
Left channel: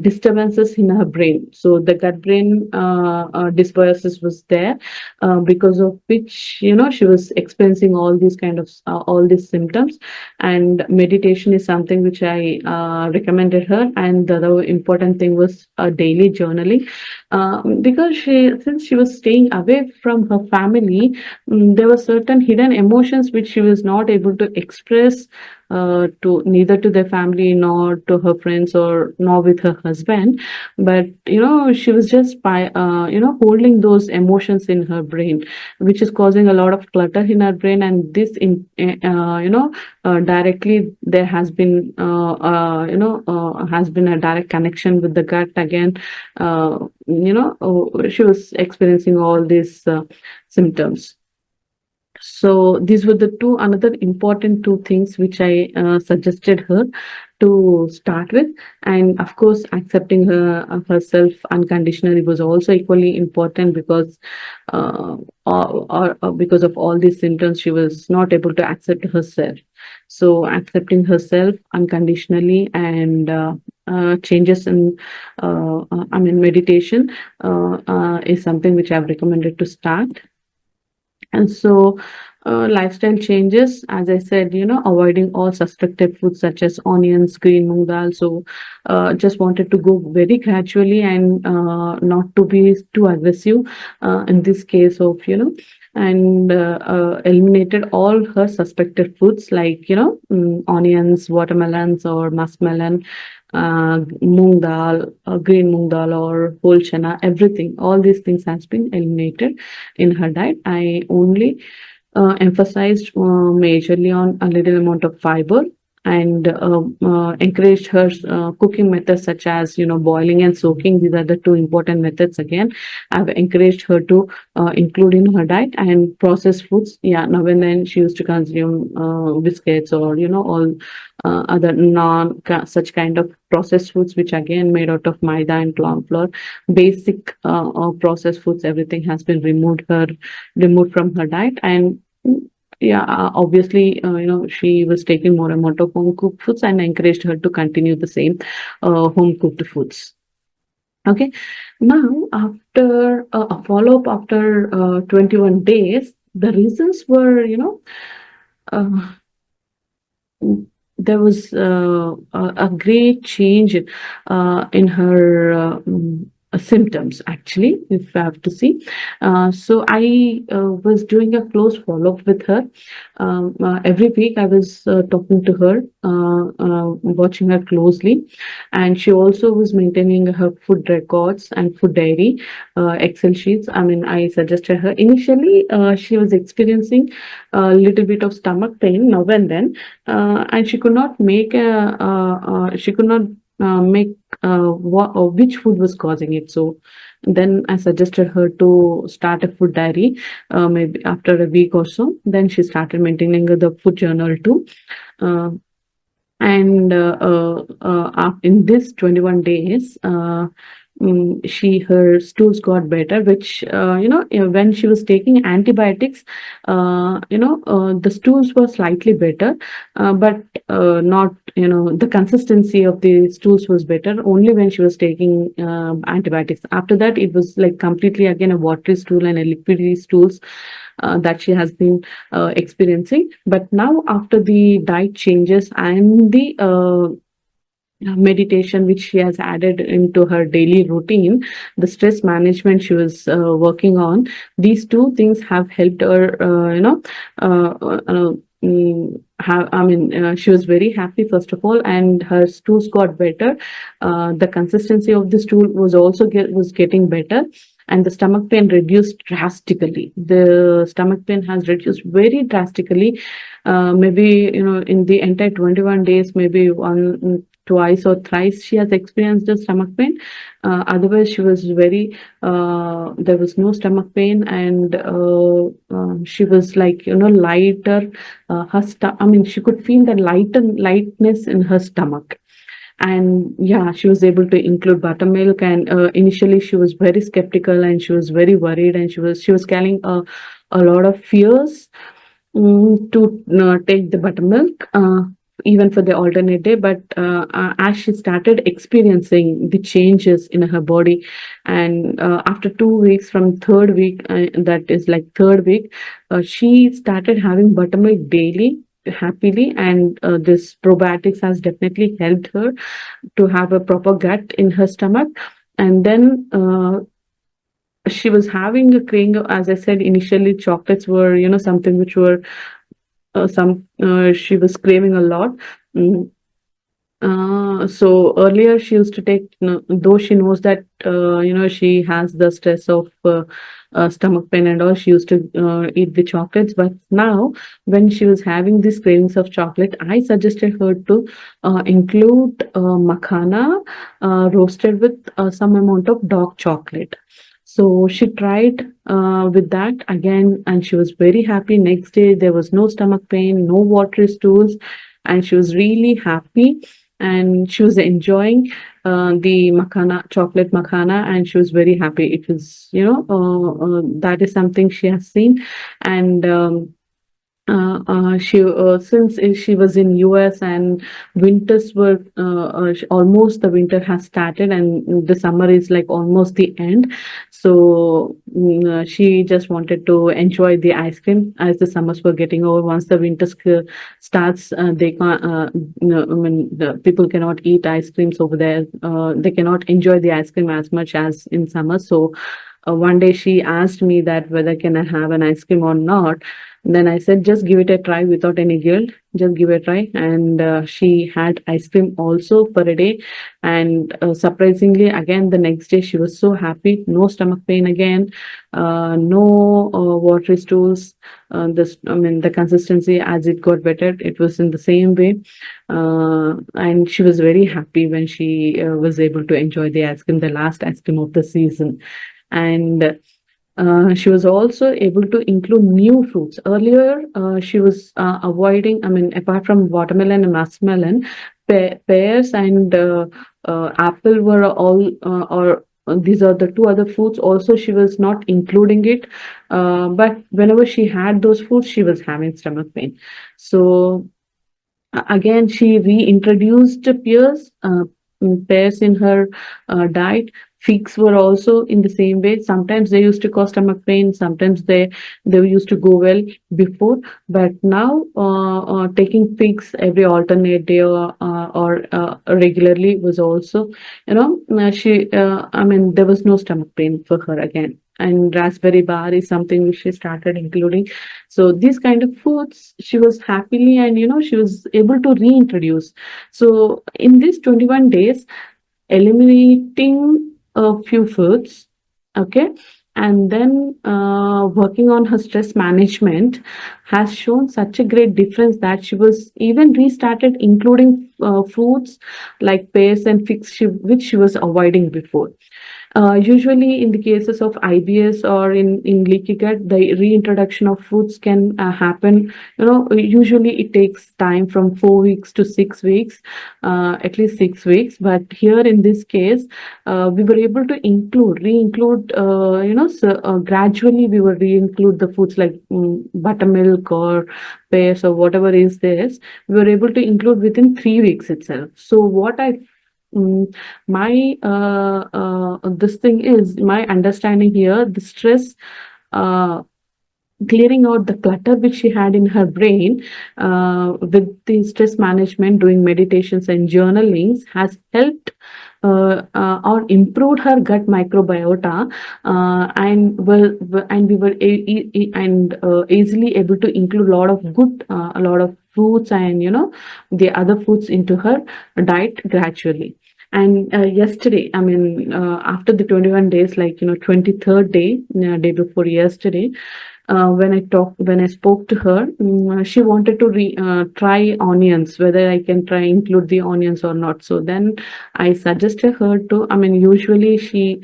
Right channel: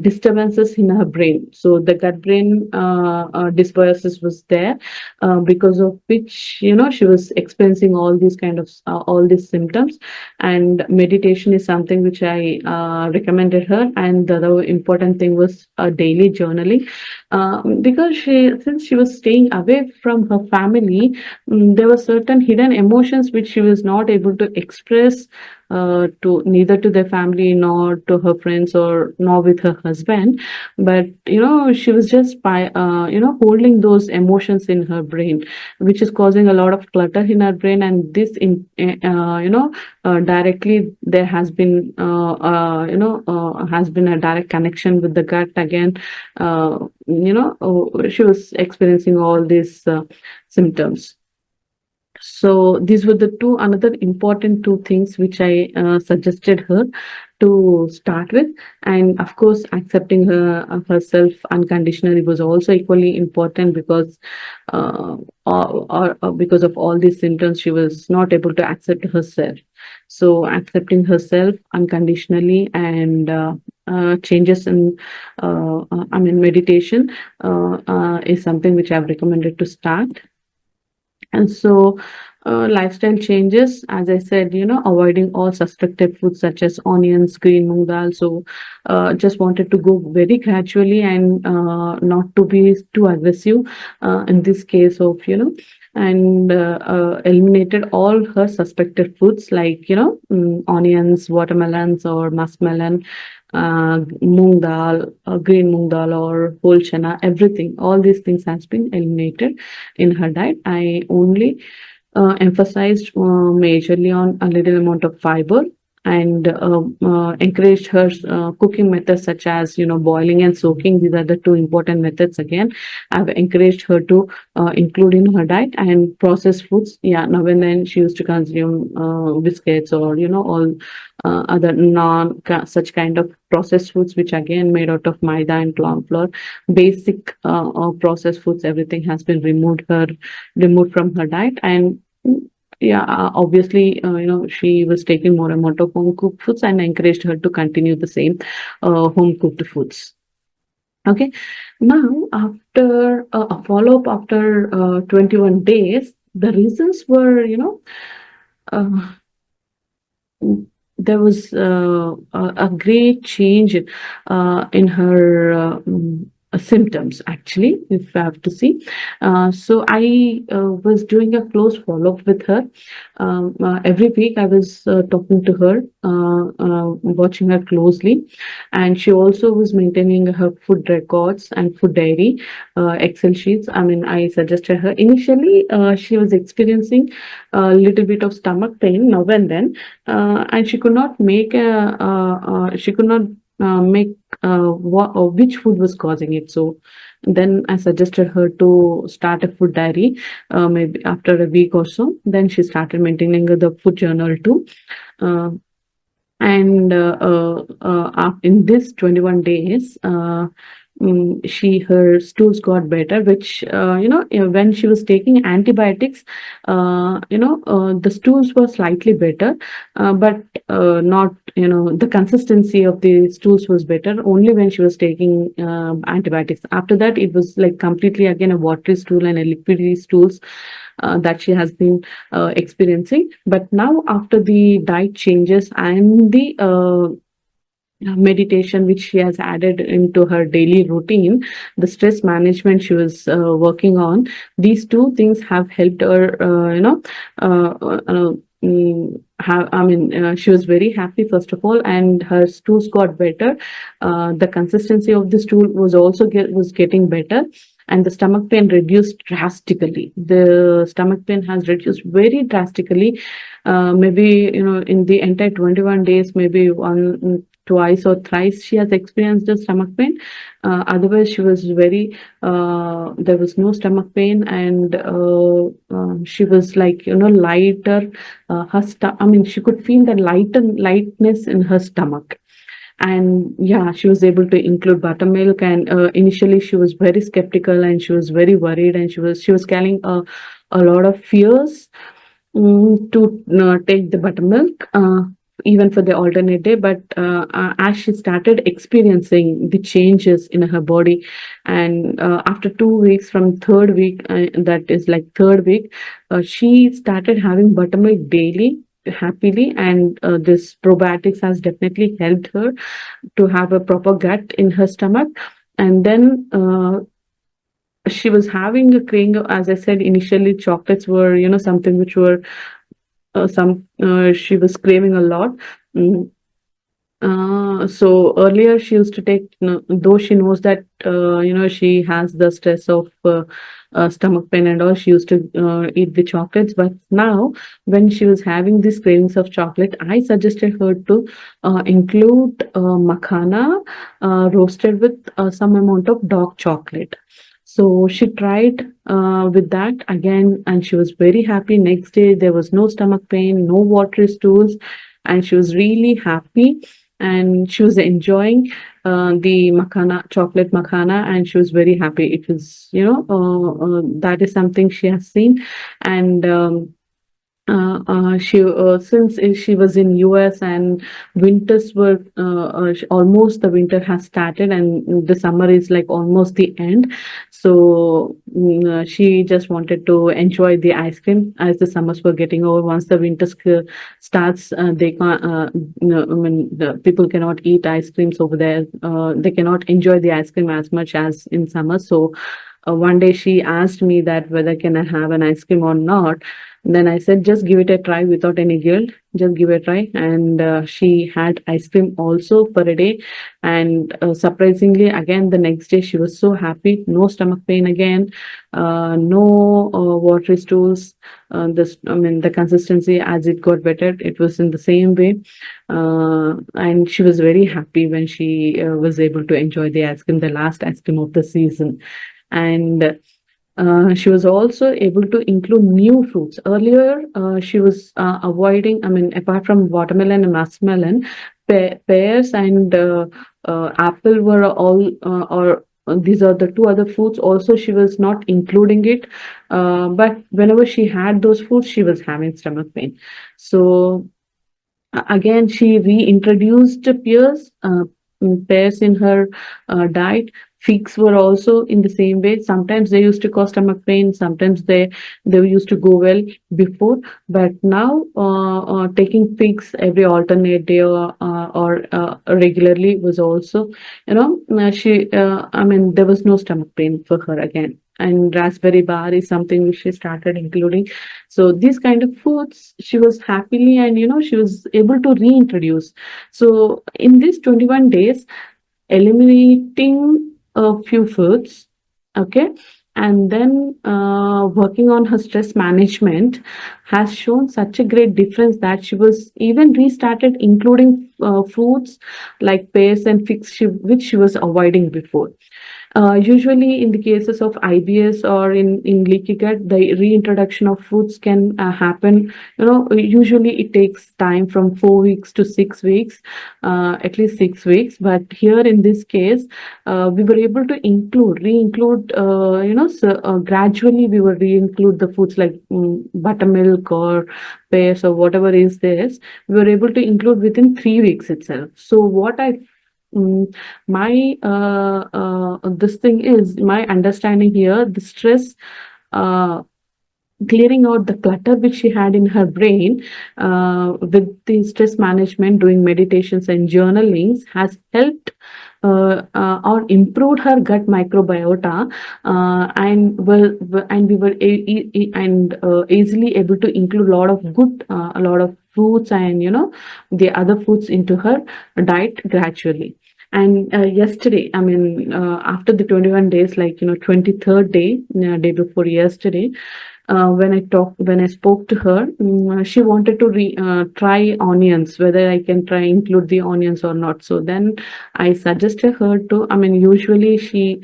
disturbances in her brain. So the gut brain dysbiosis was there, because of which, she was experiencing all these kind of all these symptoms. And meditation is something which I recommended her. And the other important thing was daily journaling, because since she was staying away from her family, there were certain hidden emotions which she was not able to express to neither to their family nor to her friends or nor with her husband. But she was just by holding those emotions in her brain, which is causing a lot of clutter in her brain. And this directly there has been a direct connection with the gut again. She was experiencing all these symptoms. So these were the another important two things which I suggested her to start with. And of course, accepting herself unconditionally was also equally important, because because of all these symptoms, she was not able to accept herself. So accepting herself unconditionally, and changes in meditation is something which I've recommended to start. And so lifestyle changes, as I said, avoiding all suspected foods such as onions, green moong dal. So just wanted to go very gradually, and not to be too aggressive in this case of, and eliminated all her suspected foods like, onions, watermelons or muskmelon, moong dal, green moong dal or whole chana, everything. All these things has been eliminated in her diet. I only emphasized majorly on a little amount of fiber, and encouraged her cooking methods such as, boiling and soaking. These are the two important methods. Again, I've encouraged her to include in her diet. And processed foods, yeah, now and then she used to consume biscuits or, all other non such kind of processed foods, which again made out of maida and corn flour. Basic processed foods, everything has been removed from her diet. And yeah, obviously, she was taking more amount of home cooked foods, and I encouraged her to continue the same home cooked foods. Okay. Now, after a follow up after 21 days, the reasons were, uh, there was a great change in her symptoms, actually, if I have to see. So I was doing a close follow up with her. Every week I was talking to her, watching her closely, and she also was maintaining her food records and food diary, Excel sheets. I mean, I suggested her. Initially, she was experiencing a little bit of stomach pain now and then, and she could not make she could not make which food was causing it. So then I suggested her to start a food diary, maybe after a week or so. Then she started maintaining the food journal too. Uh, and in this 21 days, her stools got better, which when she was taking antibiotics, the stools were slightly better, but not, the consistency of the stools was better only when she was taking antibiotics. After that, it was like completely again a watery stool and a liquidy stools that she has been experiencing. But now, after the diet changes and the meditation which she has added into her daily routine, the stress management she was working on, these two things have helped her, she was very happy, first of all, and her stools got better. The consistency of the stool was also was getting better, and the stomach pain reduced drastically. The stomach pain has reduced very drastically. Maybe, in the entire 21 days, maybe twice or thrice she has experienced the stomach pain. Otherwise, she was very, there was no stomach pain, and she was like, lighter. She could feel the lightness in her stomach. And yeah, she was able to include buttermilk. And initially, she was very skeptical, and she was very worried, and she was carrying a lot of fears to take the buttermilk, even for the alternate day. But as she started experiencing the changes in her body, and after 2 weeks, from third week, that is like third week, she started having buttermilk daily happily. And this probiotics has definitely helped her to have a proper gut in her stomach. And then she was having a craving. As I said initially, chocolates were, something which were she was craving a lot. Mm. So earlier she used to take, though she knows that she has the stress of stomach pain and all, she used to eat the chocolates. But now, when she was having these cravings of chocolate, I suggested her to include makhana roasted with some amount of dark chocolate. So she tried with that again, and she was very happy. Next day, there was no stomach pain, no watery stools, and she was really happy. And she was enjoying the chocolate makhana, and she was very happy. It was, that is something she has seen. And she since she was in US, and winters were almost, the winter has started, and the summer is like almost the end. So she just wanted to enjoy the ice cream as the summers were getting over. Once the winter starts, they can't. The people cannot eat ice creams over there. They cannot enjoy the ice cream as much as in summer. So one day she asked me that whether can I have an ice cream or not. Then I said, just give it a try without any guilt. Just give it a try. And she had ice cream also for a day. And surprisingly, again, the next day, she was so happy. No stomach pain again. No watery stools. The consistency, as it got better, it was in the same way. And she was very happy when she was able to enjoy the ice cream, the last ice cream of the season. And she was also able to include new fruits. Earlier, she was avoiding, apart from watermelon and muskmelon, pears and apple were all, or these are the two other foods also she was not including it, but whenever she had those foods she was having stomach pain. So again, she reintroduced pears in her diet. Figs were also in the same way. Sometimes they used to cause stomach pain. Sometimes they used to go well before, but now taking figs every alternate day or regularly was also, she. I mean, there was no stomach pain for her again. And raspberry bar is something which she started including. So these kind of foods she was happily, and she was able to reintroduce. So in these 21 days, eliminating a few foods, okay, and then working on her stress management has shown such a great difference that she was even restarted including fruits like pears and figs, which she was avoiding before. Usually, in the cases of IBS or in leaky gut, the reintroduction of foods can happen. Usually it takes time from 4 weeks to 6 weeks, at least 6 weeks. But here in this case, we were able to re-include. So gradually we will re-include the foods like buttermilk or pears or whatever is this. We were able to include within 3 weeks itself. So what I my this thing is my understanding here, the stress, clearing out the clutter which she had in her brain with the stress management, doing meditations and journalings has helped or improved her gut microbiota, and we were easily able to include a lot of good, a lot of fruits and the other foods into her diet gradually. And yesterday, I mean, after the 21 days, like 23rd day, day before yesterday, when I spoke to her, she wanted to try onions, whether I can try include the onions or not. So then I suggested her to. I mean, usually she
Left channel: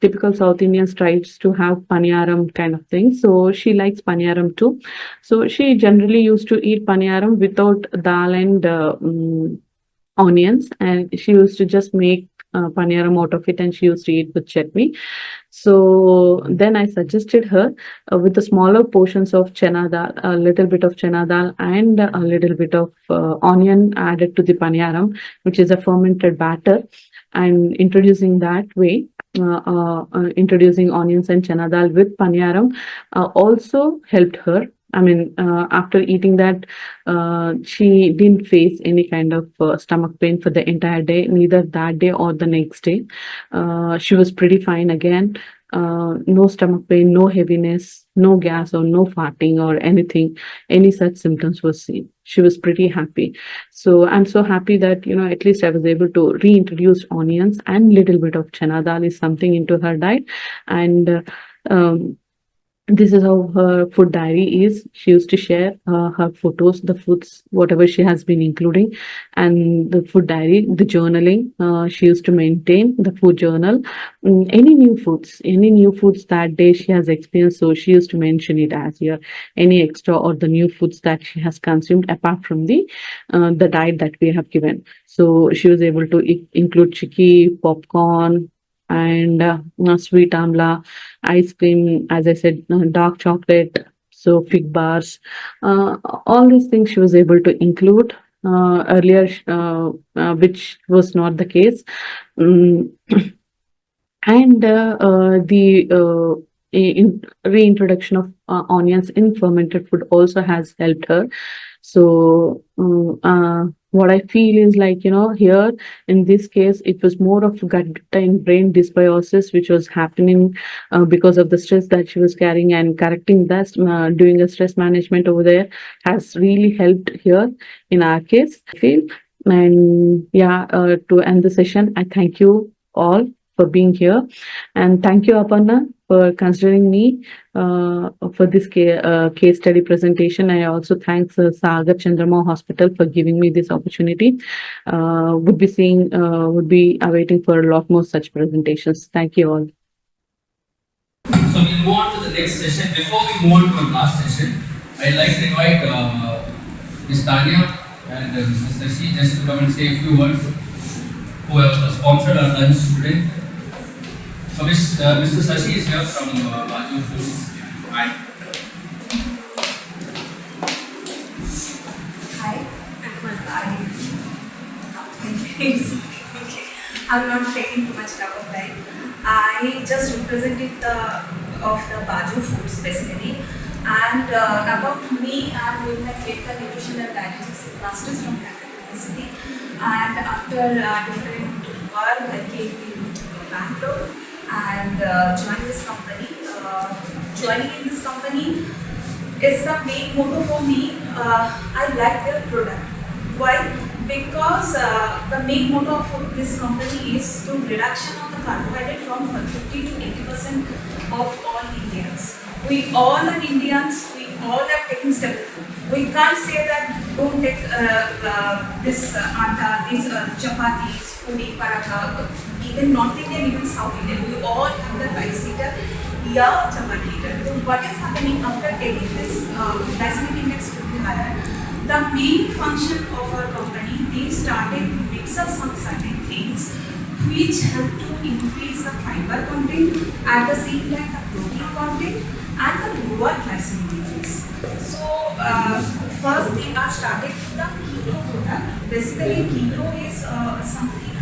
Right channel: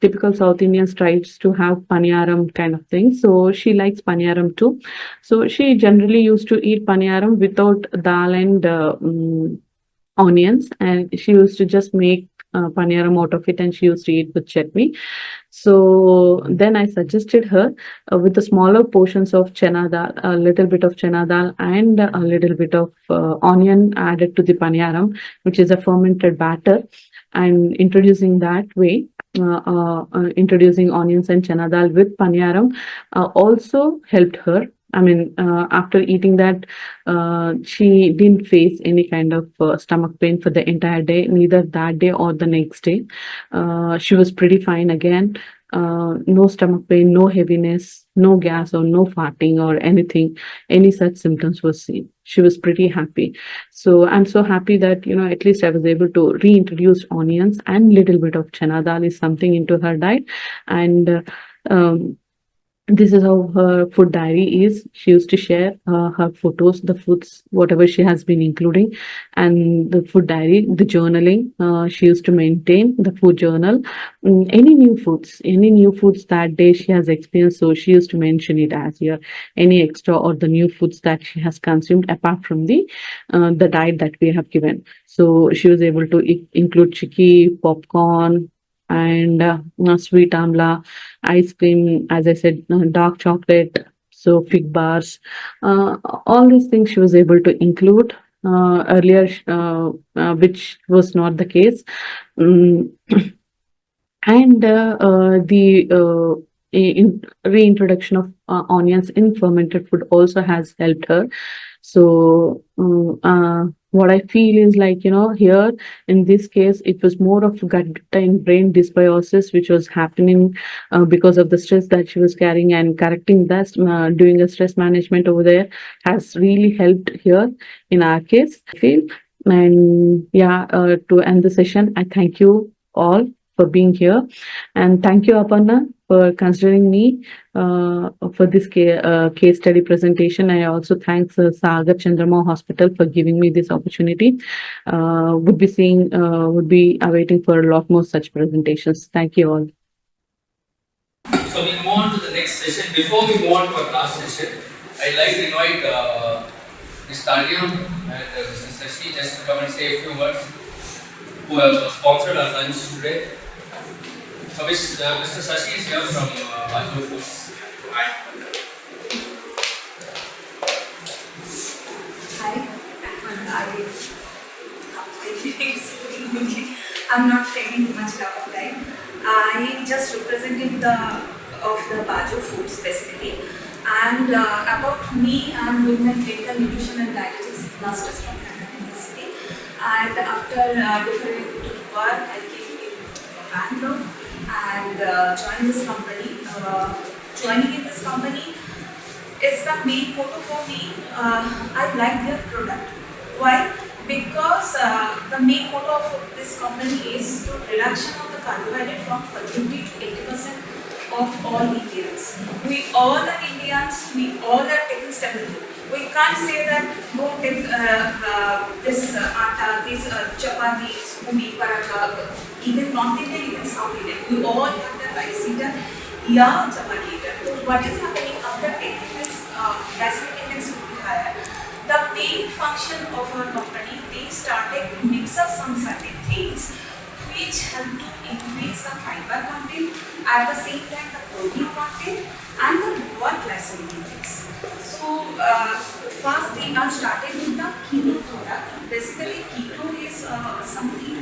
typical South Indians tries to have paniyaram kind of thing. So she likes paniyaram too. So she generally used to eat paniyaram without dal and onions, and she used to just make paniyaram out of it, and she used to eat with chutney. So then I suggested her with the smaller portions of chana dal, a little bit of chana dal and a little bit of onion added to the paniyaram, which is a fermented batter, and introducing that way. Introducing onions and chana dal with paniyaram also helped her. I mean, after eating that, she didn't face any kind of stomach pain for the entire day, neither that day or the next day. She was pretty fine again. No stomach pain, no heaviness, no gas or no farting or anything, any such symptoms was seen. She was pretty happy. So I'm so happy that, at least I was able to reintroduce onions and little bit of chana dal is something into her diet. And this is how her food diary is. She used to share her photos, the foods, whatever she has been including, and the food diary, the journaling. She used to maintain the food journal. Any new foods that day she has experienced. So she used to mention it as here, any extra or the new foods that she has consumed apart from the diet that we have given. So she was able to include chicky, popcorn, and sweet amla, ice cream, as I said, dark chocolate, so fig bars, all these things she was able to include earlier, which was not the case. Mm, and the reintroduction of onions in fermented food also has helped her. So what I feel is like, here in this case, it was more of gut and brain dysbiosis, which was happening because of the stress that she was carrying, and correcting that, doing a stress management over there has really helped here in our case, I feel. And yeah, to end the session, I thank you all for being here, and thank you, Aparna, for considering me for this case study presentation. I also thank Sagar Chandramma Hospital for giving me this opportunity. Would be awaiting for a lot more such presentations. Thank you all. So we move on to the next session. Before we move on to our last session, I'd like to invite Ms. Tanya and Mrs. Sashi just to come and say a few words, who have sponsored our lunch today. Mr. Sashi is here from Baju Foods. Hi. Hi. I'm not taking too much of time. I just represented the Baju Foods facility. And about me, I'm doing my clinical nutrition and dietetics masters from Calcutta University. And after different work, I came in Bangalore and joined this company. Joining in this company is the main motto for me. I like their product. Why? Because the main motto of this company is to reduction of the carbohydrate from 50 to 80% of all Indians. We all are Indians. We all are taking staple food. We can't say that don't take this atta, these chapatis, puri, paratha, even North Indian, even South Indian. We all have the rice eater, yeah, chapati eater. So what is happening after taking this glycemic index to be higher? The main function of our company, they started to mix up some certain things which help to increase the fiber content, at the same time the protein content and the lower glycemic index. So first they are started with the keto product. Basically keto is something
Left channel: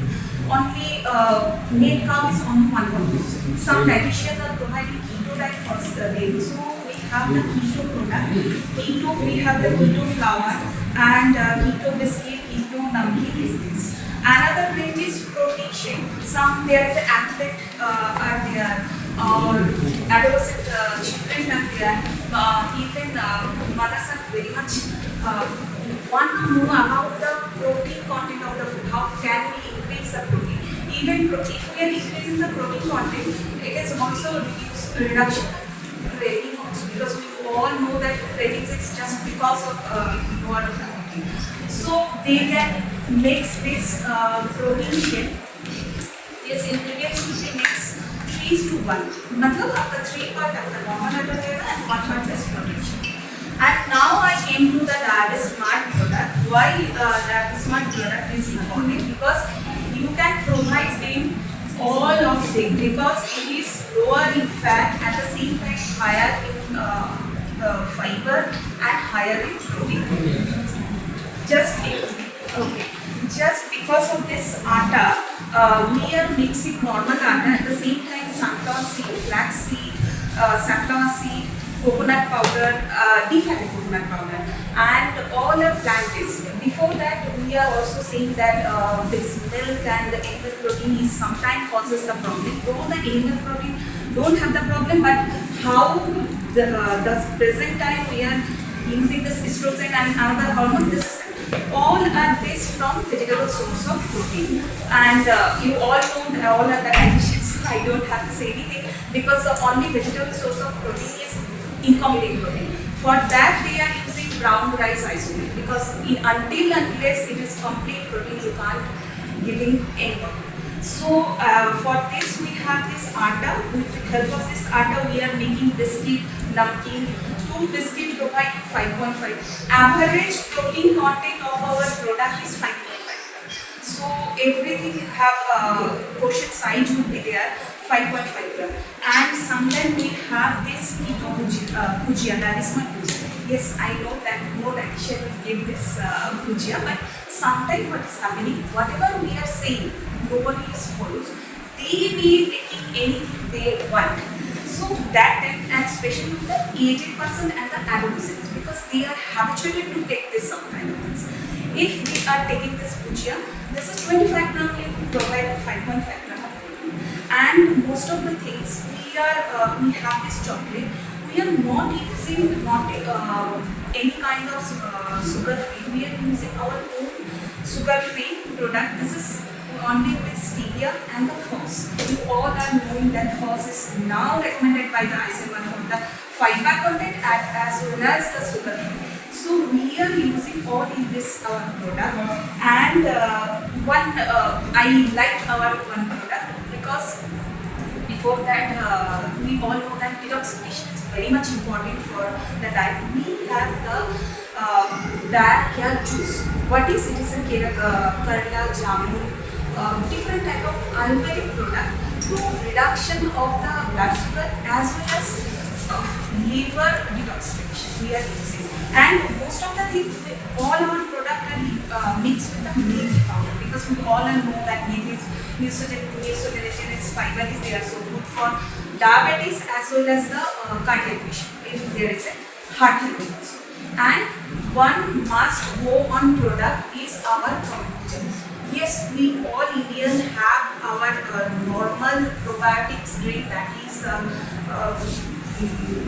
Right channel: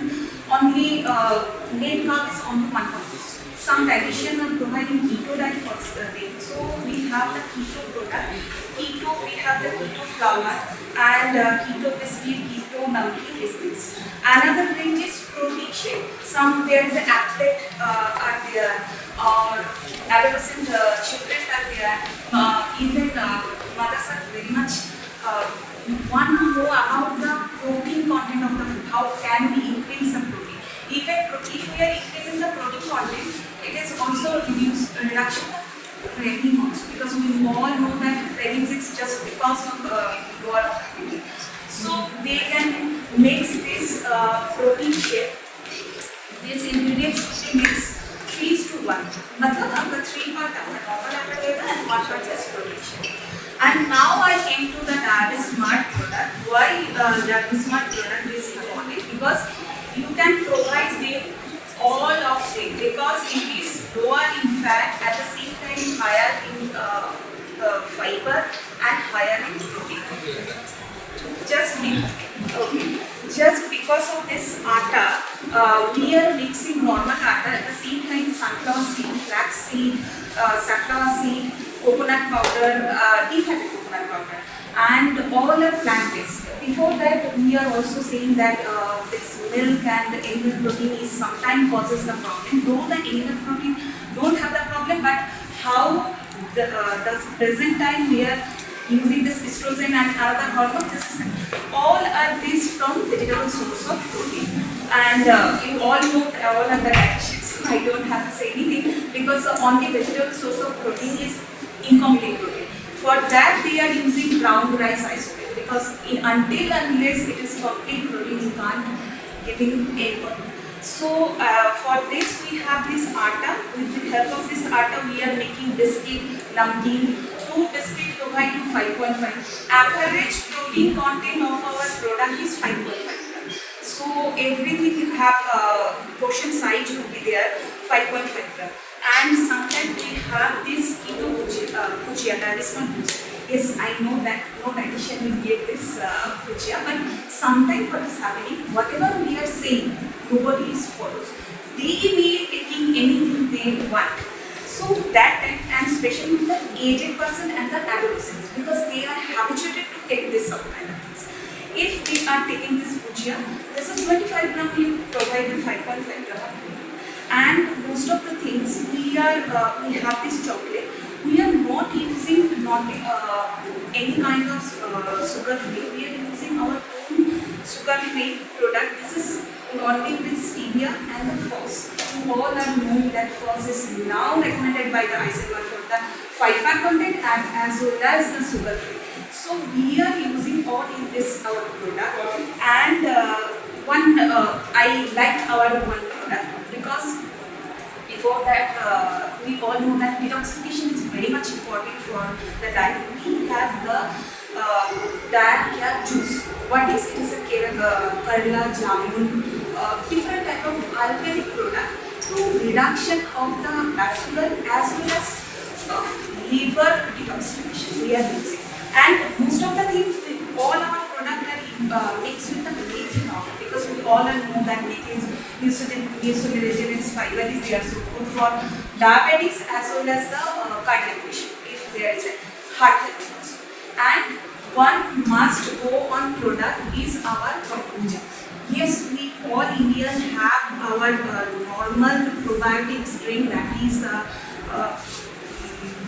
only net carb is only 1 Some dietitians are providing keto diet for them. So we have the keto product. Keto, we have the keto flour and keto biscuit, keto namkeen is this. Another range is protein shake. There is an athlete are there, or adolescent children are there. Even mothers are very much want to know about the protein content of the food. How can we increase the protein? Even if we are increasing the protein content, it is also reduction of craving also, because we all know that cravings is just because of lower activity. So they can mix this protein shake. This ingredient should be mixed 3:1. मतलब आपका 3 part आपका normal atta रहेगा and 1 part just protein shake. And now I came to the Smart product. Why Smart product is important? Because you can provide them all of them, because it is lower in fat, at the same time higher in fiber and higher in protein. Just because of this atta, we are mixing normal atta, at the same time sunflower seed, flax seed, safflower seed, coconut powder, defatted coconut powder, and all are plant-based. Before that, we are also saying that this milk and the animal protein is sometimes causes the problem. Though the animal protein don't have the problem, but how the present time we are using this estrogen and another hormone, this all are based from vegetable source of protein. And you all know that all are the dietitians. I don't have to say anything, because the only vegetable source of protein is incomplete protein. For that they are using brown rice isolate, because until unless it is complete protein, you can't giving any. So for this we have this atta. With the help of this atta, we are making biscuit, namkeen. 2 biscuits provide you 5.5. Average protein content of our product is 5.5. So everything you have portion size will be there 5.5 gram. And sometimes we have this keto bhujia, that is my bhujia. Yes, I know that no dietitian will give this bhujia, but sometimes what is happening, whatever we are saying, nobody is follows. They may be taking anything they want. So that time, and especially with the aged person and the adolescents, because they are habituated to take this kind of things. If we are taking this bhujia, this is 25 gram, we provide the 5.5 gram. And most of the things we have this chocolate. We are not using any kind of sugar free. We are using our own sugar free product. This is only with stevia and the FOS. You all are knowing that FOS is now recommended by the ICMR for the fiber content as well as the sugar free. So we are using all in this our product. And I like our one product, because before that we all know that detoxification is very much important for the diet. We have the diet kya juice. What is it? Is a Kerala, jamun, different type of Ayurvedic product through reduction of the blood sugar as well as liver detoxification we are using. And most of the things, all our products are mixed with the methi powder, because we all know that methi is mucilaginous fiber is there, so good for diabetes as well as the cardiac patient if there is a heart health also. And one must go on product is our kombucha. Yes, we all Indians have our normal probiotics drink, that is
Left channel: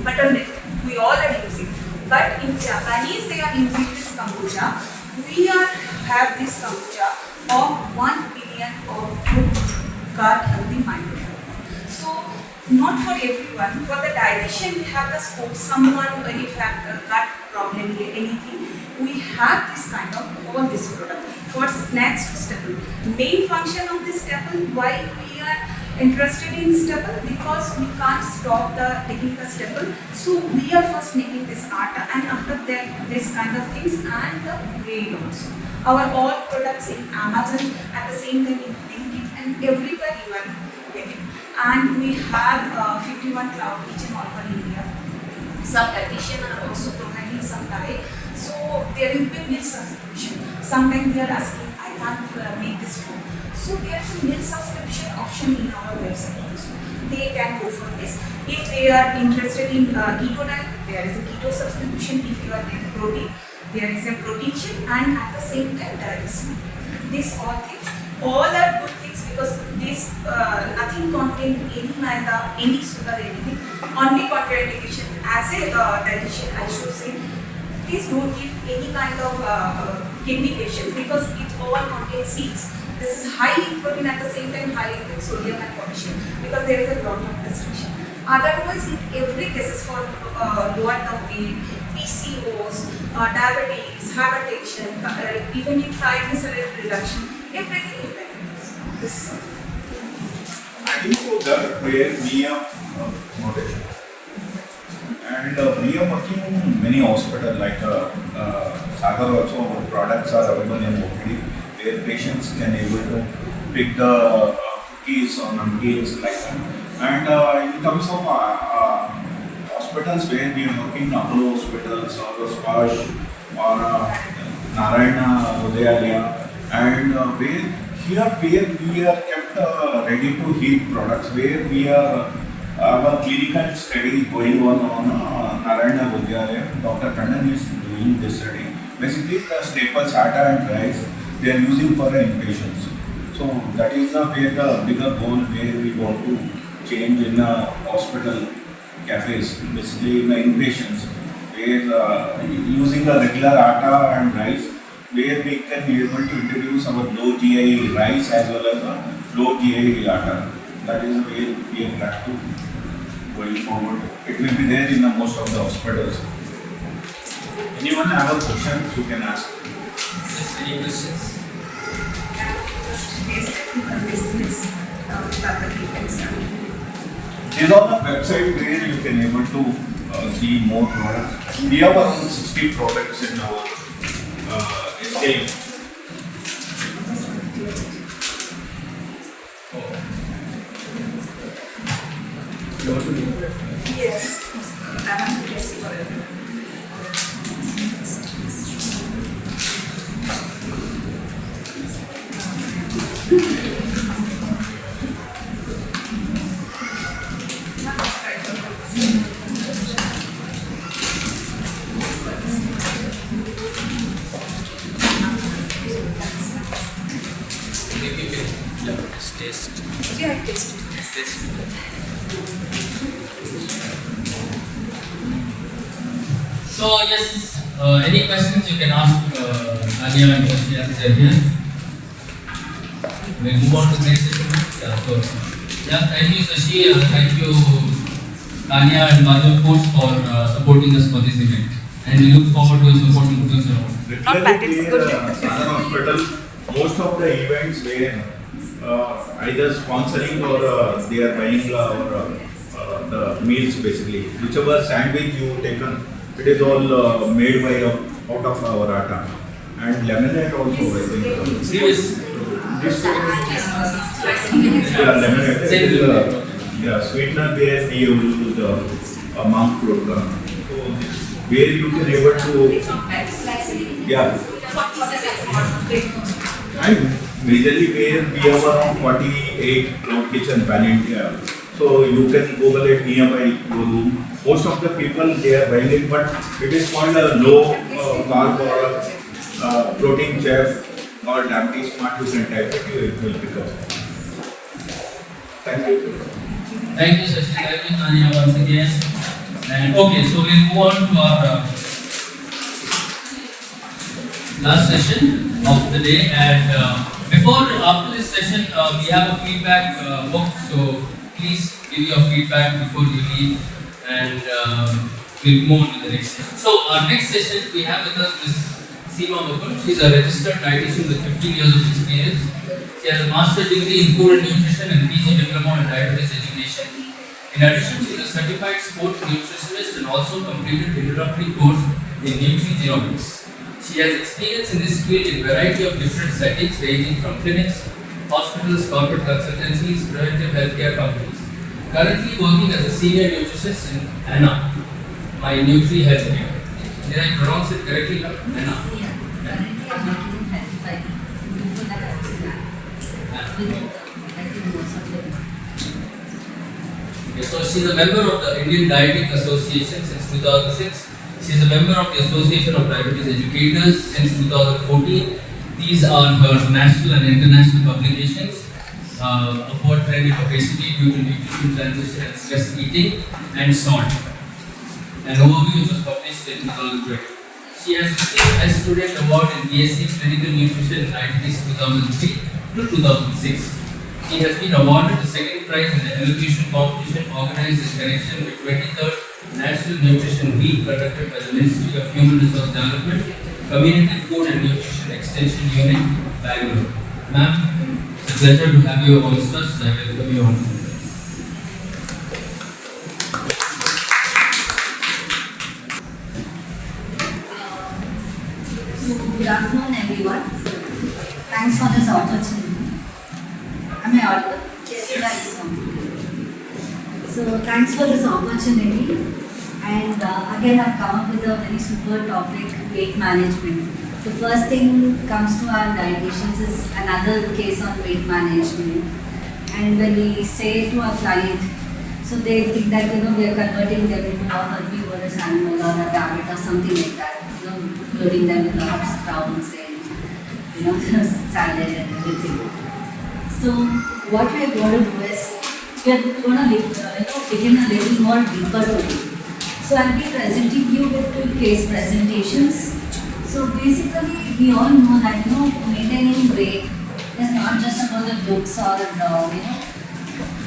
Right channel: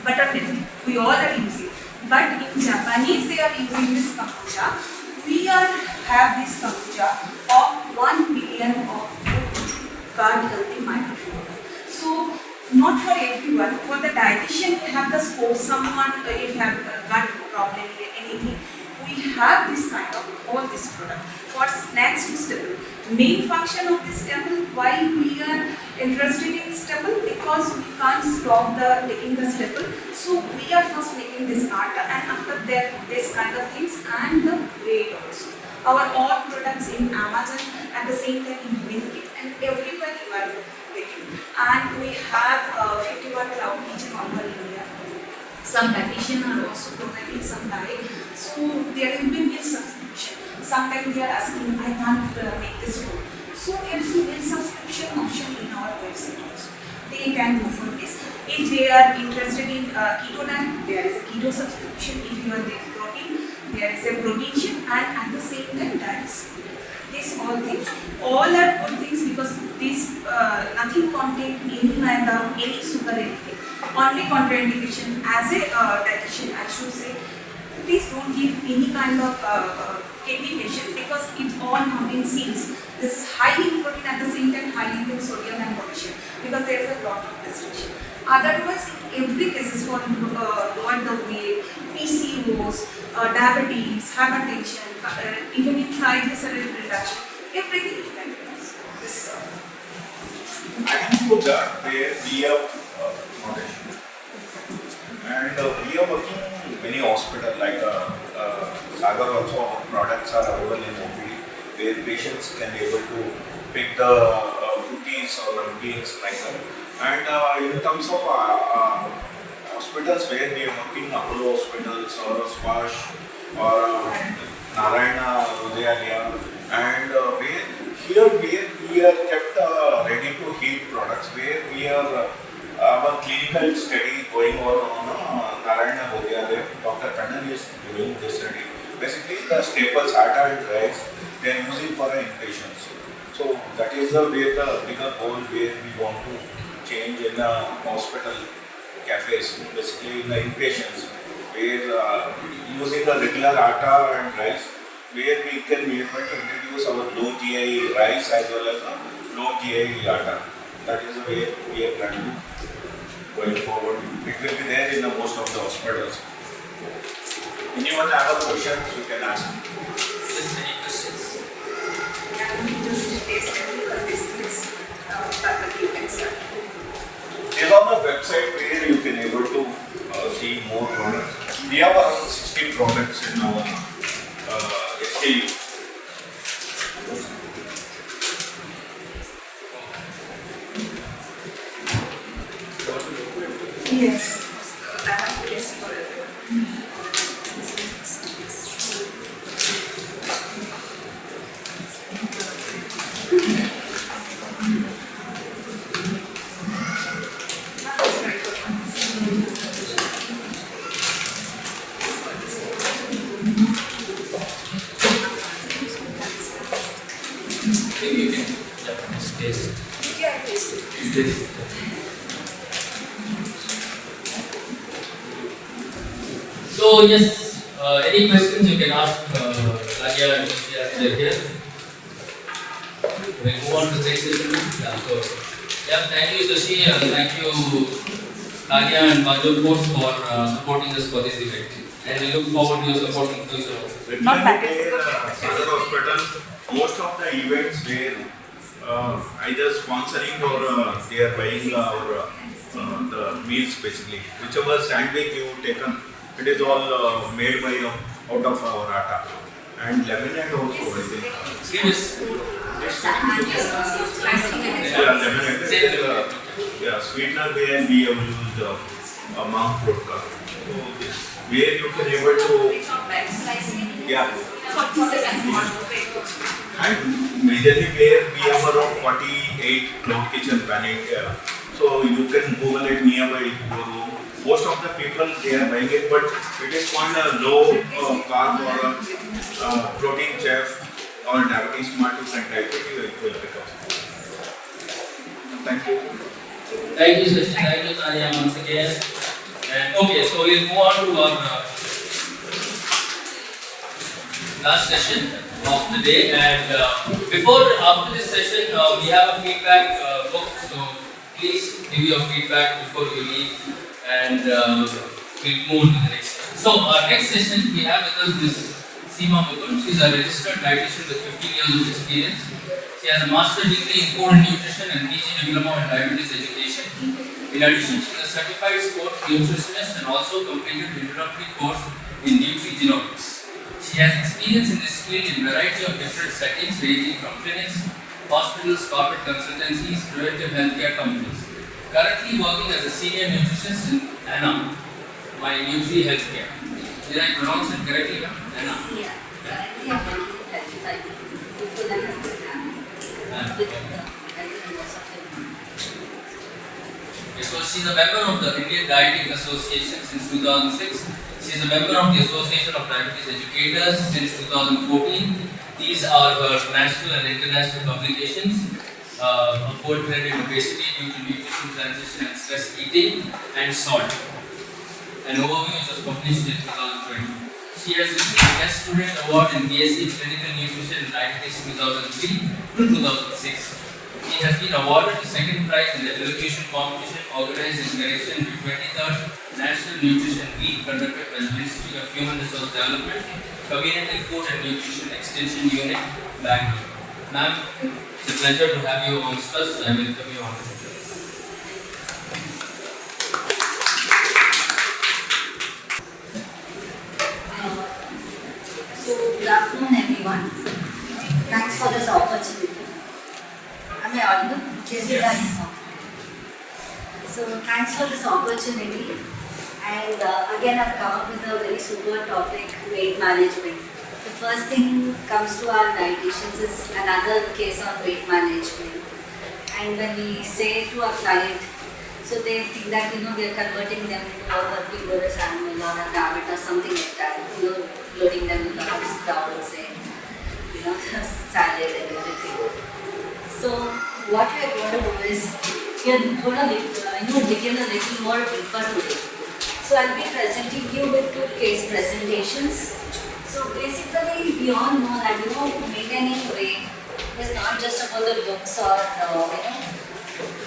buttermilk. We all are using. But in Japanese, they are using this kombucha. We have this kombucha of 1 billion of good gut healthy microbiome. So, not for everyone. For the dietitian, we have the scope. Someone, if have gut problem, anything, we have this kind of all this product for snacks to staple. Main function of this staple, why we are interested in staple, because we can't stop taking the staple. So we are first making this atta, and after that this kind of things, and the bread also. Our all products in Amazon, at the same time in Leaky, and everywhere you are getting. And we have 51 cloud kitchen all over India. Some dietitians are also providing some diet. So there will be meal subscription. Sometimes they are asking, I can't make this food. So there is a meal subscription option in our website also. They can go for this. If they are interested in keto diet, there is a keto subscription. If you are taking protein, there is a protein, and at the same time dietitian. These all things, all are good things, because this nothing contain any maida, any sugar, anything. Only contraindication. As a dietitian, I should say, please don't give any kind of kidney patient, because it all contains seeds. This is high in protein, at the same time high in sodium and potassium, because there is a lot of restriction. Otherwise, in every case for lower the weight, PCOS, diabetes, hypertension, even in triglyceride reduction, everything is benefits. This Adding to that, where we are moderation. And we are working in many hospitals, like Sagar also, our products are available in OPD, where patients can able to pick the cookies or namkeens like that. And in terms of hospitals where we are working, Aavula hospitals or Sparsh or Narayana, Udayalaya, and where we are kept ready to heat products, where we are our clinical study going on Narayana Udayalaya. Dr. Paniel is doing this study. Basically, the staples, atta and rice, they are using for the inpatients. So that is the way the bigger goal where we want to change in the hospital cafes, basically in the inpatients, where using the regular atta and rice, where we can be able to introduce our low GI rice as well as the low GI atta. That is the way we are planning to going forward. It will be there in most of the hospitals. Anyone have a question, you can ask. Yes, any questions? These are the website where you can able to see more products. We have around 60 products in our SKU. Yes. I have to test for it. Maybe you can taste. Yeah, I tasted. Taste. So yes, any questions you can ask Nadia and Shashi as they are here. We'll move on to the next session. Yeah, so yeah, thank you Shashi, thank you Nadia and Madhur coach for supporting us for this event. And we look forward to your support in the future also. Not bad, it's good. Sagar Hospital, most of the events where either sponsoring or they are buying our the meals basically. Whichever sandwich you taken, it is all made by out of our atta. And lemonade also, I think. This Yeah. lemonade. Say it. Yeah, sweetener where we have used monk fruit. So this where you can able to yeah. And majorly where we have around 48 cloud kitchen pan India. So you can Google it nearby your room. Most of the people they are buying it, but it is called a low carb or protein chef or diabetes smart. You can type it, it will pick up. Thank you. Thank you, Sachin. Thank you, Tanya, once again. And okay, so we'll move on to our last session of the day. And after this session, we have a feedback book. So please give your feedback before you leave, and we'll move to the next session. So our next session, we have with us this Seema Mukund. She's a registered dietitian with 15 years of experience. She has a master's degree in food and nutrition and PG diploma in diabetes education. In addition, she is a certified sports nutritionist and also completed introductory course in nutrigenomics. She has experience in this field in a variety of different settings ranging from clinics, hospitals, corporate consultancies, preventive healthcare companies. Currently working as a senior nutritionist in Anna, my Nutri Healthcare. Did I pronounce it correctly? Anna. Yeah, currently I'm working in healthcare. So she's a member of the Indian Dietetic Association since 2006. She is a member of the Association of Diabetes Educators since 2014. These are her national and international publications. Upward trend in obesity due to nutrition transition and stress eating and salt. An overview which was published in 2020. She has received Best Student Award in BSc Clinical Nutrition in Dietetics 2003 to 2006. She has been awarded the second prize in the elocution competition organized in connection with 23rd National Nutrition Week conducted by the Ministry of Human Resource Development, Community Food and Nutrition Extension Unit, Bangalore. Ma'am, it's a pleasure to have you amongst us. I welcome you on. So, good afternoon, everyone. Thanks for this opportunity. Am I audible? Yes. So, thanks for this opportunity. And again, I've come up with a very super topic, weight management. The first thing comes to our dietitians is another case on weight management. And when we say to our client, so they think that, we are converting them into a herbivorous animal or a rabbit or something like that, loading them with a lot of sprouts and, salad and everything. So what we are going to do is, we are going to dig in a little more deeper today. So I'll be presenting you with two case presentations. So basically, we all know that, maintaining weight is not just about the looks or,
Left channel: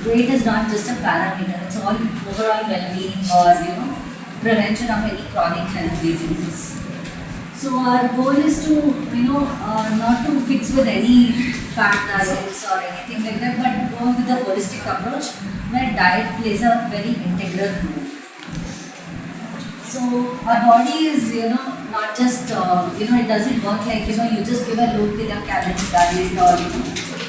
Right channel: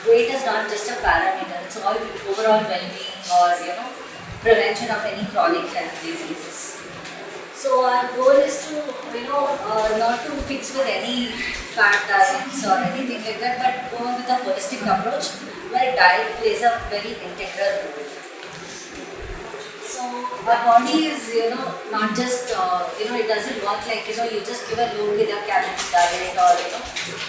weight is not just a parameter. It's all overall well-being or, prevention of any chronic health diseases. So our goal is to, not to fix with any fat diets or anything like that, but go with a holistic approach where diet plays a very integral role. So our body is, not just, it doesn't work like, you just give a look in a calorie diet or,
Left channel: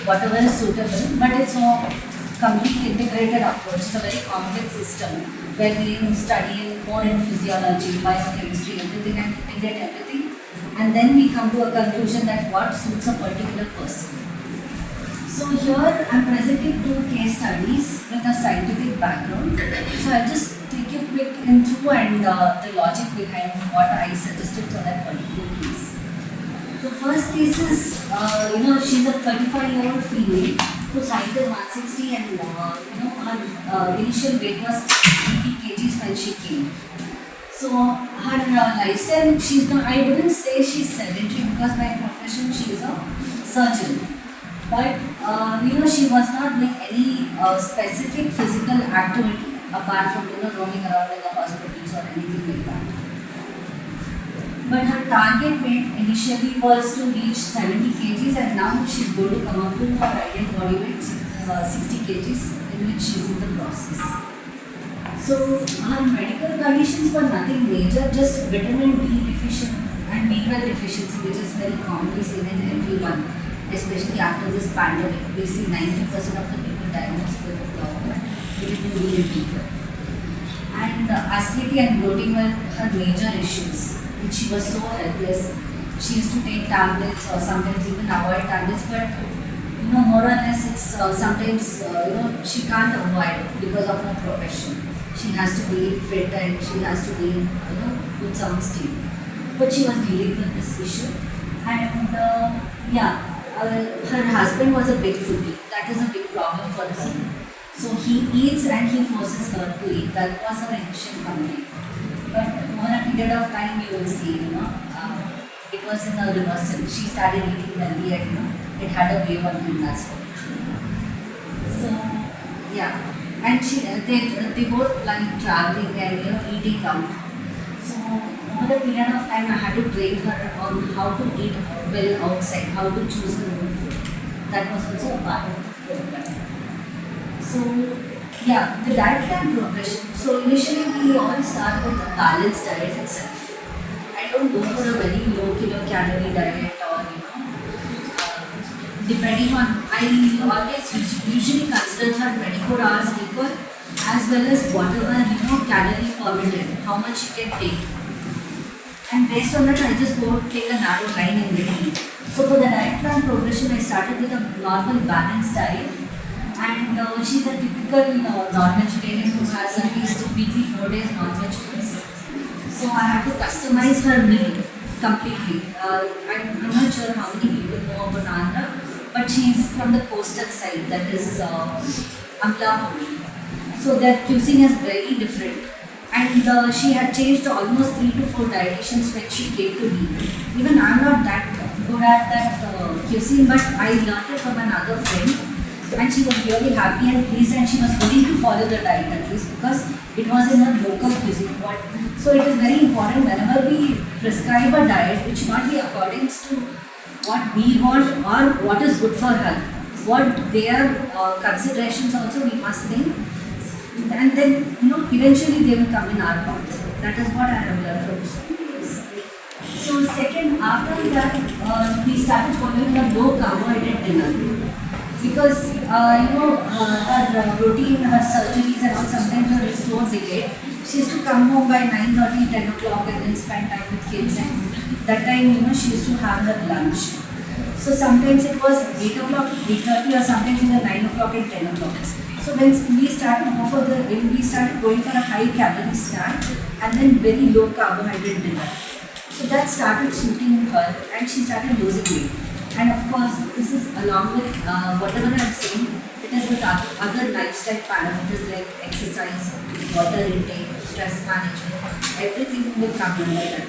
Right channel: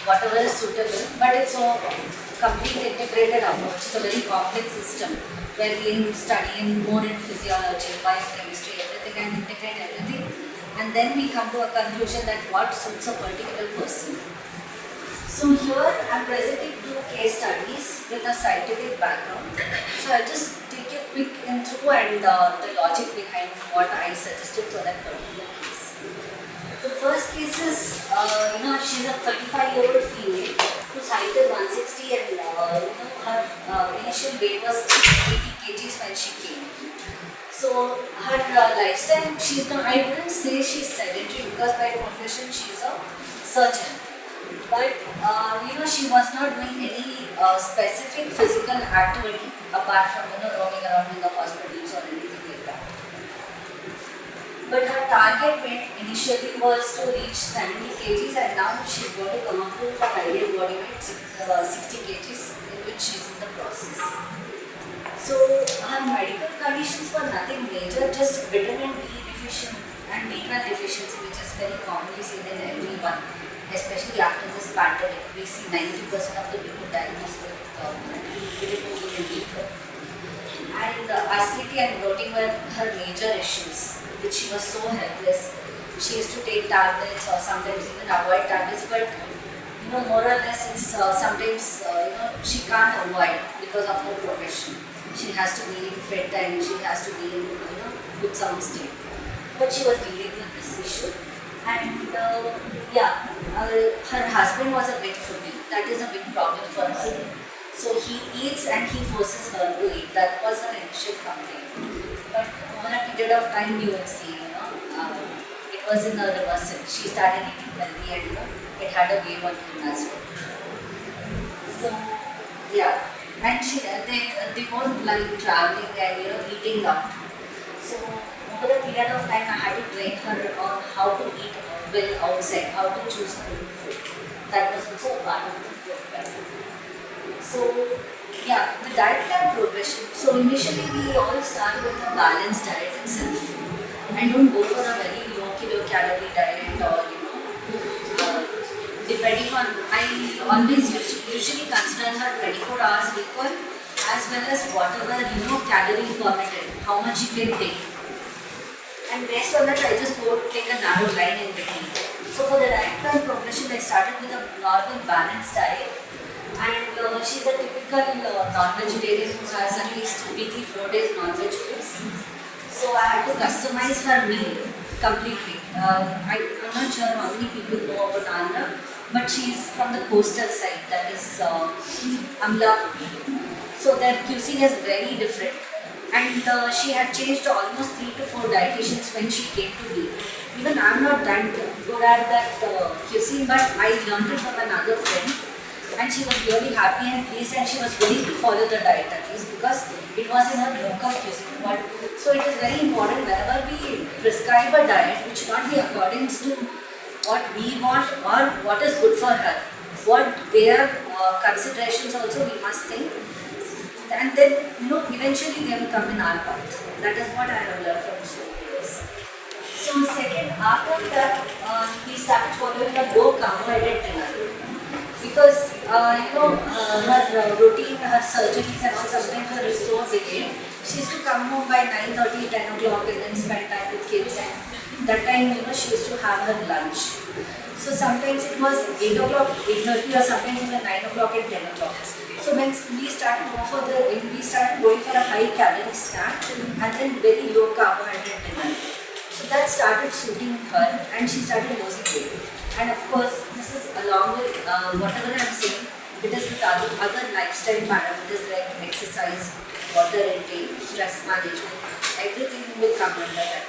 whatever is suitable, but it's a complete integrated approach. It's a very complex system where we study more in physiology, biochemistry, everything, and integrate everything. And then we come to a conclusion that what suits a particular person. So here I'm presenting two case studies with a scientific background. So I'll just take you quick intro and the logic behind what I suggested for that particular case. The first case is, she's a 35-year-old female whose height is 160 and, her initial weight was 80 kgs when she came. So her lifestyle, I wouldn't say she's sedentary because by profession she's a surgeon. But, she was not doing any specific physical activity apart from, roaming around in the hospitals or anything like that. But her target weight initially was to reach 70 kgs and now she's going to come up to her ideal body weight, 60 kgs, in which she's in the process. So her medical conditions were nothing major, just vitamin D deficient and B12 deficiency, which is very commonly seen in everyone. especially after this pandemic. We see 90% of the people diagnosed with bilirubin. And acidity and bloating were her major issues, which she was so helpless. She used to take tablets or sometimes even avoid tablets, but more or less it's sometimes she can't avoid because of her profession. She has to be fit and she has to be in good sound state. But she was dealing with this issue, and her husband was a big foodie. That is a big problem for her. So he eats and he forces her to eat. That was her initial complaint. But over a period of time, you will see, it was in a reversal. She started eating healthy and it had a wave on him as well. So yeah, and they both like traveling and eating out. So over a period of time, I had to train her on how to eat well outside, how to choose her own food. That was also a part of the program. So yeah, the diet plan progression. So initially we all start with a balanced diet itself. I don't go for a very low kilocalorie diet or depending on, I always usually consider her 24 hours equal as well as whatever calorie permitted, how much she can take. And based on that, I just go to take a narrow line in between. So for the diet plan progression, I started with a normal balanced diet. And she's a typical non-vegetarian who has at least weekly 4 days non-veg meals. So I had to customize her meal completely. I'm not sure how many people know about Andhra, but she's from the coastal side, that is Aavula. So their cuisine is very different. And she had changed almost 3 to 4 dietitians when she came to me. Even I'm not that good at that cuisine, but I learned it from another friend. And she was really happy and pleased, and she was willing to follow the diet at least because it was in her local cuisine. So it is very important whenever we prescribe a diet, it should not be according to what we want or what is good for her. What their considerations also we must think, and then eventually they will come in our path. That is what I have learned from this. So second, after that, we started following a low carbohydrate dinner. Because her routine, her surgeries and all, sometimes her is so delayed. She used to come home by 9:30, 10 o'clock and then spend time with kids, and that time she used to have her lunch. So sometimes it was 8 o'clock, 8:30 or sometimes even 9 o'clock and 10 o'clock. So when we started going for a high calorie snack and then very low carbohydrate dinner. So that started suiting her and she started losing weight. And of course, this is along with whatever I am saying, it is with other lifestyle parameters like exercise, water intake, stress management, everything will come under that.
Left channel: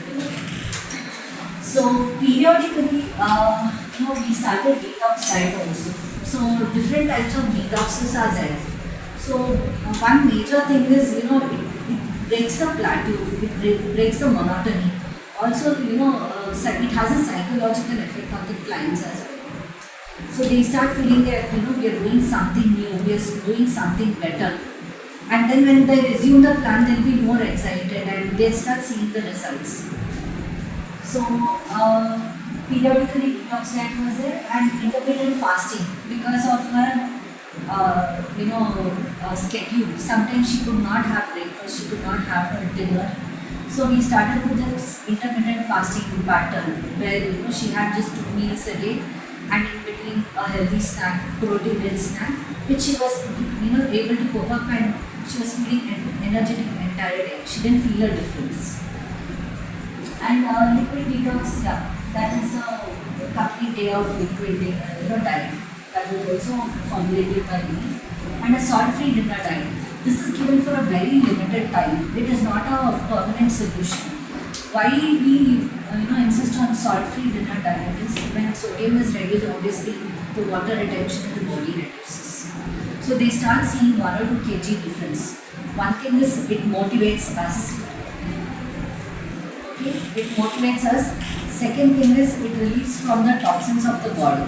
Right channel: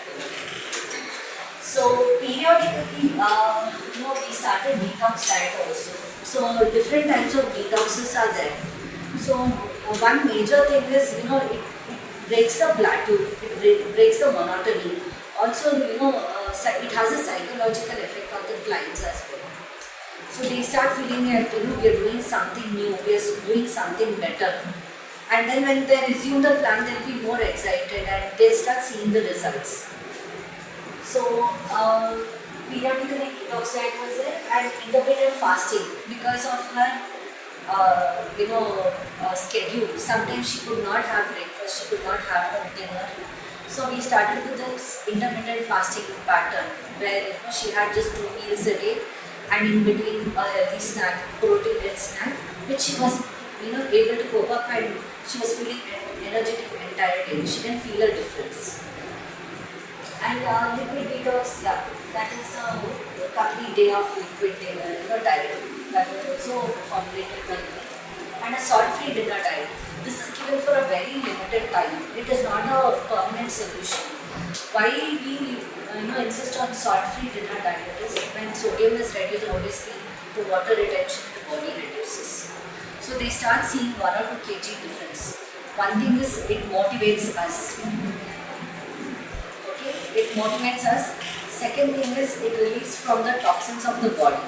So periodically, we started detox diet also. So different types of detoxes are there. So one major thing is, it breaks the plateau, it breaks the monotony. Also, it has a psychological effect on the clients as well. So they start feeling that, we are doing something new, we are doing something better. And then when they resume the plan, they'll be more excited and they'll start seeing the results. So, periodically detox diet was there and intermittent fasting because of her, schedule. Sometimes she could not have breakfast, she could not have her dinner. So we started with this intermittent fasting pattern where she had just 2 meals a day and in between a healthy snack, protein-rich snack, which she was able to cope up and she was feeling energetic the entire day. She didn't feel a difference. And liquid detox, that is a complete day of liquid diet that was also formulated by me, and a salt-free dinner diet. This is given for a very limited time. It is not a permanent solution. Why we insist on salt-free dinner diet is when sodium is reduced, obviously the water retention in the body reduces. So they start seeing 1 or 2 kg difference. One thing is it motivates us. Okay, it motivates us. Second thing is it relieves from the toxins of the body.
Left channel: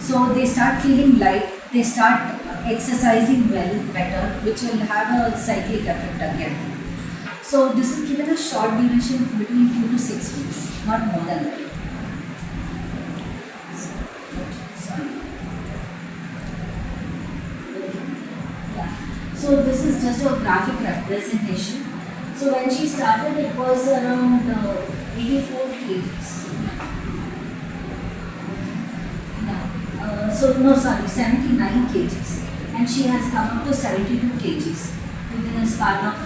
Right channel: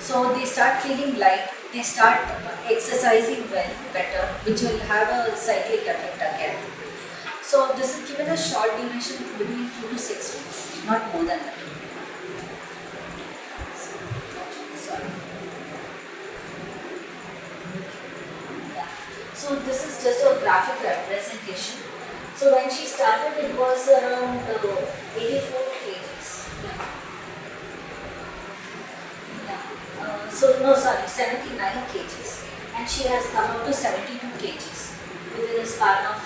So they start feeling light. They start exercising well, better, which will have a cyclic effect again. So this is given a short duration between 2 to 6 weeks, not more than that. So this is just a graphic representation. So when she started, it was around 84 kgs. So no, sorry, 79 kgs, and she has come up to 72 kgs within a span of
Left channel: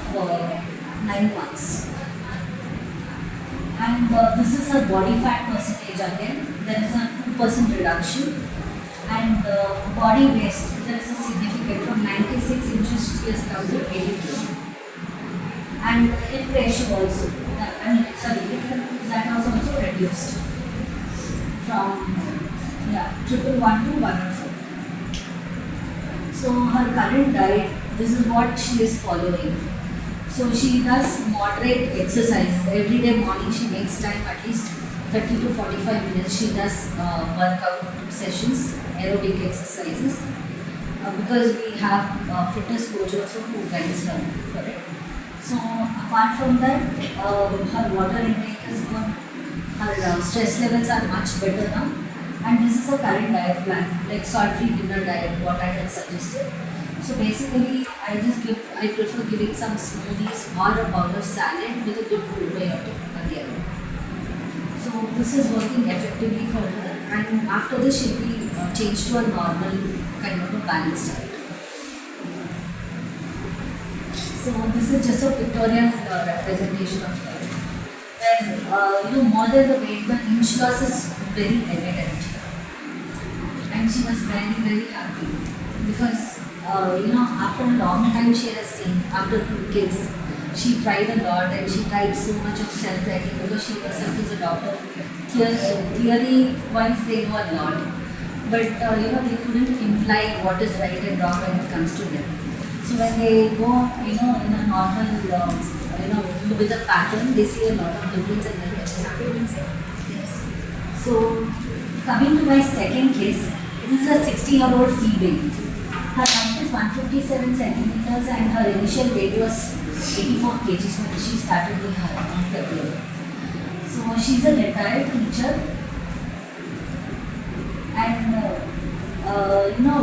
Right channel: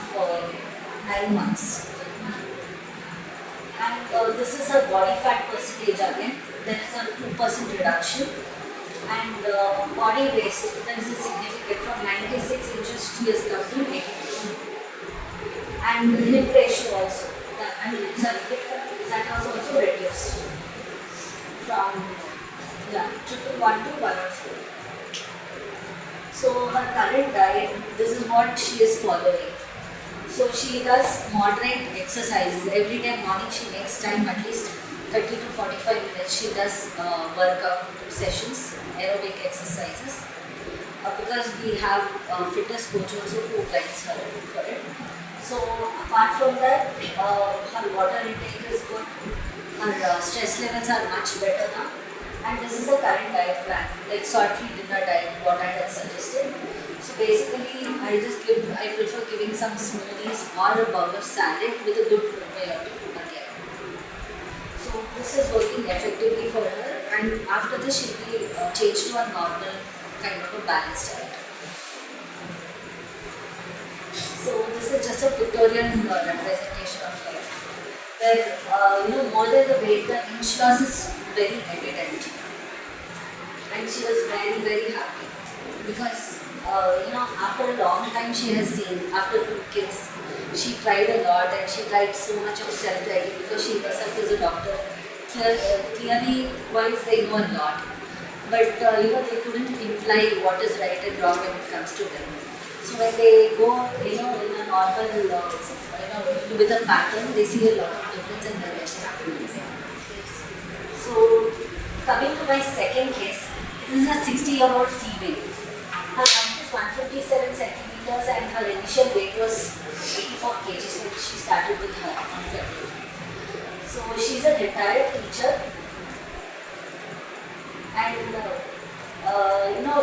9 months. And this is her body fat percentage again. There is a 2% reduction, and body weight, there is a significant from 96 inches she has come to 84. And hip ratio also, that was also reduced from 111 to 104. So her current diet, this is what she is following. So she does moderate exercises. Every day morning she makes time, at least 30 to 45 minutes. She does workout sessions, aerobic exercises. Because we have fitness coach also who guides her for it. So apart from that, her water intake is good. Her stress levels are much better now. And this is a current diet plan, like salt-free dinner diet, what I had suggested. So basically, I prefer giving some smoothies or a burger salad with a good probiotic again. So this is working effectively for her, and after this she'll be changed to a normal kind of a balanced diet. So this is just a pictorial representation of her, where more than the weight, the inch loss is very evident, and she was very, very happy because after a long time she has seen, after 2 kids, she tried a lot and she tried so much of self-writing because she herself is a doctor. Theory wise they know a lot, but they couldn't imply what is right and wrong when it comes to them. So when they go in a normal with a pattern, they see a lot of difference in their health. So coming to my second case, this is a 60-year-old female. Her height is 157 centimeters and her initial weight was 84 kgs when she started with her on February. So she's a retired teacher, and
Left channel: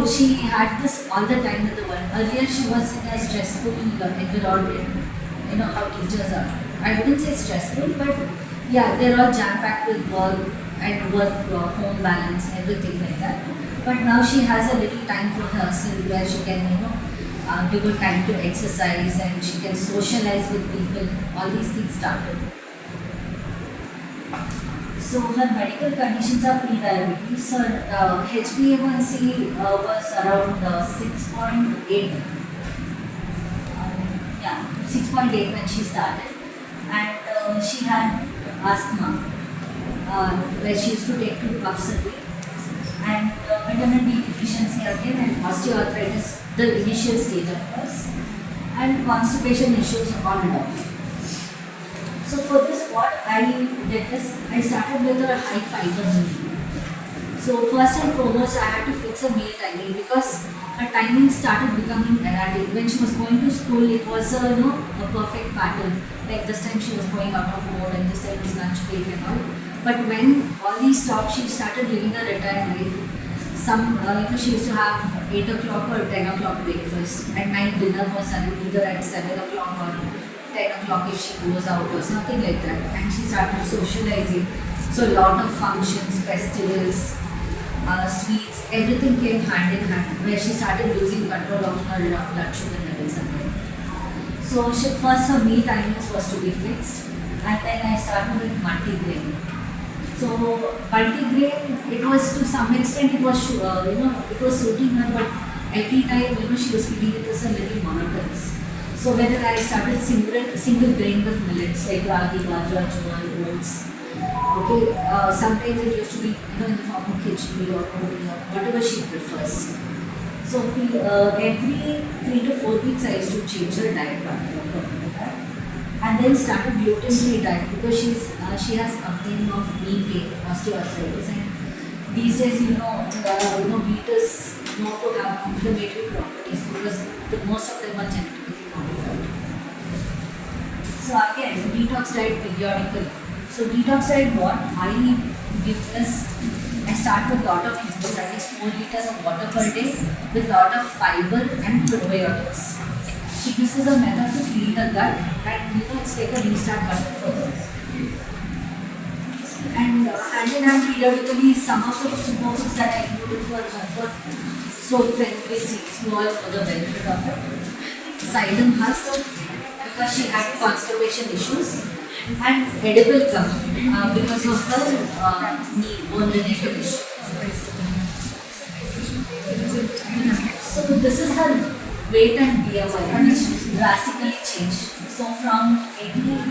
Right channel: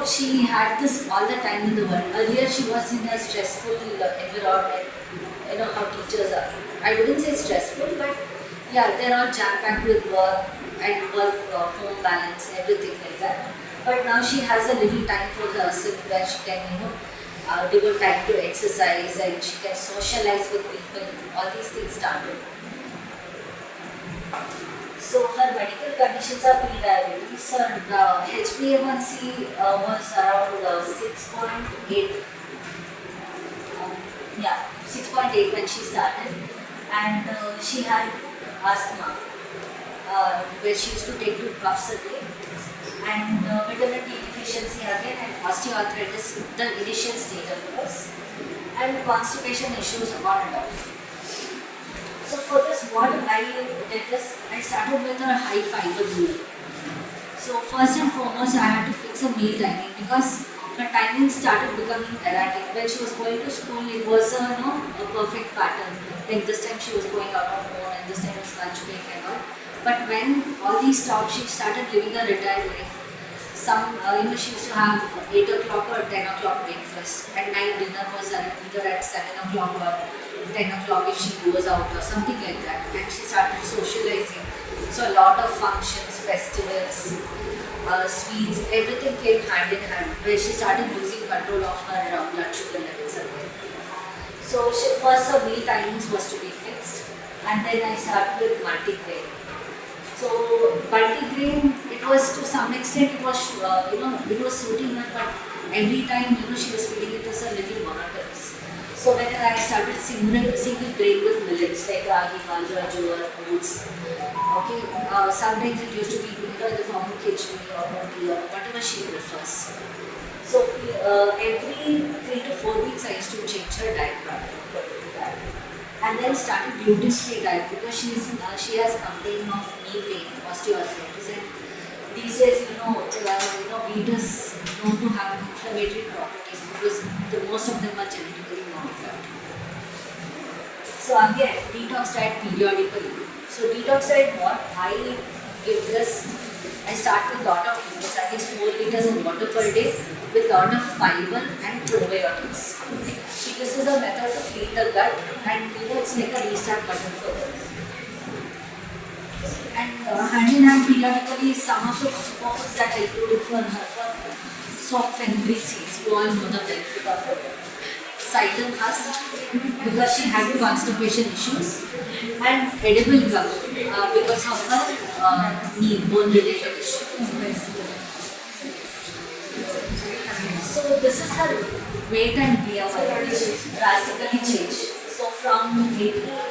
she had this all the time in the world. Earlier she was in a stressful environment. How teachers are. I wouldn't say stressful, but yeah, they're all jam-packed with work and home balance, everything like that. But now she has a little time for herself where she can, give her time to exercise and she can socialize with people. All these things started. So her medical conditions are pre-diabetes. Her HbA1c was around 6.8. 6.8 when she started, and she had asthma, where she used to take 2 puffs a day, and vitamin D deficiency again, and osteoarthritis, the initial stage of course, and constipation issues on and off. So for this, what I did is, I started with a high fiber meal. So first and foremost, I had to fix a meal timing because her timing started becoming erratic. When she was going to school, it was a perfect pattern. Like this time she was going out of home and this time it's lunch break and all. But when all these stopped, she started living a retired life. She used to have 8 o'clock or 10 o'clock breakfast, and night dinner was either at 7 o'clock or 10 o'clock if she goes out or something like that. And she started socializing. So a lot of functions, festivals, sweets, everything came hand in hand, where she started losing control of her blood sugar levels again. So first her meal timings was to be fixed, and then I started with multigrain. So multigrain, it was to some extent, it was suiting her, but every time she was feeling it was a little monotonous. So whether I started single grain with millets like ragi, bajra, jowar, oats. Okay, sometimes it used to be in the form of khichdi or roti or whatever she prefers. So every 3 to 4 weeks I used to change her diet pattern, and then started gluten-free diet because she has complaint of knee pain, osteoarthritis, and these days wheat is known to have inflammatory properties because most of them are genetically modified. So again, detox diet periodically. So detox diet, what I give is, I start with lot of liquids, I guess 4 liters of water per day with lot of fiber and probiotics. this is a method to clean the gut, and it's like a restart button for them. And hand in hand, periodically, some of the superfoods that I do for her soap fenugreek seeds, you all know the benefit of it. Psyllium husk, because she had constipation issues, and edible plum because of her knee bone related issue. So this is her weight and BMI, which drastically changed. So from 86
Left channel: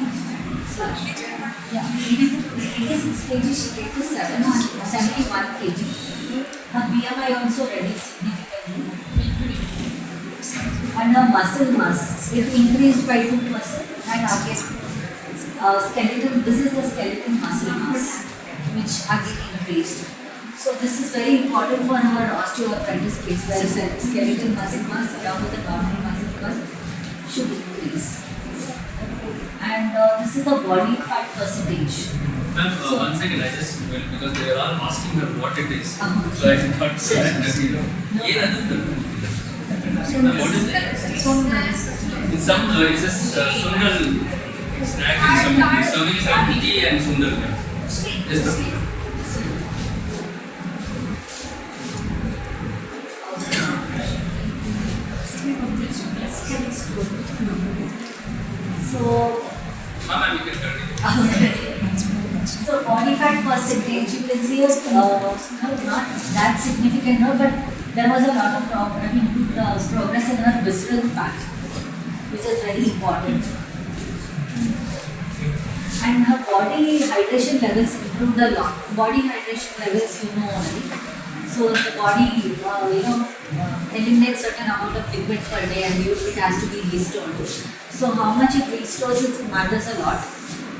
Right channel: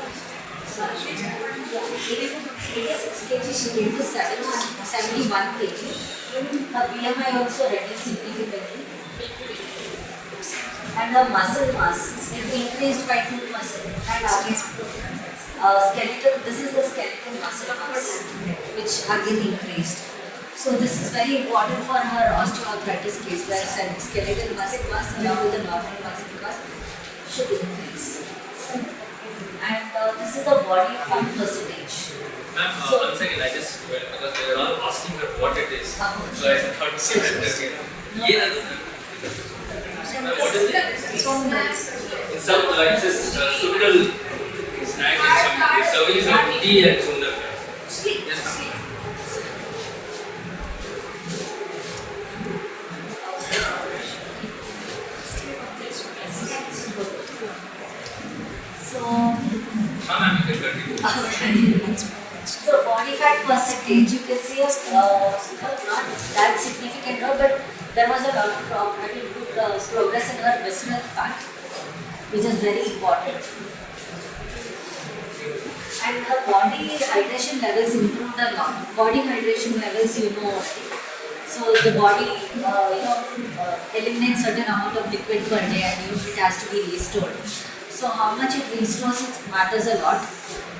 kg she came to 71 kg. Her BMI also reduced significantly. And her muscle mass, it increased by 2%. And skeleton, this is the skeleton muscle mass, which again increased. So this is very important for her osteoarthritis case, where skeletal muscle mass along with the normal muscle mass should increase. And this is the body fat percentage. Ma'am, So- 1 second, I just, well, because they were all asking her what it is. So I thought, so that, you know. Yeah, ma'am, what is it? It's some, it says Sungal snack is some, it's serving some tea and Sungal. Yes, ma'am. So, Ma'am, you can continue. so body fat percentage, you can see not that significant, no, but there was a lot of progress in her visceral fat, which is very important. And her body hydration levels improved a lot. Body hydration levels, you know, right? So the body, eliminates certain amount of liquid per day, and it has to be restored. So how much it restores, it matters a lot.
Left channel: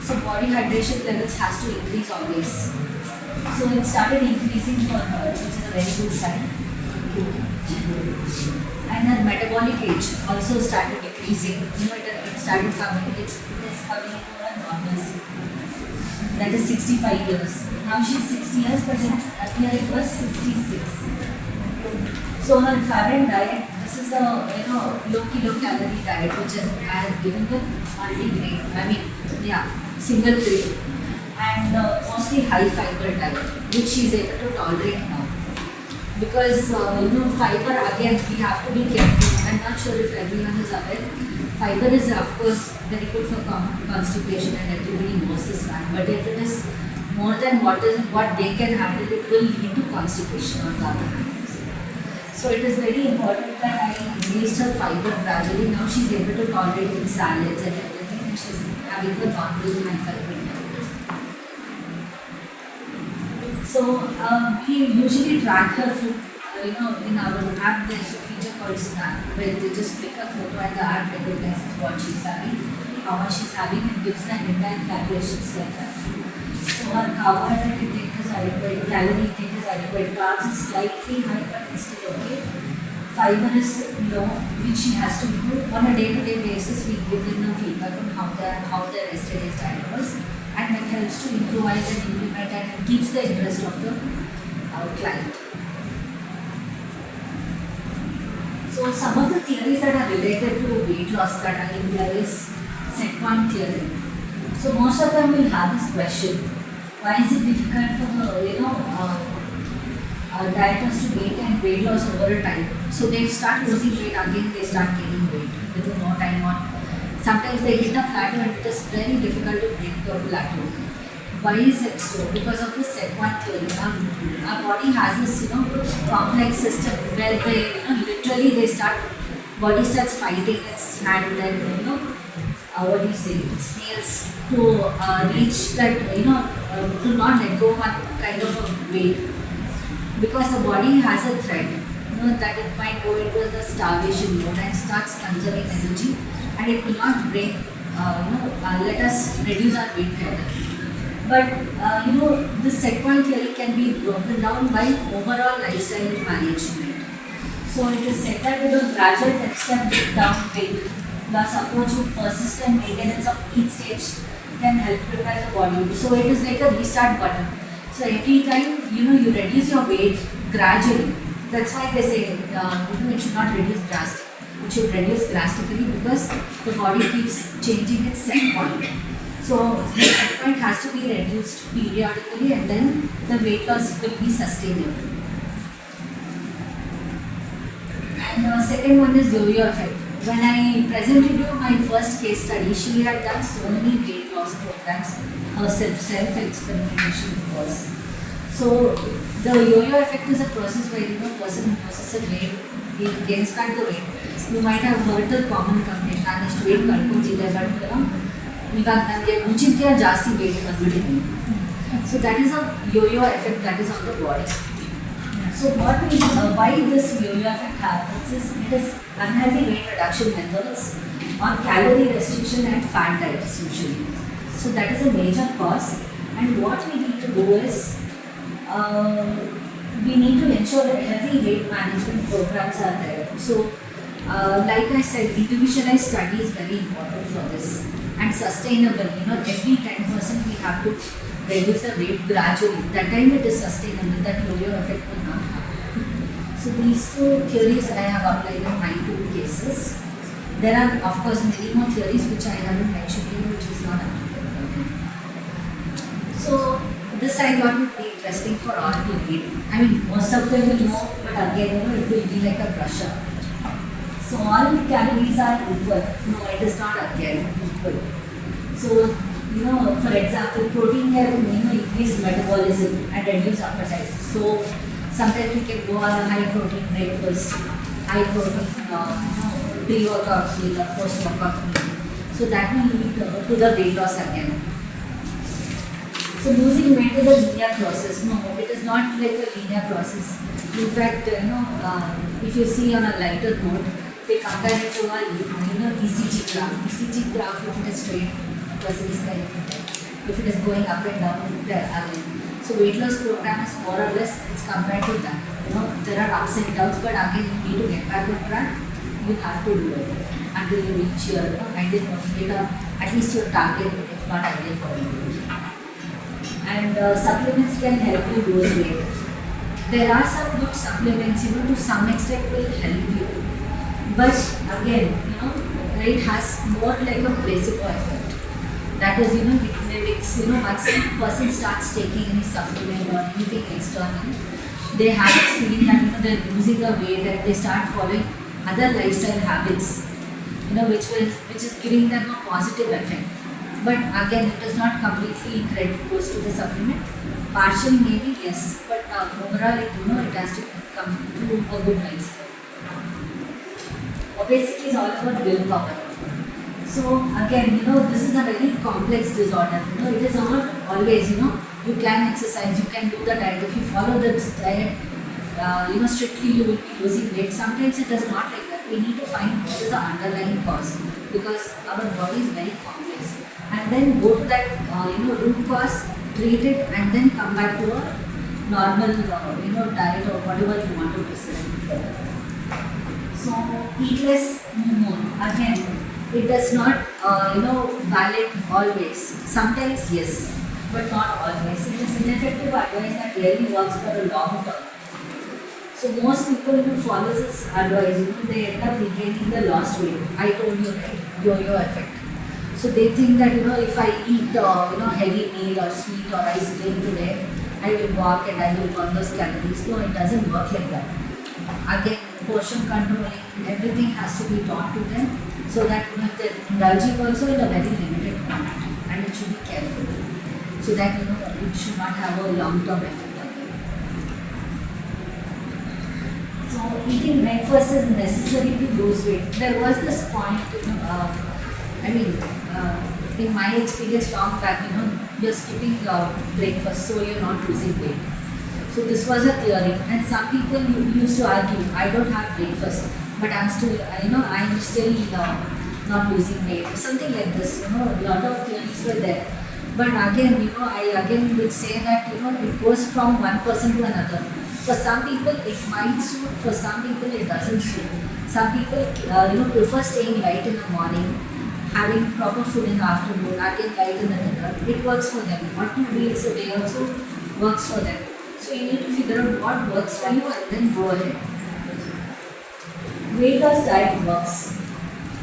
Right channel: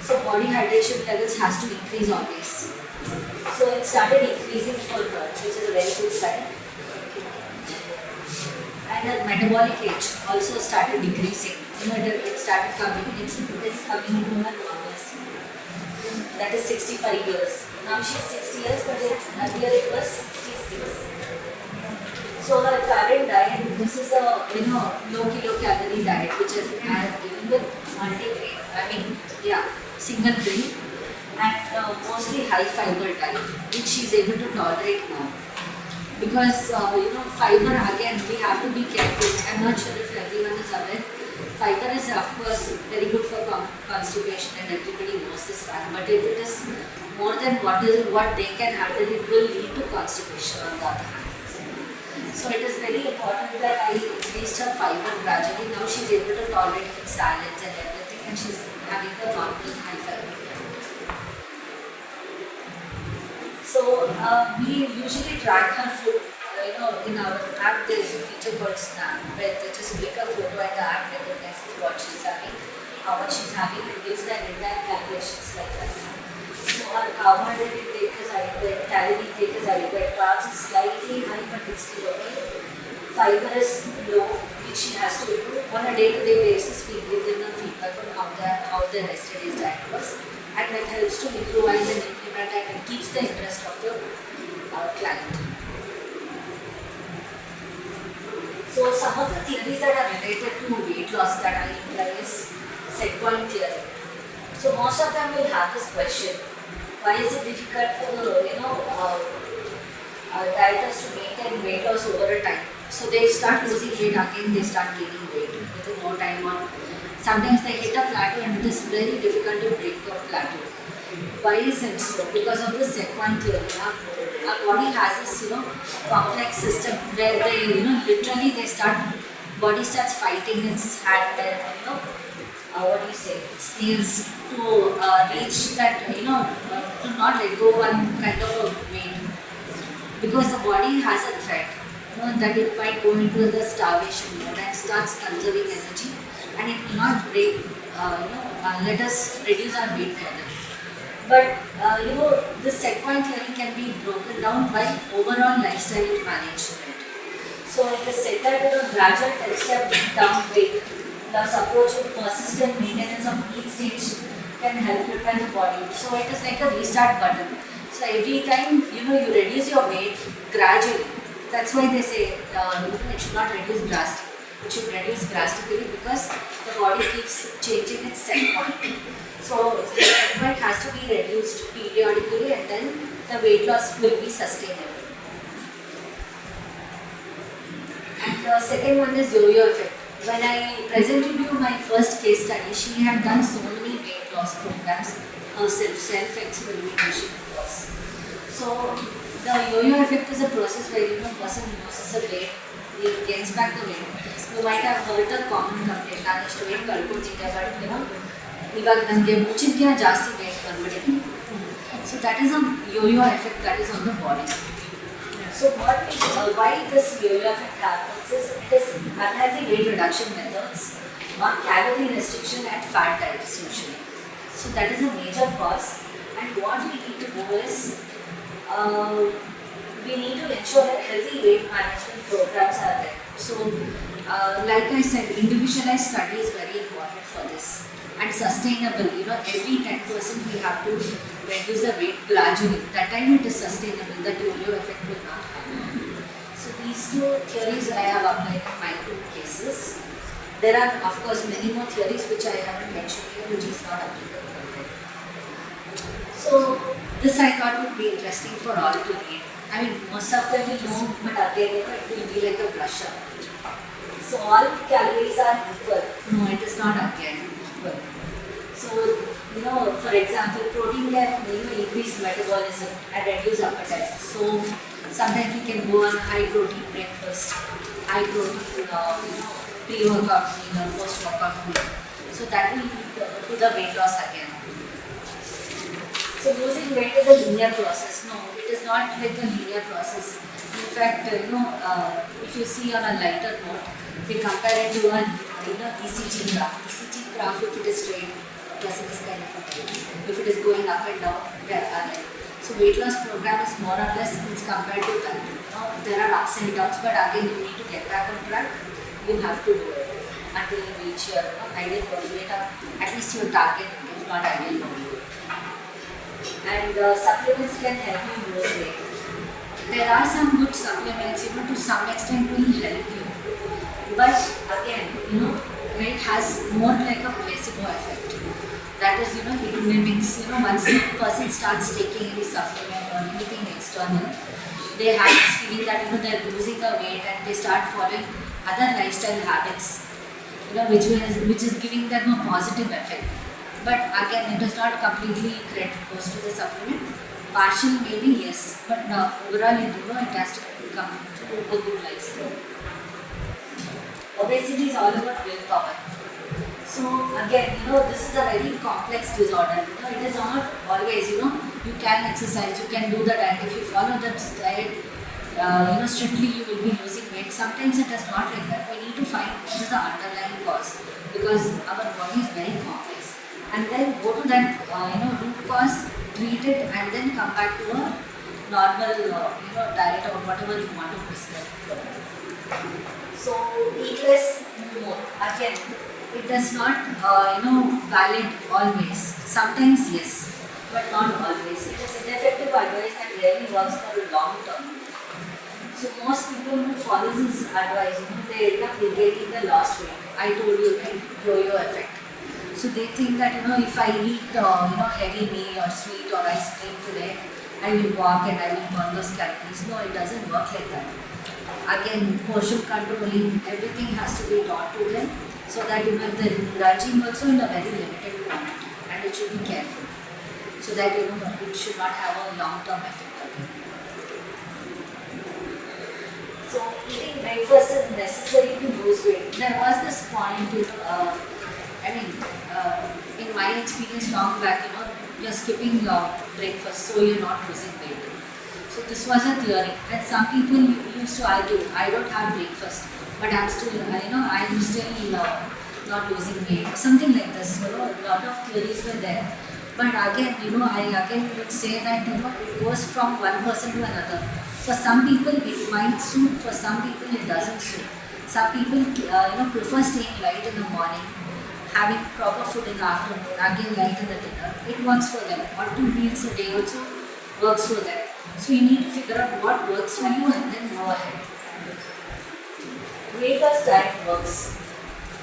So body hydration levels has to increase always. So it started increasing for her, which is a very good sign. And her metabolic age also started decreasing. You know, it started coming, it's coming into her normalcy. That is 65 years. Now she's 60 years, but earlier it was 66. So her current diet, this is a low kilocalorie diet, which I have given with multi-grain. Single grain, and mostly high fiber diet, which she is able to tolerate now. Because fiber, again, we have to be careful. I'm not sure if everyone is aware. Fiber is of course very good for constipation, and everybody knows this fact. But if it is more than what they can handle, it will lead to constipation on the other hand. So it is very important that I increased her fiber gradually. Now she's able to tolerate it in salads and everything, and she's having the normal high fiber. So we usually track her food. In our app there is a feature called Snap, where they just pick a photo and the app recognizes what she's having, how much she's having, and gives the entire calculations like that. So her carbohydrate intake is adequate, calorie intake is adequate, carbs is slightly high, but it's still okay. Fiber is low, which she has to improve. On a day-to-day basis, we give them a feedback on how their yesterday's diet was, and that helps to improvise and implement, and it keeps the interest of the client. So some of the theories that are related to weight loss that I imply is set point theory. So most of them will have this question: why is it difficult for the dieters to maintain weight loss over a time? So they start losing weight again, they start gaining weight within more time on. Sometimes they hit a plateau, and it is very difficult to break the plateau. Why is it so? Because of the set point theory. Our body has this complex system where they literally body starts fighting its hand and its nails to reach that to not let go one kind of a weight, because the body has a threat that it might go into the starvation mode and starts conserving energy, and it will not break let us reduce our weight further. But this set point theory can be broken down by overall lifestyle management. So it is said that gradual 10-step down weight plus approach with persistent maintenance of each stage can help prepare the body. So it is like a restart button. So every time you reduce your weight gradually. That's why they say it should not reduce drastically. it should reduce drastically because the body keeps changing its set point. So the set point has to be reduced periodically and then the weight loss will be sustainable. And the second one is yo-yo effect. When I presented you my first case study, she had done so many weight loss programs herself, self-experimentation was. So the yo-yo effect is a process where person loses a weight, he gains back the weight. You might have heard the common complaint, ನಾನು ಅಷ್ಟು weight ಕಳ್ಕೊತಿದ್ದೆ but ಇವಾಗ ನನಗೆ ಮುಂಚಿನ ಜಾಸ್ತಿ weight ಬಂದ್ಬಿಟ್ಟಿದ್ದೀನಿ. So that is a yo-yo effect that is on the body. So why this yo-yo effect happens is it is unhealthy weight reduction methods or calorie restriction and fat diets usually. So that is a major cause, and what we need to do is we need to ensure that healthy weight management programs are there. So like I said, individualized study is very important for this and sustainable. Every 10% we have to reduce the weight gradually. That time it is sustainable, that yo-yo effect will not happen. So these two theories I have applied in my 2 cases. There are of course many more theories which I haven't mentioned here, which is not applicable. So this I thought would be interesting for all to read. I mean, most of them will know, but again, it will be like a brush up. So all calories are equal. No, it is not again equal. So, for example, protein can increase metabolism and reduce appetite. So sometimes we can go on a high protein breakfast, high protein pre-workout meal or post-workout meal. So that will lead to the weight loss again. So losing weight is a linear process. No, it is not like a linear process. In fact, if you see on a lighter note, they compare it to a ECG graph. ECG graph, if it is straight, a person is kind of okay. If it is going up and down, there again. So weight loss program is more or less it's compared to that. There are ups and downs, but again you need to get back on track. You have to do it until you reach your ideal body weight or at least your target, if not ideal body weight. And supplements can help you lose weight. There are some good supplements, to some extent will help you. But again, it has more like a placebo effect. That is, it mimics, once the person starts taking any supplement or anything external, they have this feeling that, they're losing the weight and they start following other lifestyle habits, which is giving them a positive effect. But again, it is not completely credit goes to the supplement. Partially maybe yes, but overall it has to come to a good lifestyle. Obesity is all about willpower. So again, this is a very complex disorder. It is not always, you can exercise, you can do the diet. If you follow this diet, strictly you will be losing weight. Sometimes it is not like that. We need to find what is the underlying cause because our body is very complex. And then go to that, root cause, treat it, and then come back to a normal, diet or whatever you want to prescribe for. So eat less, move more. Again, it does not, valid always. Sometimes yes, but not always. It is ineffective advice that really works for a long term. So most people who follow this advice, they end up regaining the lost weight. I told you, right? Yo-yo effect. So they think that if I eat heavy meal or sweet or ice cream today, I will walk and I will burn those calories. No, it doesn't work like that. Again, portion controlling, everything has to be taught to them so that they're indulging also in a very limited quantity and it should be careful so that it should not have a long-term effect again. So eating breakfast is necessary to lose weight. There was this point, in my experience long back, you're skipping breakfast so you're not losing weight. So this was a theory and some people used to argue, I don't have breakfast but I'm still, not losing weight. Something like this, a lot of theories were there. But again, I again would say that, it goes from one person to another. For some people it might suit, for some people it doesn't suit. Some people, prefer staying light in the morning, having proper food in the afternoon, again light in the dinner. It works for them. Or 2 meals a day also works for them. So you need to figure out what works for you and then go ahead. way does diet works?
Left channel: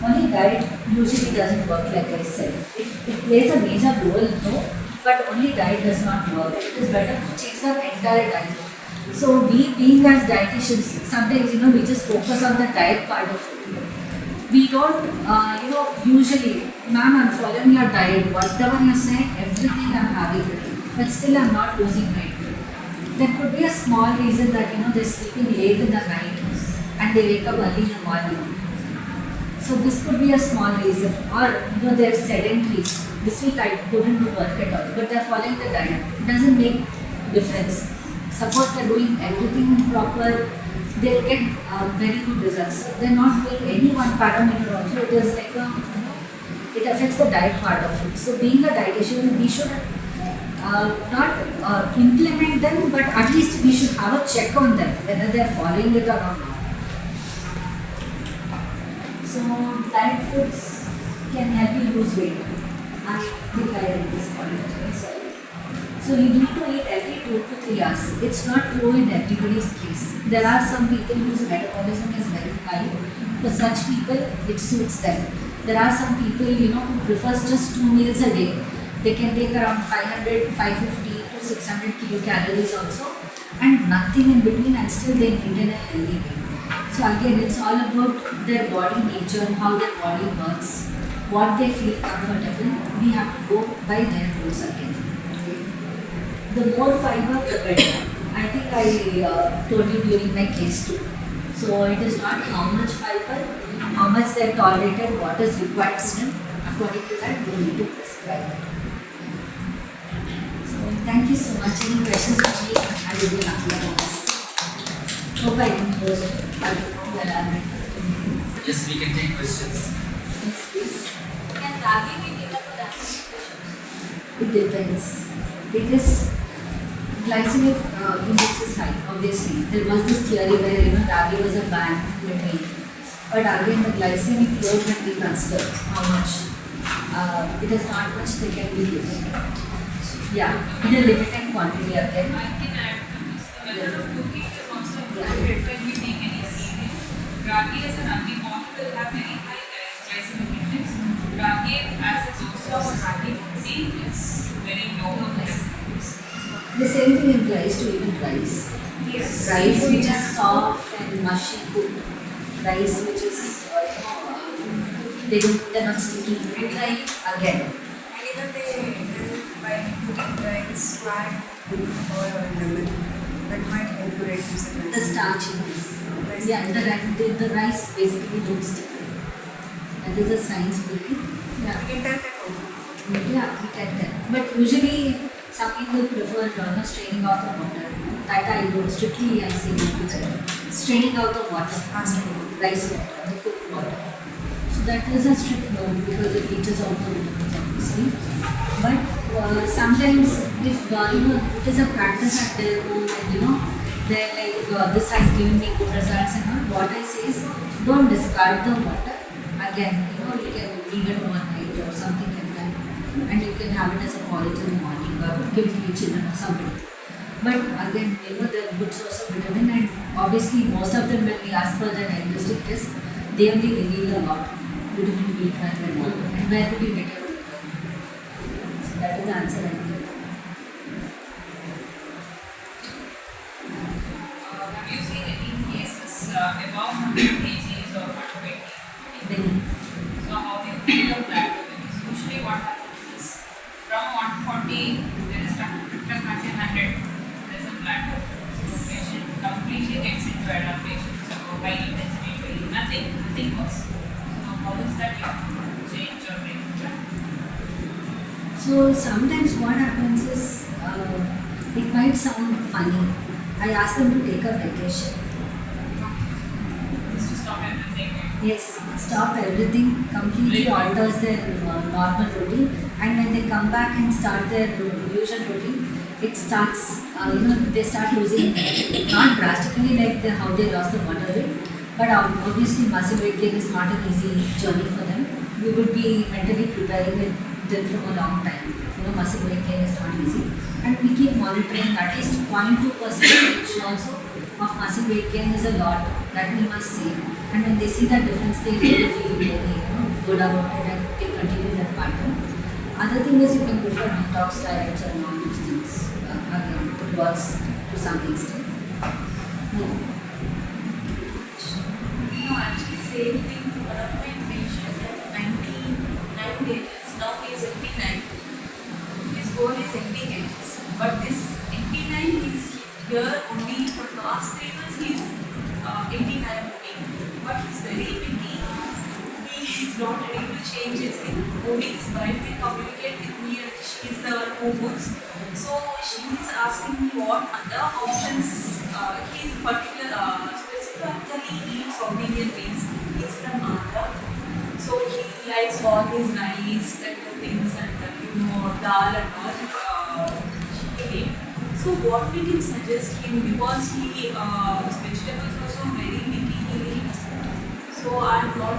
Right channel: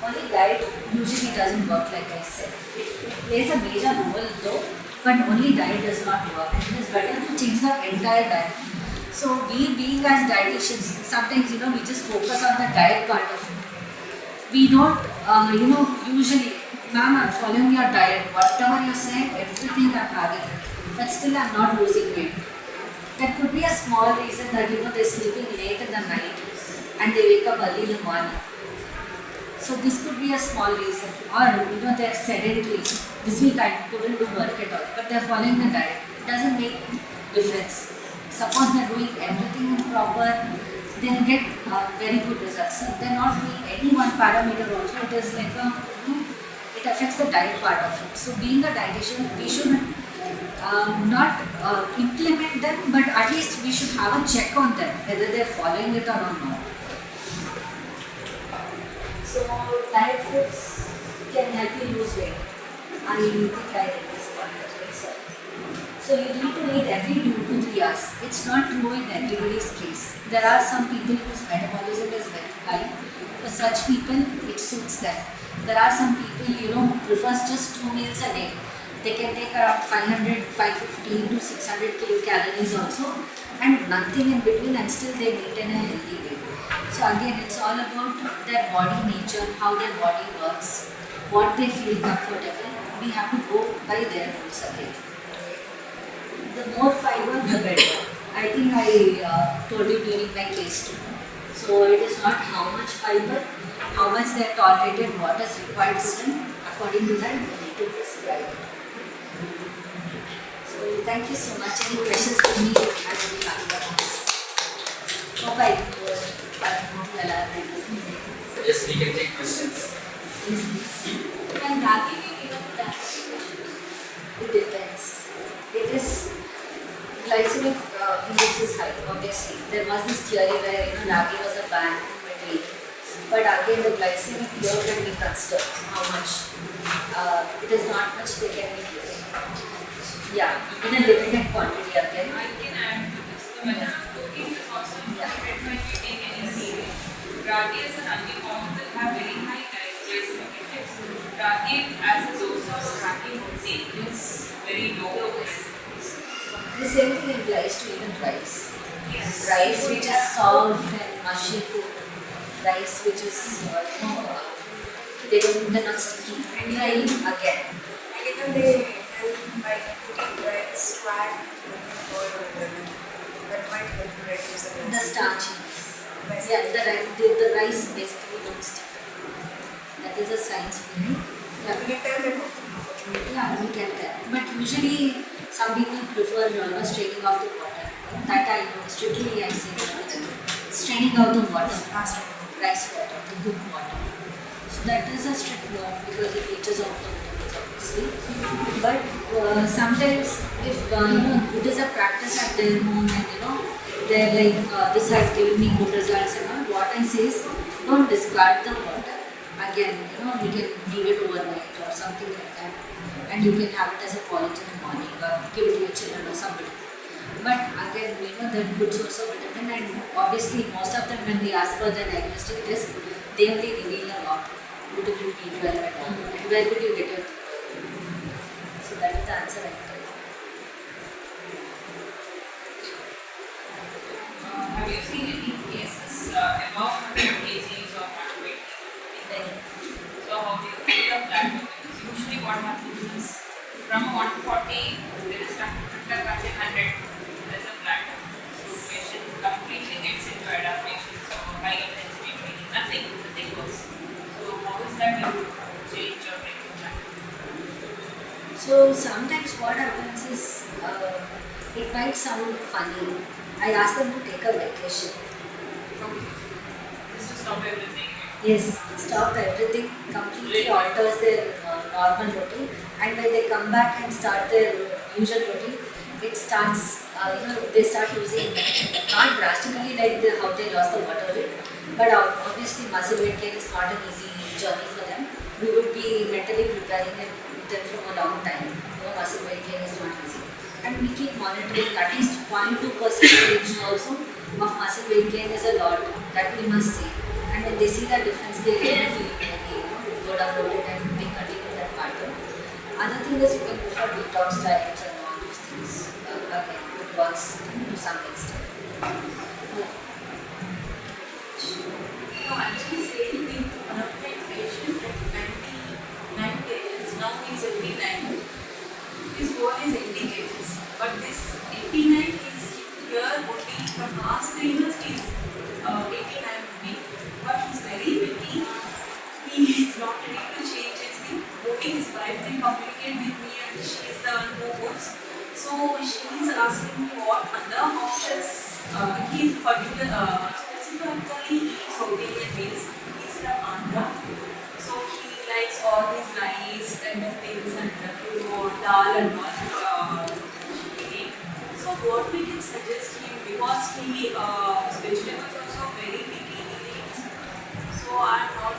Only diet usually doesn't work like I said. It plays a major role though, but only diet does not work. It is better to change the entire diet. So we being as dietitians, sometimes we just focus on the diet part of it. We don't, usually, ma'am, I'm following your diet, whatever you say, everything I'm having, but still I'm not losing weight. There could be a small reason that they're sleeping late in the night and they wake up early in the morning. So this could be a small reason, or they're sedentary. This week I couldn't do work at all, but they're following the diet. It doesn't make difference. Suppose they're doing everything in proper, they'll get very good results. So they're not doing any one parameter also. It is like it affects the diet part of it. So being a dietitian, we should not implement them, but at least we should have a check on them whether they're following it or not. So diet foods can help you lose weight. I think I read this content. So you need to eat every 2 to 3 hours. It's not true in everybody's case. There are some people whose metabolism is very high. For such people, it suits them. There are some people, who prefers just 2 meals a day. They can take around 500, 550 to 600 kilocalories also, and nothing in between, and still they maintain a healthy weight. So again, it's all about their body nature, how their body works, what they feel comfortable. We have to go by their rules again. The more fiber, the better. I think I told you during my case too. So it is not how much fiber, how much they are tolerated, what is required for them. According to that, we need to prescribe. So thank you so much. Any questions for me? I will be happy to ask. Hope I didn't go. Yes, we can take questions. Please. Can ragi be given to It depends. It is glycemic index is high, obviously. There was this theory where ragi was a banned drink. But again, the glycemic load can be considered. How much? It is not much they can be given. Yeah, in a limited quantity again. I can add to this. The method of cooking is also important when you take any cereal. Ragi as an alcohol will have very high glycemic index. Ragi as a source of ragi protein is very low. The same thing applies to even rice. Yes. Rice which is soft and mushy cooked. Rice which is, they're not sticky. And dry Again. And even they help by putting rice, fat, oil or lemon. That might help to reduce the The starchiness. Yeah, the rice basically don't stick. That is a science belief. Yeah. You can tell that Yeah, we can tell. But usually some people prefer straining off the water. That I do strictly I say no to them. Straining out the water, rice water, the cooked water. So that is a strict norm because it leaches out the vitamins obviously. But sometimes if it is a practice at their home and they're like this has given me good results and all, what I say is don't discard the water. Again, you can leave it overnight or something like that, and you can have it as a porridge in the morning or give it to your children or somebody. But again, they're good source of vitamin, and obviously most of them when we ask for the diagnostic test, they only reveal a lot, vitamin B12 and all. And where did you get your B12? So that is the answer I can. Have you seen any cases above 100 kgs or underweight? Many. So how do you feel of that? Because usually what happens is from 140 there is a 100. There's a plateau. So patient completely gets into adaptation. So high intensity training, nothing works. So how is that you change your training plan? So sometimes what happens is it might sound funny. I ask them to take a vacation. Just to stop everything. Yes, stop everything, completely alters their normal routine, and when they come back and start their usual routine, it starts, they start losing, not drastically like how they lost the water weight, but obviously muscle weight gain is not an easy journey for them. We would be mentally preparing them from a long time. Muscle weight gain is not easy. And we keep monitoring at least 0.2% also of muscle weight gain is a lot that we must see. And when they see that difference, they really feel very good about it and they continue that pattern. Other thing is you can go for detox diets and all those things. Again, it works to some extent. Actually, same thing. One of my patients at 99 kgs, now he is 89. His goal is 80 kgs. But this 89 is here only for past 3 months, he is 89 only. But he is very picky. He is not ready to change anything. Only his wife can communicate with me and she is the who books. So she is asking me what other options he specifically eats South Indian meals. He is from Andhra. So he likes all these nice kind of things and dal and all. So what we can suggest him, because he vegetables also very picky he eats. So I'm not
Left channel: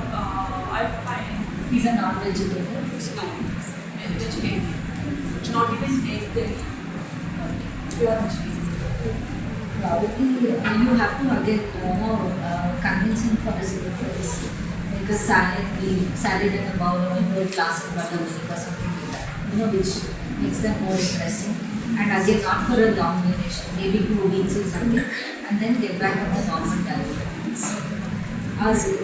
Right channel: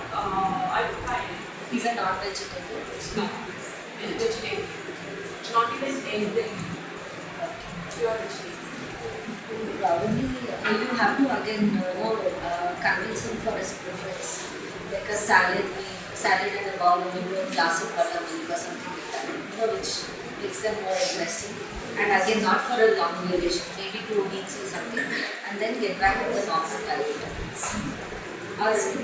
I'm fine. He's a non-vegetarian. No, vegetarian. Not even egg. Pure vegetarian. Probably you have to again convince him for his preference. Like a salad in a bowl or a glass of buttermilk or something like that. Which makes them more interesting. And again, not for a long duration, maybe 2 weeks or something, and then get back to the normal diet. As if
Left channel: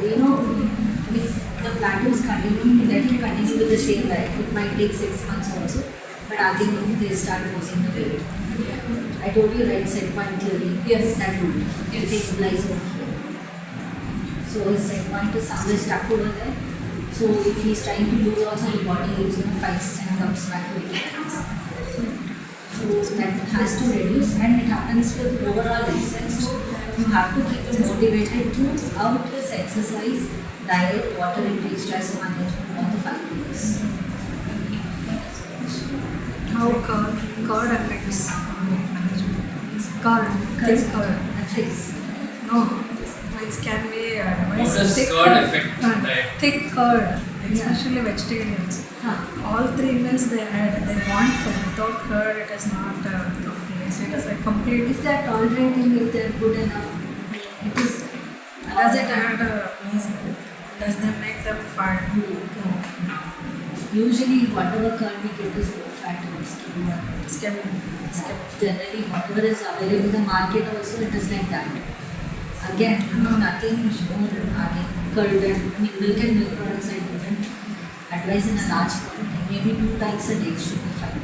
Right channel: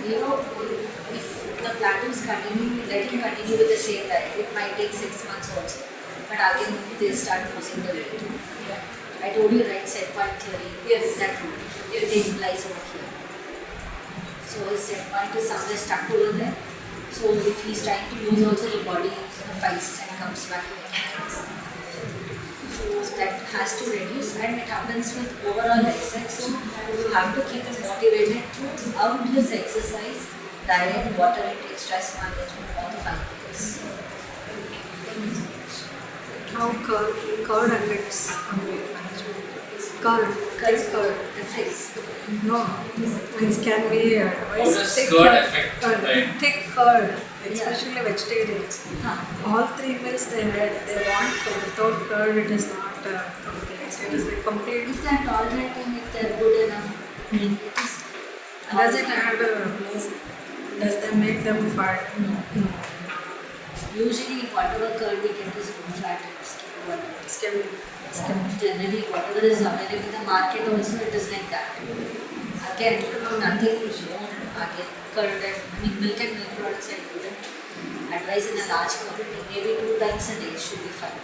the plateau is continuing, let him continue with the same diet. It might take 6 months also, but again, they start losing the weight. I told you, right, set point theory. Yes. That it implies over here. So his set point is somewhere stuck over there. So if he's trying to lose also, the body fights and comes back to it. So that has to reduce, and it happens with overall lifestyle. So you have to keep him motivated to out his exercise, diet, water intake, stress management all the 5 years. How curd affects on weight management? Thick curd. Affects. No, means can we advise How does thick curd affect diet? thick curd, especially vegetarians. Huh. All 3 meals they had, they want curd. Without curd, it is not complete. It is like complete. If they are tolerating, if they are good enough, it is. Does it add? Means does they make them fat? No. Usually, whatever curd we get is low fat and skim. Skim. Generally, whatever is available in the market, also it is like that. Again, nothing. Again, curd and milk and milk products I wouldn't advise in a large quantity. Maybe 2 times a day should be fine.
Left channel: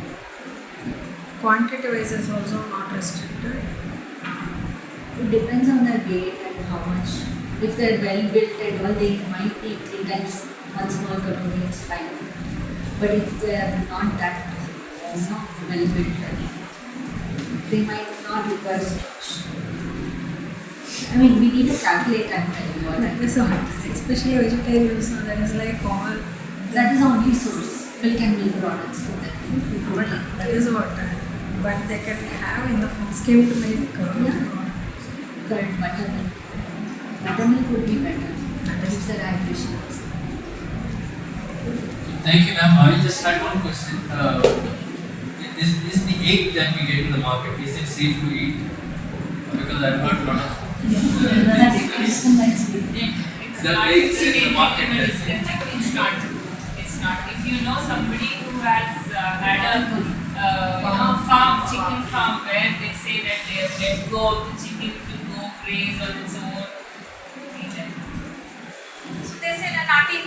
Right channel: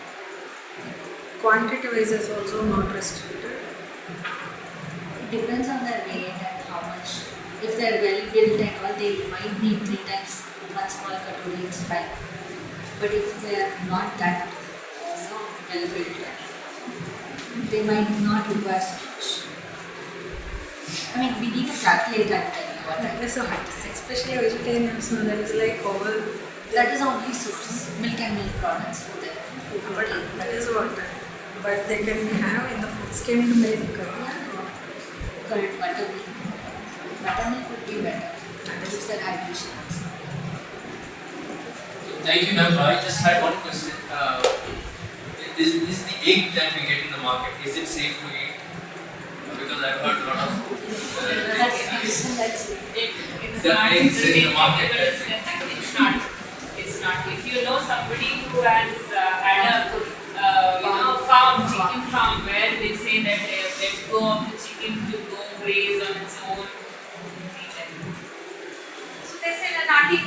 Quantity wise is also not restricted. It depends on their weight and how much. If they are well built and all, they might need 3 times one small katori, it's fine. But if they are not that well built, they might not require so much. I mean, we need to calculate and tell you what That is what, especially vegetarians, no, that is like all. that is only source, milk and milk products for them. But that is what. But they can have in the skimmed milk. Curd, buttermilk. Buttermilk would be better. That gives their hydration. Thank you, ma'am. I just had one question. Is the egg that we get in the market, is it safe to eat? Because I've heard a lot of It's the not eggs in the the market. It's not. It's not. If you know somebody who has had a farm, chicken farm, where they say that they have let go of the chicken to go graze on its own. So they said a nutty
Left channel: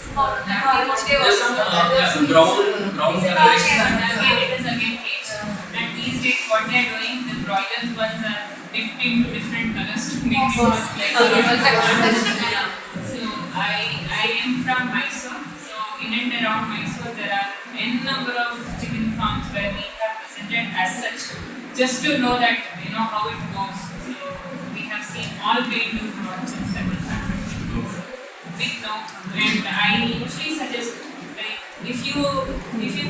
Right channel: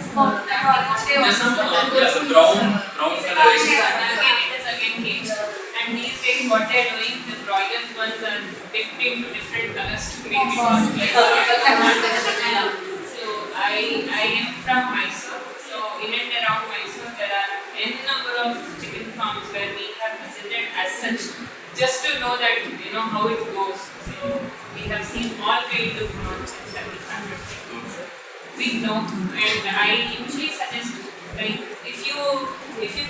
spot that almost There's some, the brown color. Again, it is again caged. And these days, what they are doing, the broilers ones are victim to different colors to make it look like. So I am from Mysore. So in and around Mysore, there are n number of chicken farms where we have visited as such, just to know that how it goes. So we have seen all paid look products and several factors. Big no, and I usually suggest, like, if you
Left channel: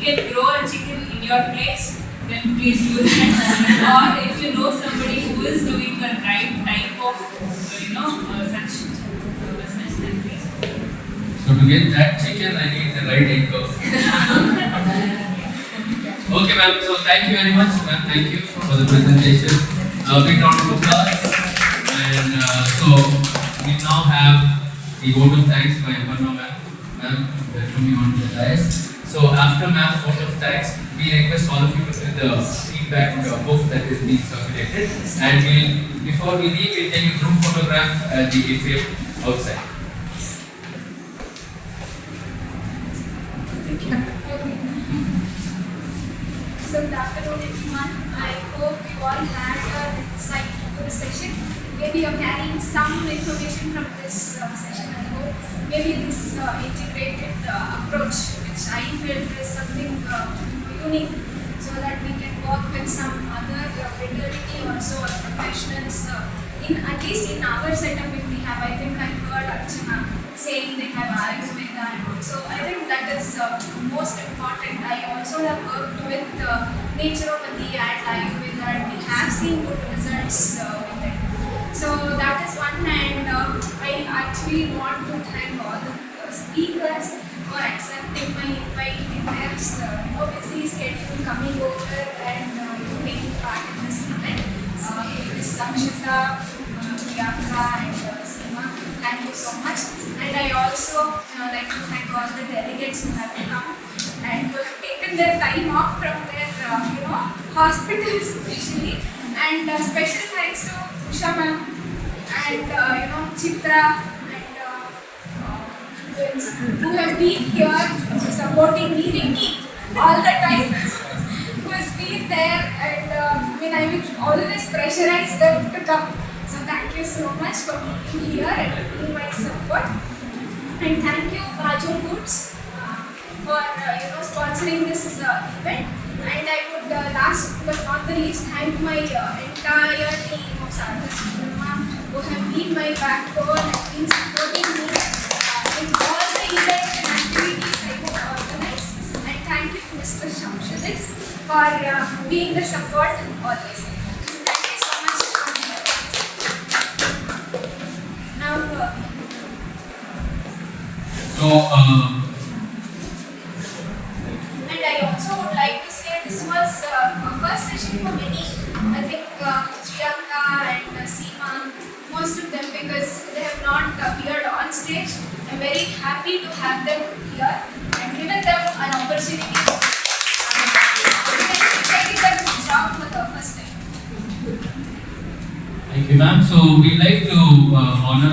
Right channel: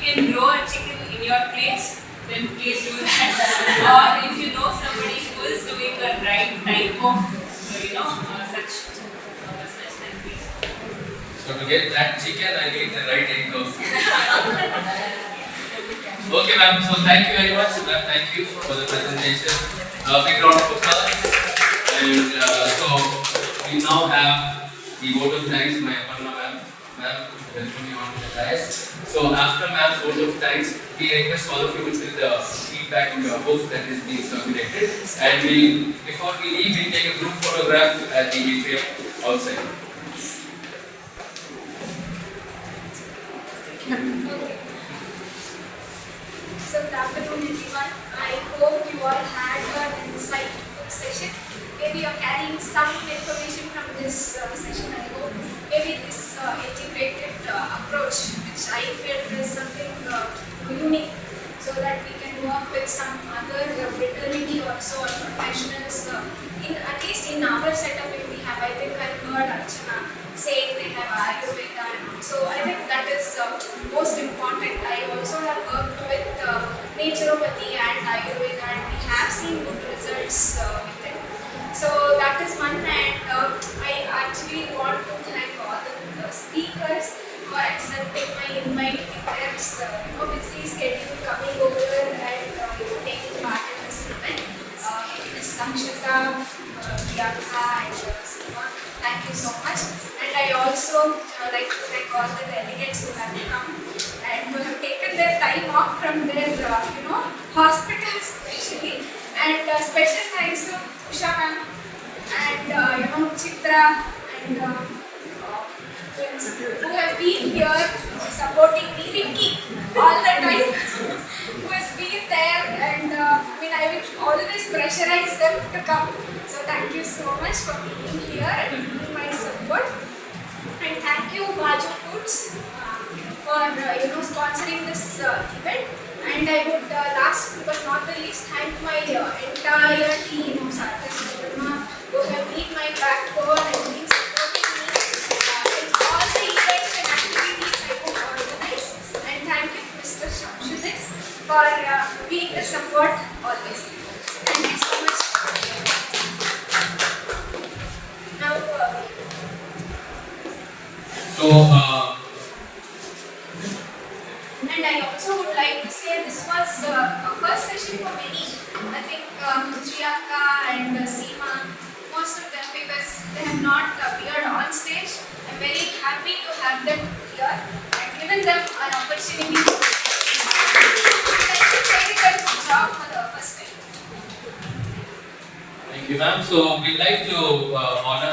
can grow a chicken in your place, then please do that. Or if you know somebody who is doing the right type of such business, then please. So to get that chicken, I need the right egg also. Okay, ma'am. So thank you very much, ma'am. Thank you for the presentation. A big round of applause. And so we now have the vote of thanks by Aparna ma'am. Ma'am, welcome you on the dais. So after ma'am's vote of thanks, we request all of you to fill the feedback book that is being circulated. And before we leave, we'll take a group photograph at the atrium outside. So good afternoon everyone. I hope you all had an insightful session. Maybe you're carrying some information from this session. I hope maybe this integrated approach, which I felt is something unique, so that we can work with some other fraternity also or professionals. At least in our setup, if we have, I think I've heard Archana saying they have Ayurveda and all. So I think that is most important. I also have worked with naturopathy and Ayurveda, and we have seen good results with it. So that is one, and I actually want to thank all the speakers for accepting my invite in their busy schedule, coming over and taking part in this event. Ms. Akshata, Priyanka and Seema, thank you so much. And I also like to thank all the delegates who have come and who have taken their time off from their hospitals especially. And special thanks to Usha ma'am and Chitra and who have been here supporting me, Leaky, all the time, who has been there, and I will always pressurize them to come. So thank you so much for being here and being my support. And thank you Baju Foods for sponsoring this event. And I would last but not the least thank my entire team of Sagar Chandramma who have been my backbone and been supporting me in all the events and activities I would organize. And thank you Mr. Shamshuddin for being the support always. Thank you so much. Now and I also would like to say this was a first session for many. I think Priyanka and Seema, most of them, because they have not appeared on stage. I'm very happy to have them here and given them an opportunity to take their job for the first time. Thank you, ma'am. So we'd like to honor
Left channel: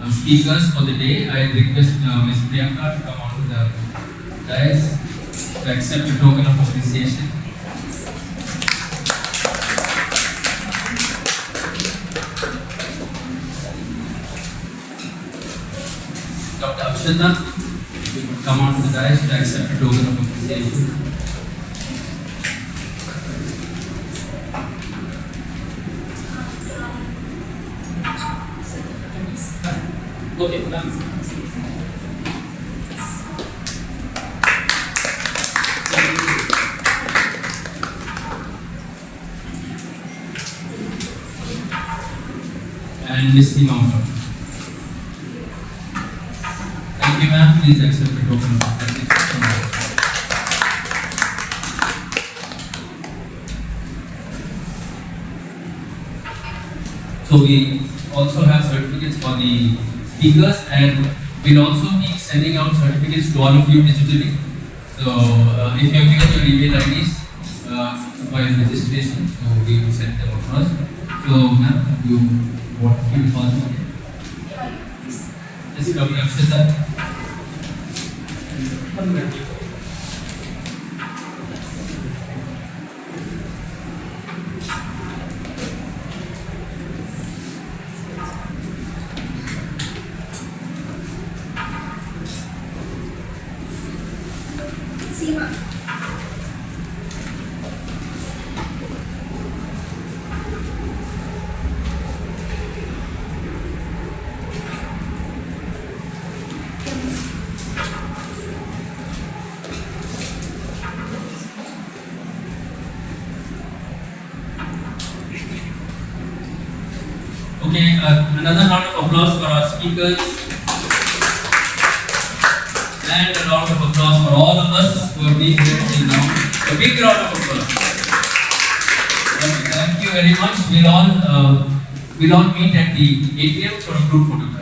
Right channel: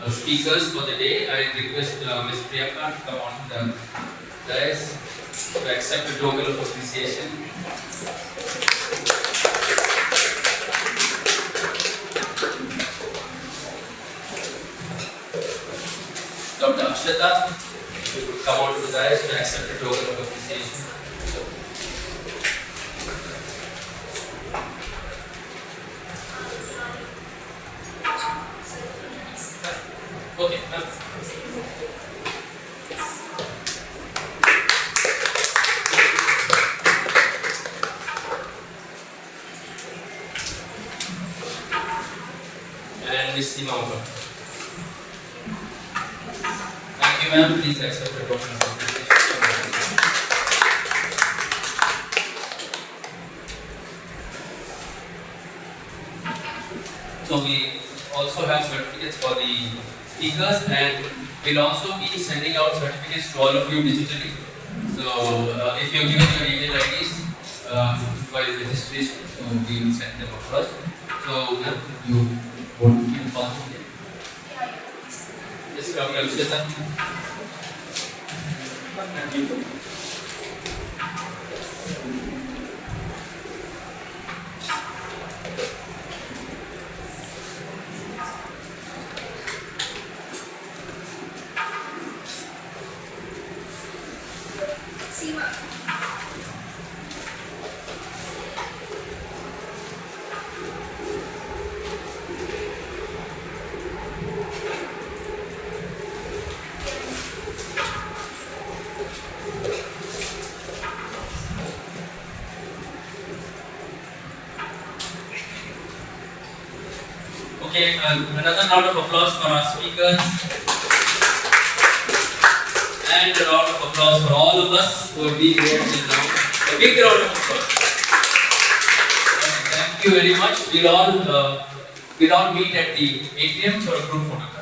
our speakers for the day. I request Ms. Priyanka to come on to the dais to accept the token of appreciation. Dr. Akshata will come on to the dais to accept the token of appreciation. Okay, ma'am. And Ms. Seema. Thank you, ma'am. Please accept the token of appreciation. So we also have certificates for the speakers, and we'll also be sending out certificates to all of you digitally. So if you have given your email IDs for registration, so we will send them across. So ma'am, you want to keep calling again? Yes, Dr. Akshata. Seema. Okay, another round of applause for our speakers. And a round of applause for all of us who have been here till now. A big round of applause. Okay, thank you very much. We'll all meet at the atrium for a group photo.